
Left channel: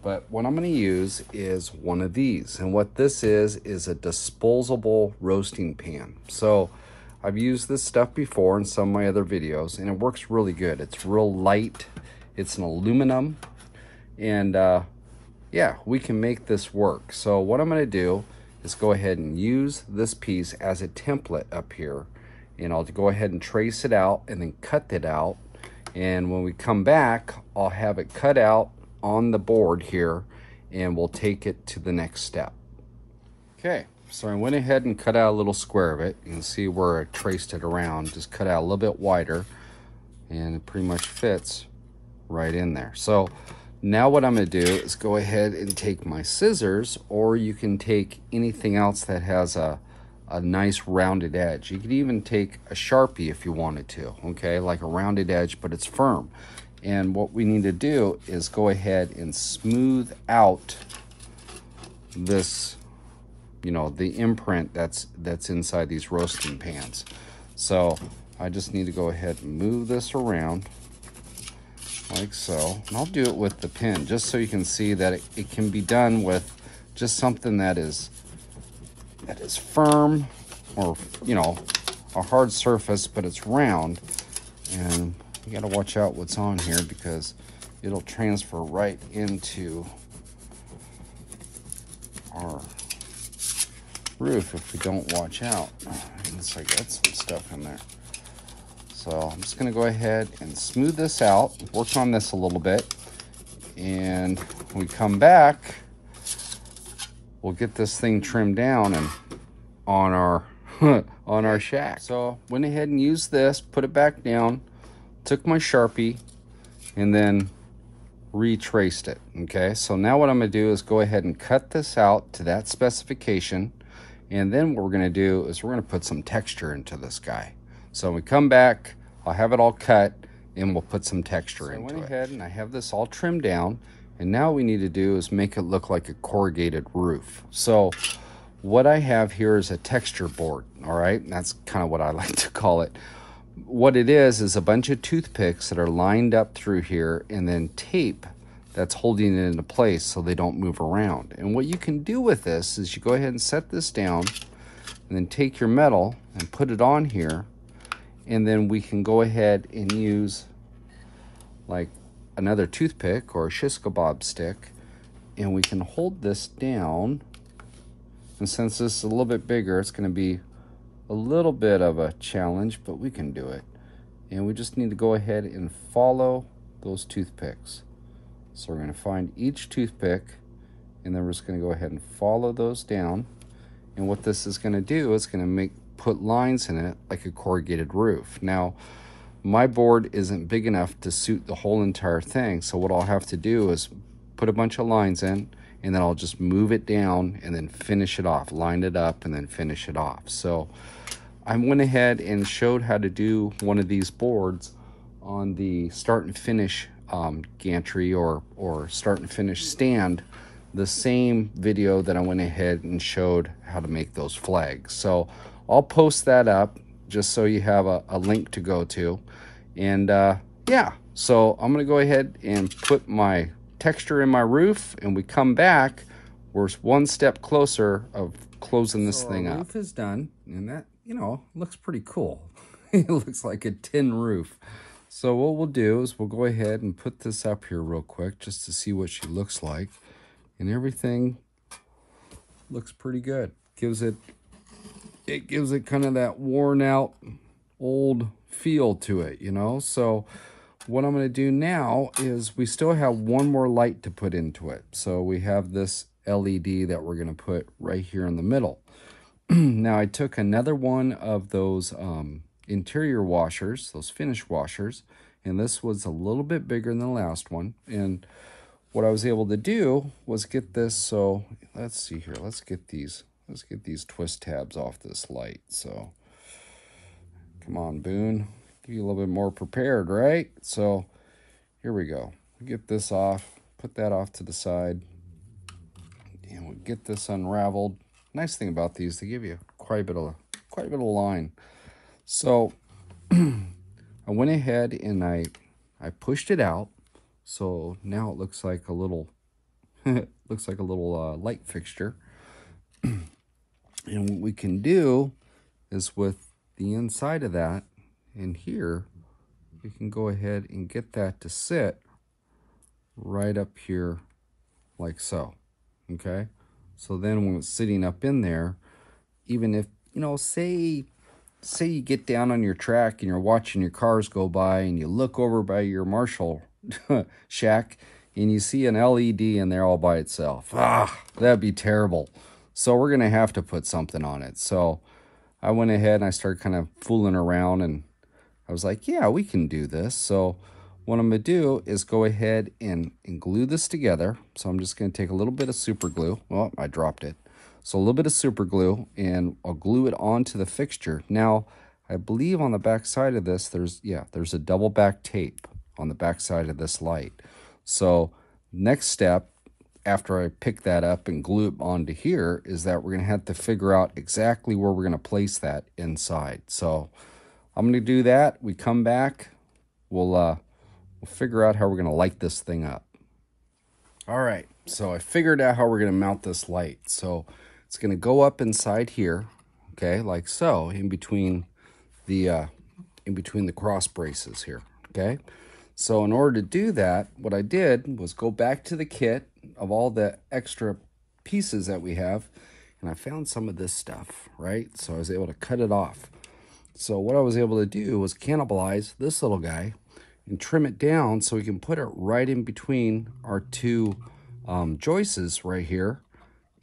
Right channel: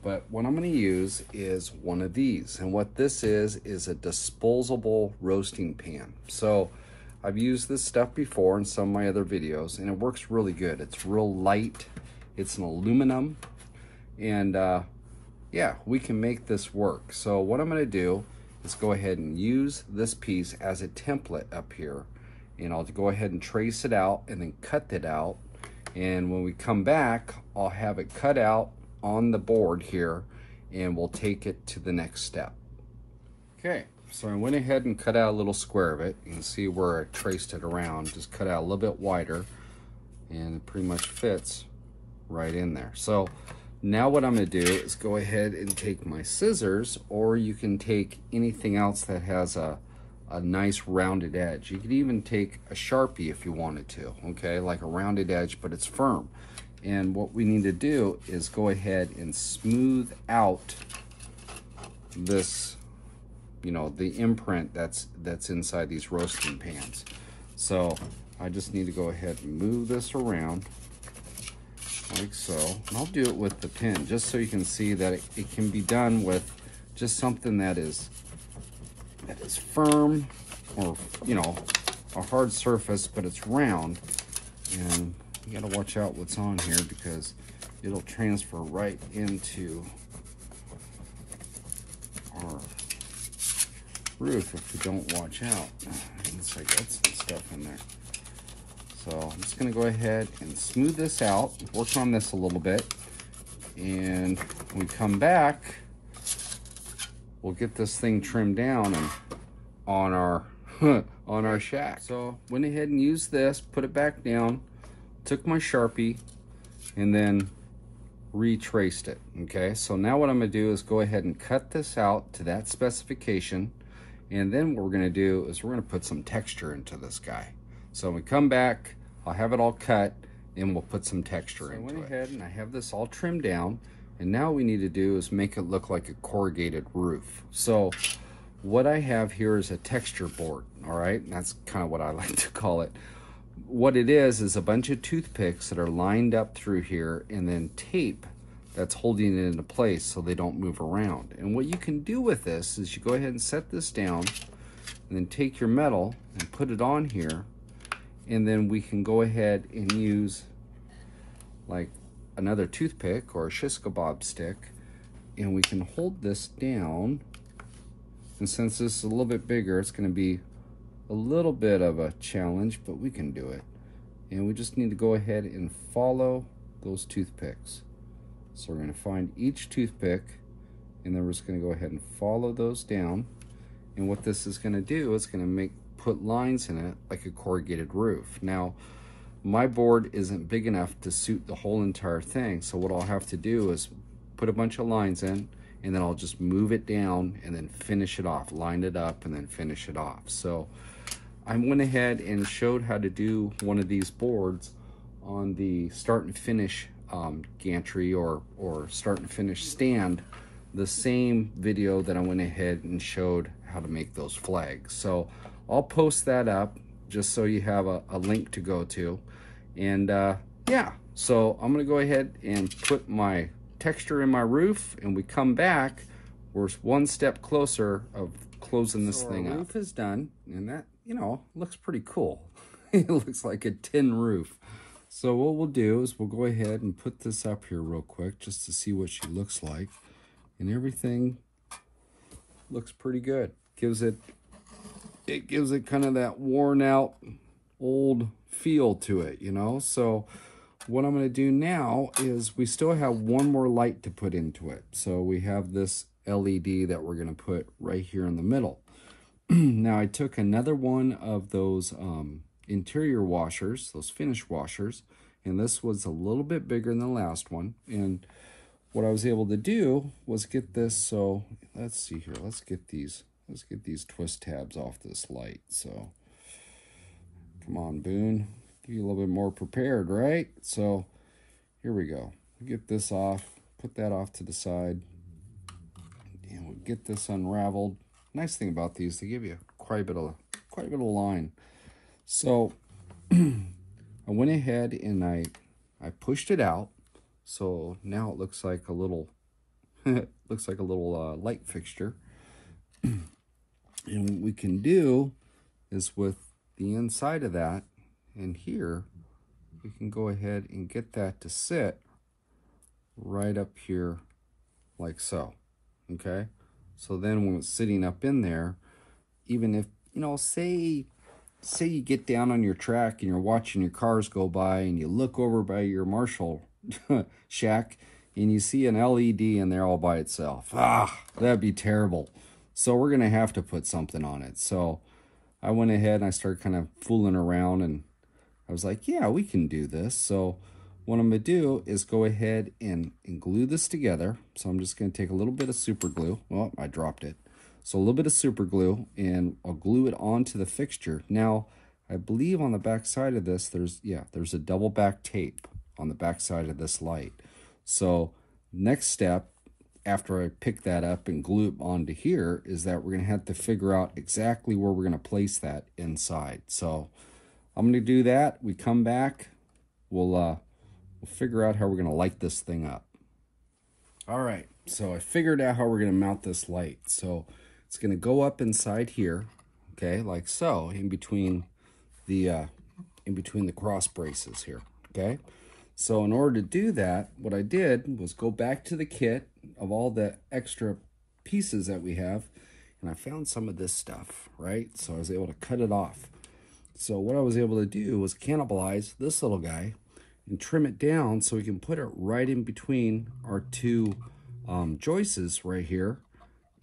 But what I'm going to use is one of these. And what this is a disposable roasting pan. So I've used this stuff before in some of my other videos, and it works really good. It's real light. It's an aluminum. And yeah, we can make this work. So what I'm going to do is go ahead and use this piece as a template up here. And I'll go ahead and trace it out and then cut it out. And when we come back, I'll have it cut out on the board here, and we'll take it to the next step. Okay, so I went ahead and cut out a little square of it. You can see where I traced it around, just cut out a little bit wider, and it pretty much fits right in there. So now what I'm going to do is go ahead and take my scissors, or you can take anything else that has a a nice rounded edge. You could even take a Sharpie if you wanted to, okay, like a rounded edge, but it's firm. And what we need to do is go ahead and smooth out this, you know, the imprint that's inside these roasting pans. So I just need to go ahead and move this around like so. And I'll do it with the pin just so you can see that it can be done with just something that is firm, or, you know, a hard surface, but it's round. And you got to watch out what's on here because it'll transfer right into our roof if we don't watch out. It's like got some stuff in there. So I'm just going to go ahead and smooth this out, work on this a little bit, and when we come back, we'll get this thing trimmed down and on our on our shack. So went ahead and used this, put it back down, took my Sharpie, and then retraced it. Okay, so now what I'm going to do is go ahead and cut this out to that specification, and then what we're going to do is we're going to put some texture into this guy. So when we come back, I'll have it all cut and we'll put some texture into it. I went ahead and I have this all trimmed down, and now what we need to do is make it look like a corrugated roof. So what I have here is a texture board, all right? That's kind of what I like to call it. What it is a bunch of toothpicks that are lined up through here, and then tape that's holding it into place so they don't move around. And what you can do with this is you go ahead and set this down, and then take your metal and put it on here, and then we can go ahead and use like another toothpick or a shish kebab stick, and we can hold this down. And since this is a little bit bigger, it's going to be a little bit of a challenge, but we can do it. And we just need to go ahead and follow those toothpicks. So we're going to find each toothpick, and then we're just going to go ahead and follow those down. And what this is going to do is going to put lines in it like a corrugated roof. Now, my board isn't big enough to suit the whole entire thing, so what I'll have to do is put a bunch of lines in, and then I'll just move it down and then finish it off, line it up and then finish it off. So I went ahead and showed how to do one of these boards on the start and finish gantry or start and finish stand, the same video that I went ahead and showed how to make those flags. So I'll post that up just so you have a link to go to. And yeah, so I'm gonna go ahead and put my texture in my roof, and we come back, we're one step closer of closing this thing up. Roof is done, and that, you know, looks pretty cool. It looks like a tin roof. So what we'll do is we'll go ahead and put this up here real quick just to see what she looks like, and everything looks pretty good. It gives it kind of that worn out old feel to it, you know. So what I'm going to do now is we still have one more light to put into it. So we have this LED that we're going to put right here in the middle. Now I took another one of those interior washers, those finish washers, and this was a little bit bigger than the last one. And what I was able to do was get this. So let's see here. Let's get these twist tabs off this light. So come on, Boone. Be a little bit more prepared, right? So here we go. Get this off, put that off to the side, and we'll get this unraveled. Nice thing about these, they give you quite a bit of line. So I went ahead and I pushed it out. So now it looks like a little light fixture. And what we can do is with the inside of that, in here, we can go ahead and get that to sit right up here like so. Okay, so then when it's sitting up in there, even if, you know, say you get down on your track and you're watching your cars go by, and you look over by your Marshall shack and you see an LED in there all by itself, that'd be terrible. So we're gonna have to put something on it. So I went ahead and I started kind of fooling around, and I was like, yeah, we can do this. So what I'm going to do is go ahead and glue this together. So I'm just going to take a little bit of super glue. Well, I dropped it. So a little bit of super glue, and I'll glue it onto the fixture. Now, I believe on the back side of this, there's a double back tape on the back side of this light. So next step, after I pick that up and glue it onto here, is that we're going to have to figure out exactly where we're going to place that inside. So I'm going to do that. We come back, we'll figure out how we're going to light this thing up. All right, so I figured out how we're going to mount this light. So it's going to go up inside here, okay, like so, in between the cross braces here, okay? So in order to do that, what I did was go back to the kit of all the extra pieces that we have, and I found some of this stuff, right? So I was able to cut it off. So what I was able to do was cannibalize this little guy and trim it down so we can put it right in between our two joists right here.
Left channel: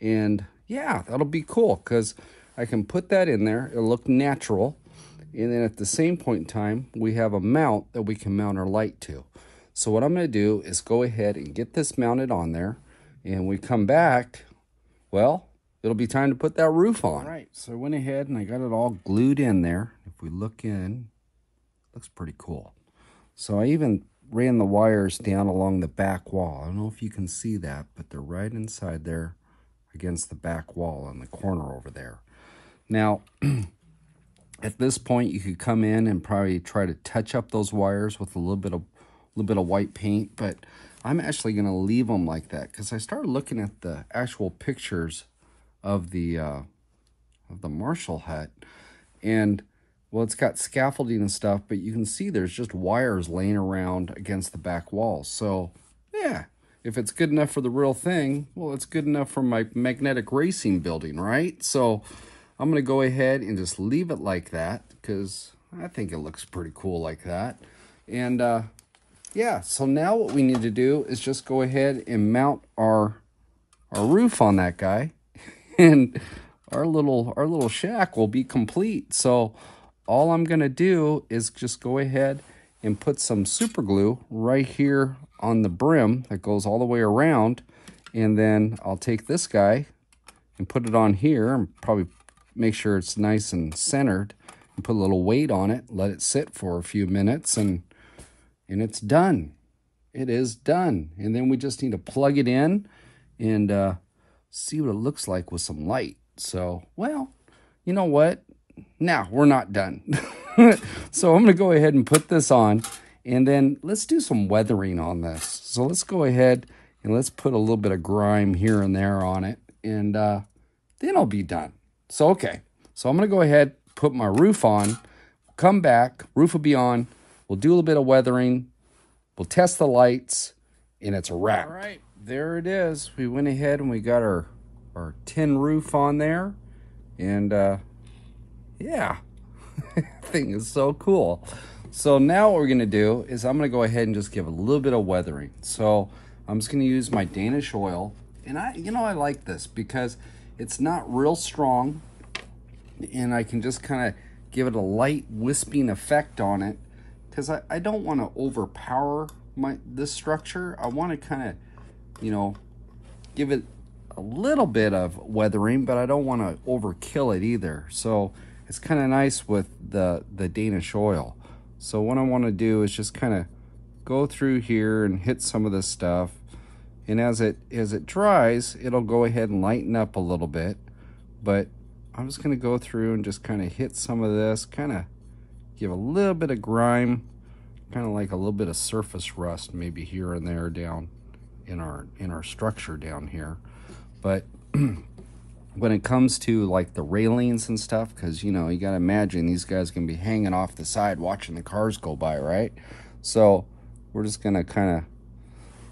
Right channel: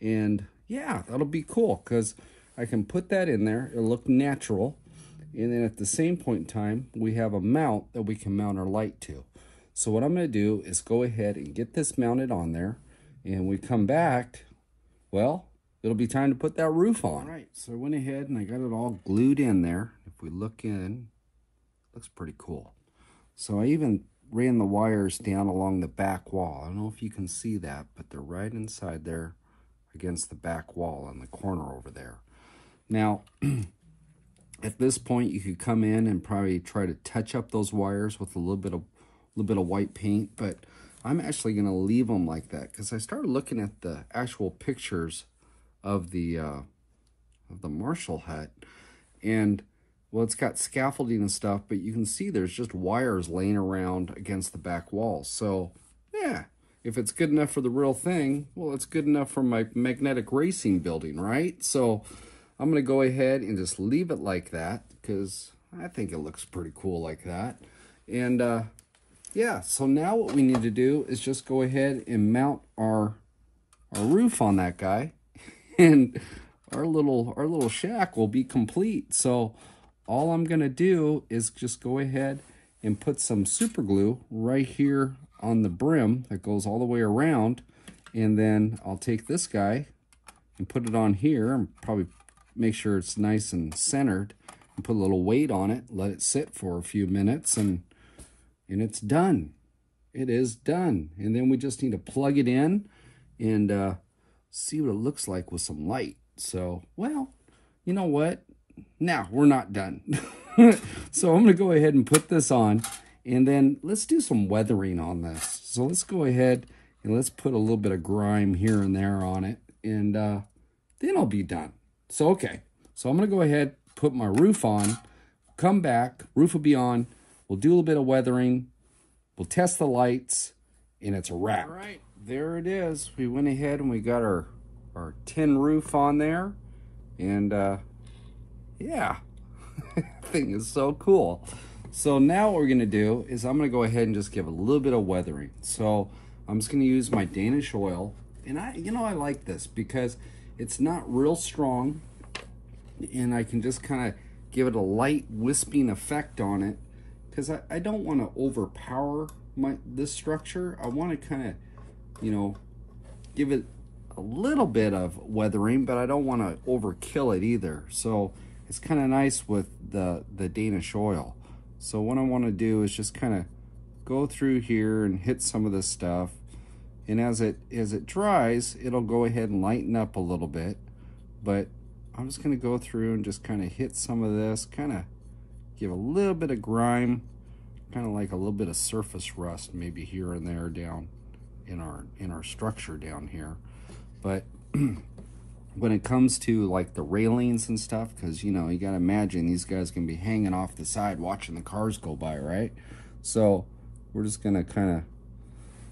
And yeah, that'll be cool because I can put that in there. It'll look natural. And then at the same point in time, we have a mount that we can mount our light to. So what I'm going to do is go ahead and get this mounted on there. And we come back, well, it'll be time to put that roof on. All right, so I went ahead and I got it all glued in there. If we look in, looks pretty cool. So I even ran the wires down along the back wall. I don't know if you can see that, but they're right inside there against the back wall on the corner over there. Now, at this point, you could come in and probably try to touch up those wires with a little bit of white paint, but I'm actually going to leave them like that because I started looking at the actual pictures of the Marshall hut, and well, it's got scaffolding and stuff, but you can see there's just wires laying around against the back wall. So yeah, if it's good enough for the real thing, well, it's good enough for my magnetic racing building, right? So I'm going to go ahead and just leave it like that because I think it looks pretty cool like that. And yeah, so now what we need to do is just go ahead and mount our roof on that guy, and our little shack will be complete. So all I'm going to do is just go ahead and put some super glue right here on the brim that goes all the way around, and then I'll take this guy and put it on here and probably make sure it's nice and centered and put a little weight on it, let it sit for a few minutes, and it's done. It is done. And then we just need to plug it in and see what it looks like with some light. So, well, you know what? Now, we're not done. So I'm going to go ahead and put this on, and then let's do some weathering on this. So let's go ahead and let's put a little bit of grime here and there on it, and then I'll be done. So, okay. So I'm going to go ahead, put my roof on, come back, roof will be on, we'll do a little bit of weathering, we'll test the lights, and it's a wrap. All right, there it is. We went ahead and we got our tin roof on there, and yeah, thing is so cool. So now what we're gonna do is I'm gonna go ahead and just give a little bit of weathering. So I'm just gonna use my Danish Oil, and I like this because it's not real strong, and I can just kind of give it a light wisping effect on it because I don't want to overpower this structure. I want to kind of, give it a little bit of weathering, but I don't want to overkill it either. So it's kind of nice with the Danish Oil. So what I want to do is just kind of go through here and hit some of this stuff, and as it dries, it'll go ahead and lighten up a little bit. But I'm just going to go through and just kind of hit some of this, kind of give a little bit of grime, kind of like a little bit of surface rust maybe here and there down in our structure down here. But when it comes to like the railings and stuff, because you got to imagine these guys can be hanging off the side watching the cars go by, right? So we're just going to kind of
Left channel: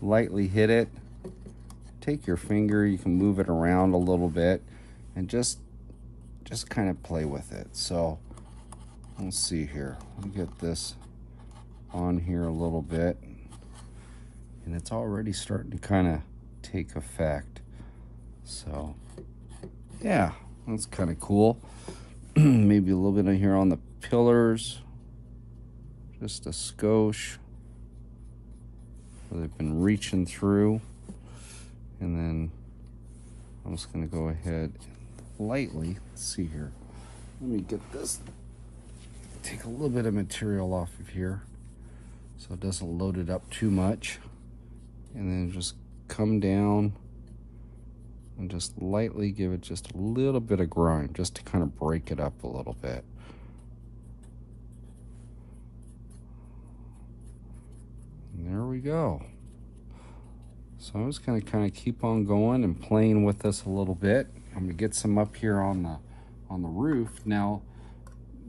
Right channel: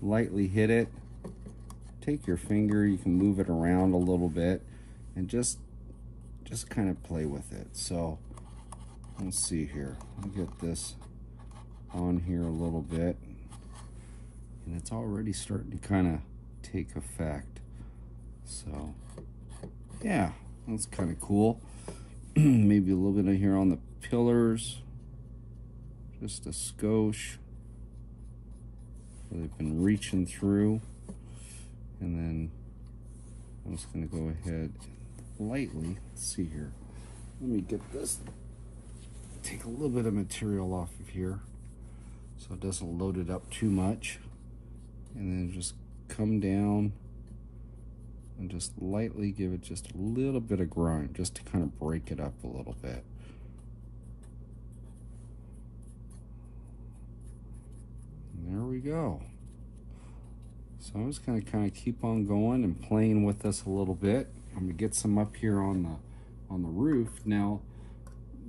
lightly hit it. Take your finger, you can move it around a little bit and just kind of play with it. So let's see here. Let me get this on here a little bit, and it's already starting to kind of take effect. So yeah, that's kind of cool. Maybe a little bit of here on the pillars, just a skosh where they've been reaching through, and then I'm just going to go ahead and lightly, let's see here. Let me get this, take a little bit of material off of here so it doesn't load it up too much. And then just come down and just lightly give it just a little bit of grime, just to kind of break it up a little bit. And there we go. So I'm just going to kind of keep on going and playing with this a little bit. I'm going to get some up here on the roof. Now,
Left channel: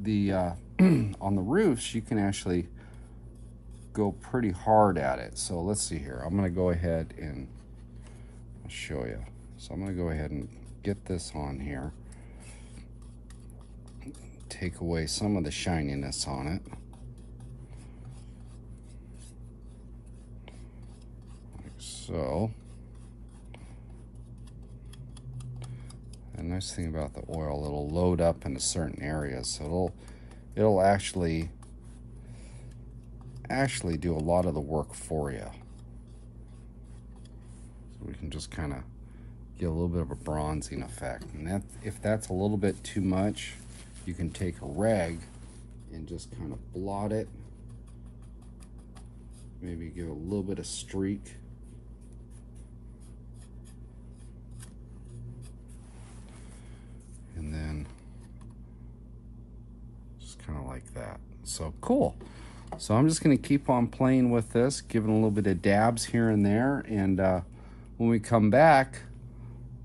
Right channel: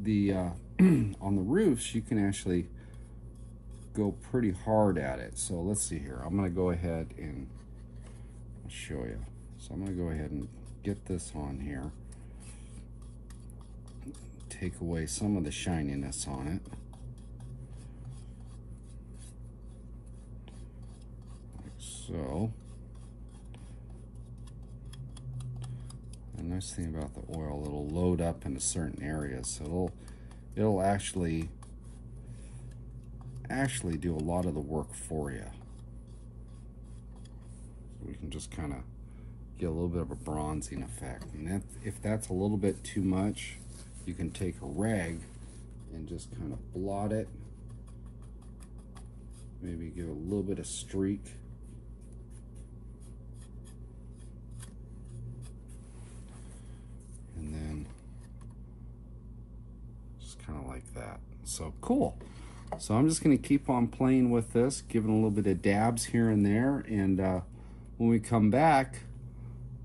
the on the roofs, you can actually go pretty hard at it. So let's see here. I'm going to go ahead and I'll show you. So I'm going to go ahead and get this on here. Take away some of the shininess on it. Like so. The nice thing about the oil, it'll load up into certain areas, so it'll actually do a lot of the work for you. So we can just kind of get a little bit of a bronzing effect, and if that's a little bit too much, you can take a rag and just kind of blot it. Maybe give a little bit of streak. And then just kind of like that. So cool. So I'm just going to keep on playing with this, giving a little bit of dabs here and there, and when we come back,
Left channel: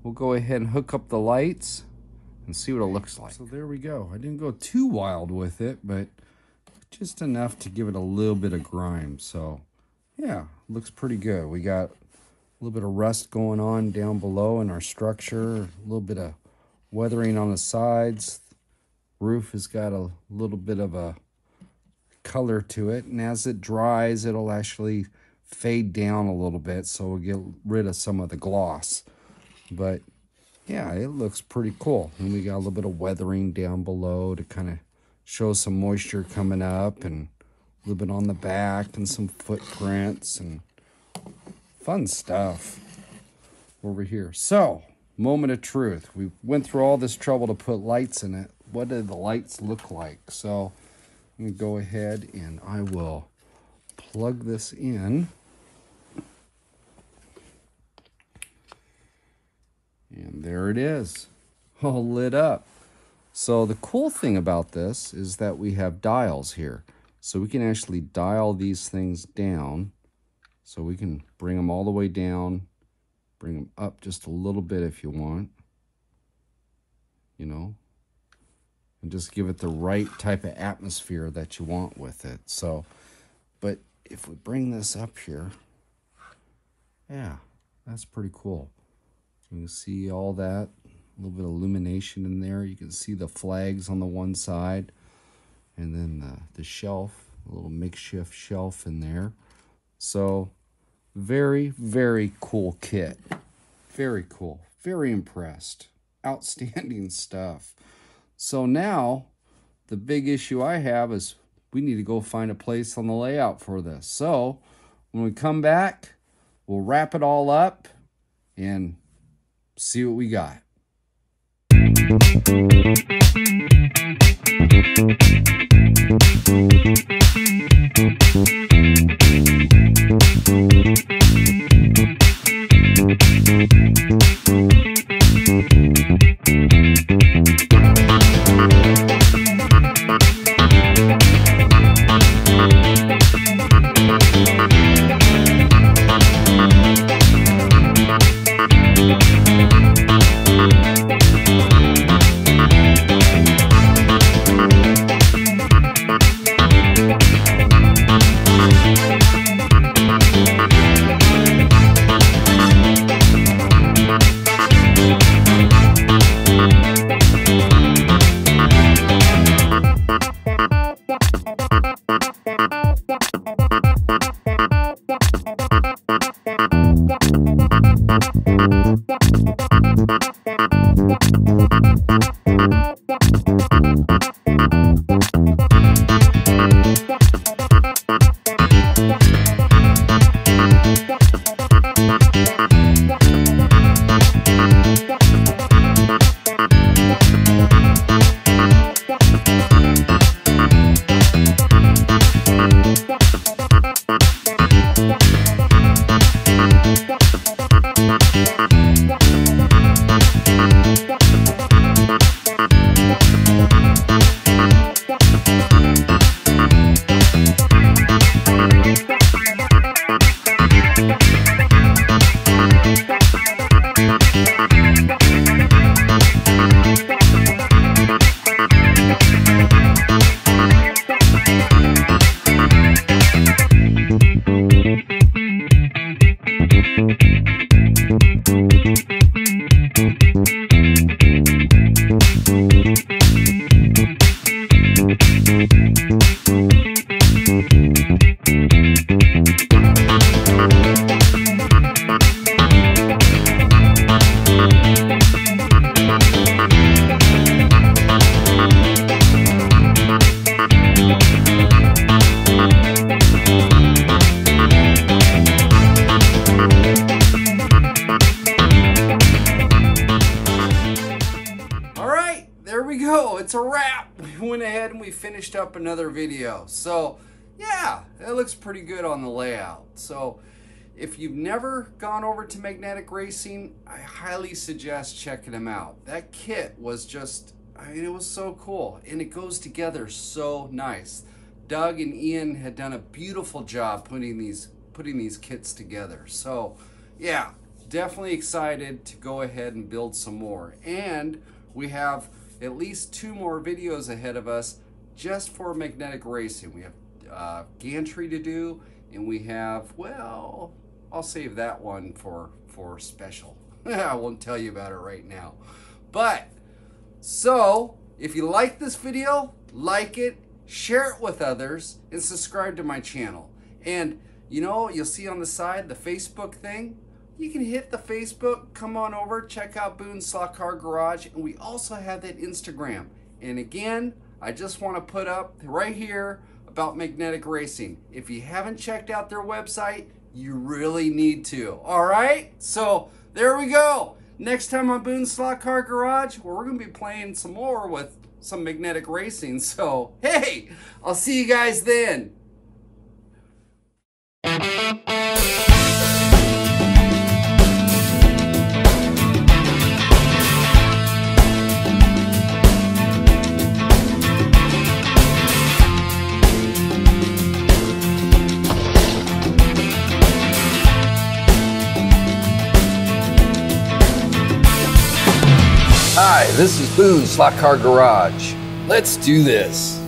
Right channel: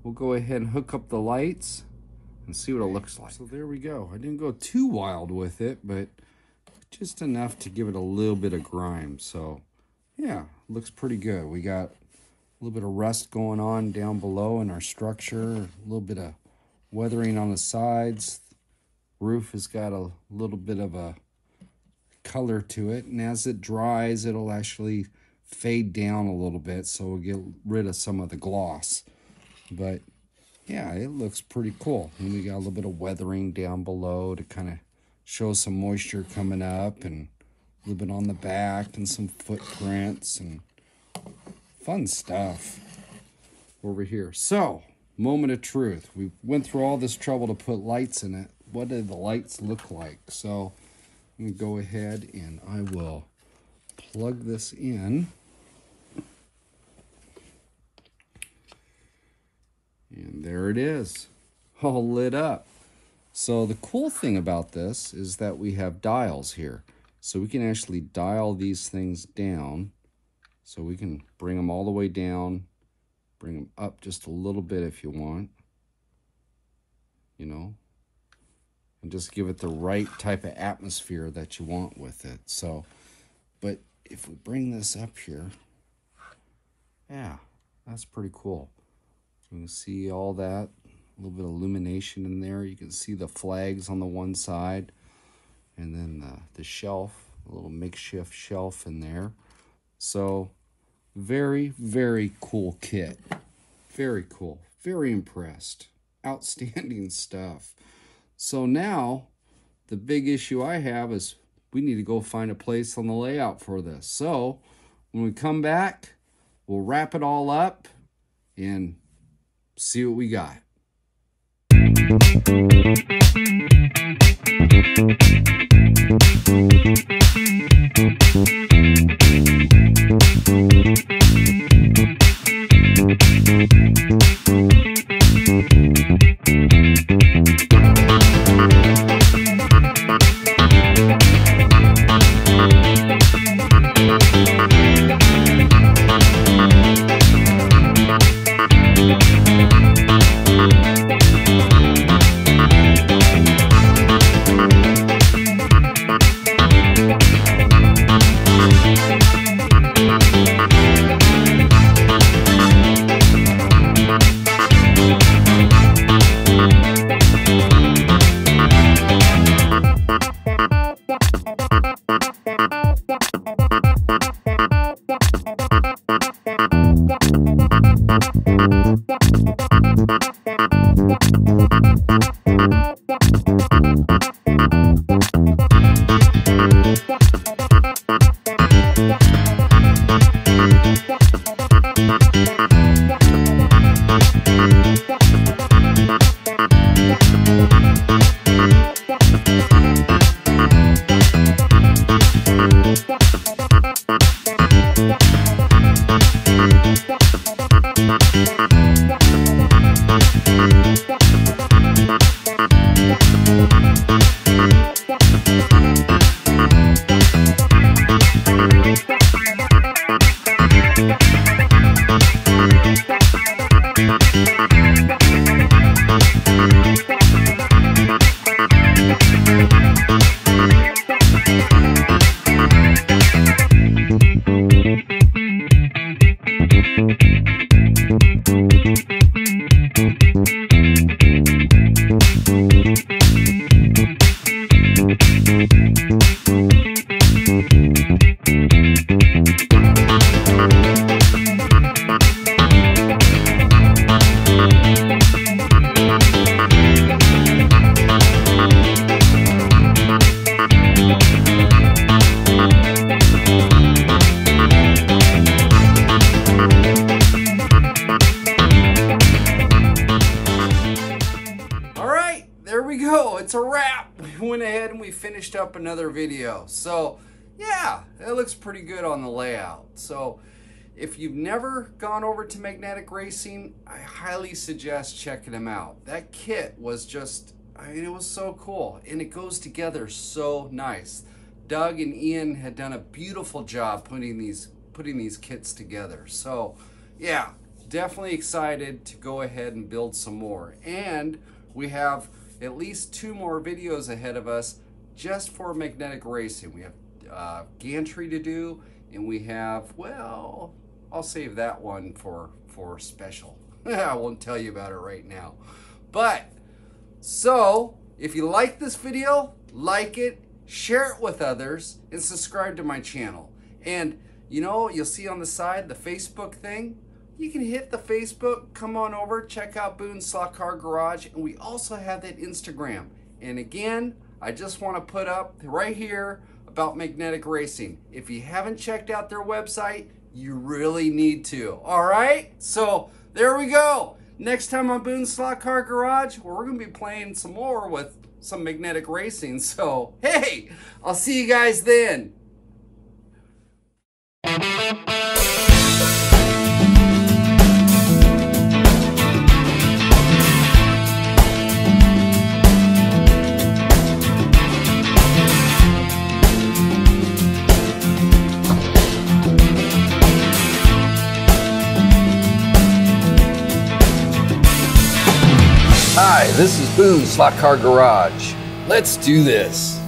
we'll go ahead and hook up the lights and see what it looks like. So there we go. I didn't go too wild with it, but just enough to give it a little bit of grime. So yeah, looks pretty good. We got a little bit of rust going on down below in our structure, a little bit of weathering on the sides. Roof has got a little bit of a color to it, and as it dries, it'll actually fade down a little bit, so we'll get rid of some of the gloss. But yeah, it looks pretty cool. And we got a little bit of weathering down below to kind of show some moisture coming up, and a little bit on the back, and some footprints and fun stuff over here. So, moment of truth. We went through all this trouble to put lights in it. What did the lights look like? So I'm going to go ahead and I will plug this in. And there it is, all lit up. So the cool thing about this is that we have dials here. So we can actually dial these things down. So we can bring them all the way down, bring them up just a little bit if you want, you know, and just give it the right type of atmosphere that you want with it. So, but if we bring this up here, yeah, that's pretty cool. You can see all that, a little bit of illumination in there. You can see the flags on the one side, and then the shelf, a little makeshift shelf in there. So very, very cool kit. Very cool. Very impressed. Outstanding stuff. So now, the big issue I have is we need to go find a place on the layout for this. So, when we come back, we'll wrap it all up and see what we got. It's a wrap. We went ahead and we finished up another video. So yeah, it looks pretty good on the layout. So if you've never gone over to Magnetic Racing, I highly suggest checking them out. That kit was just, I mean, it was so cool, and it goes together so nice. Doug and Ian had done a beautiful job putting these kits together. So yeah, definitely excited to go ahead and build some more. And we have at least 2 more videos ahead of us just for Magnetic Racing. We have gantry to do, and we have, well, I'll save that one for special. I won't tell you about it right now. But, so, if you like this video, like it, share it with others, and subscribe to my channel. And, you know, you'll see on the side the Facebook thing. You can hit the Facebook, come on over, check out Boone's Slot Car Garage, and we also have that Instagram. And again, I just want to put up right here about Magnetic Racing. If you haven't checked out their website, you really need to. All right? So there we go. Next time on Boone's Slot Car Garage, we're going to be playing some more with some Magnetic Racing. So, hey, I'll see you guys then. Hi, this is Boone's Slot Car Garage. Let's do this.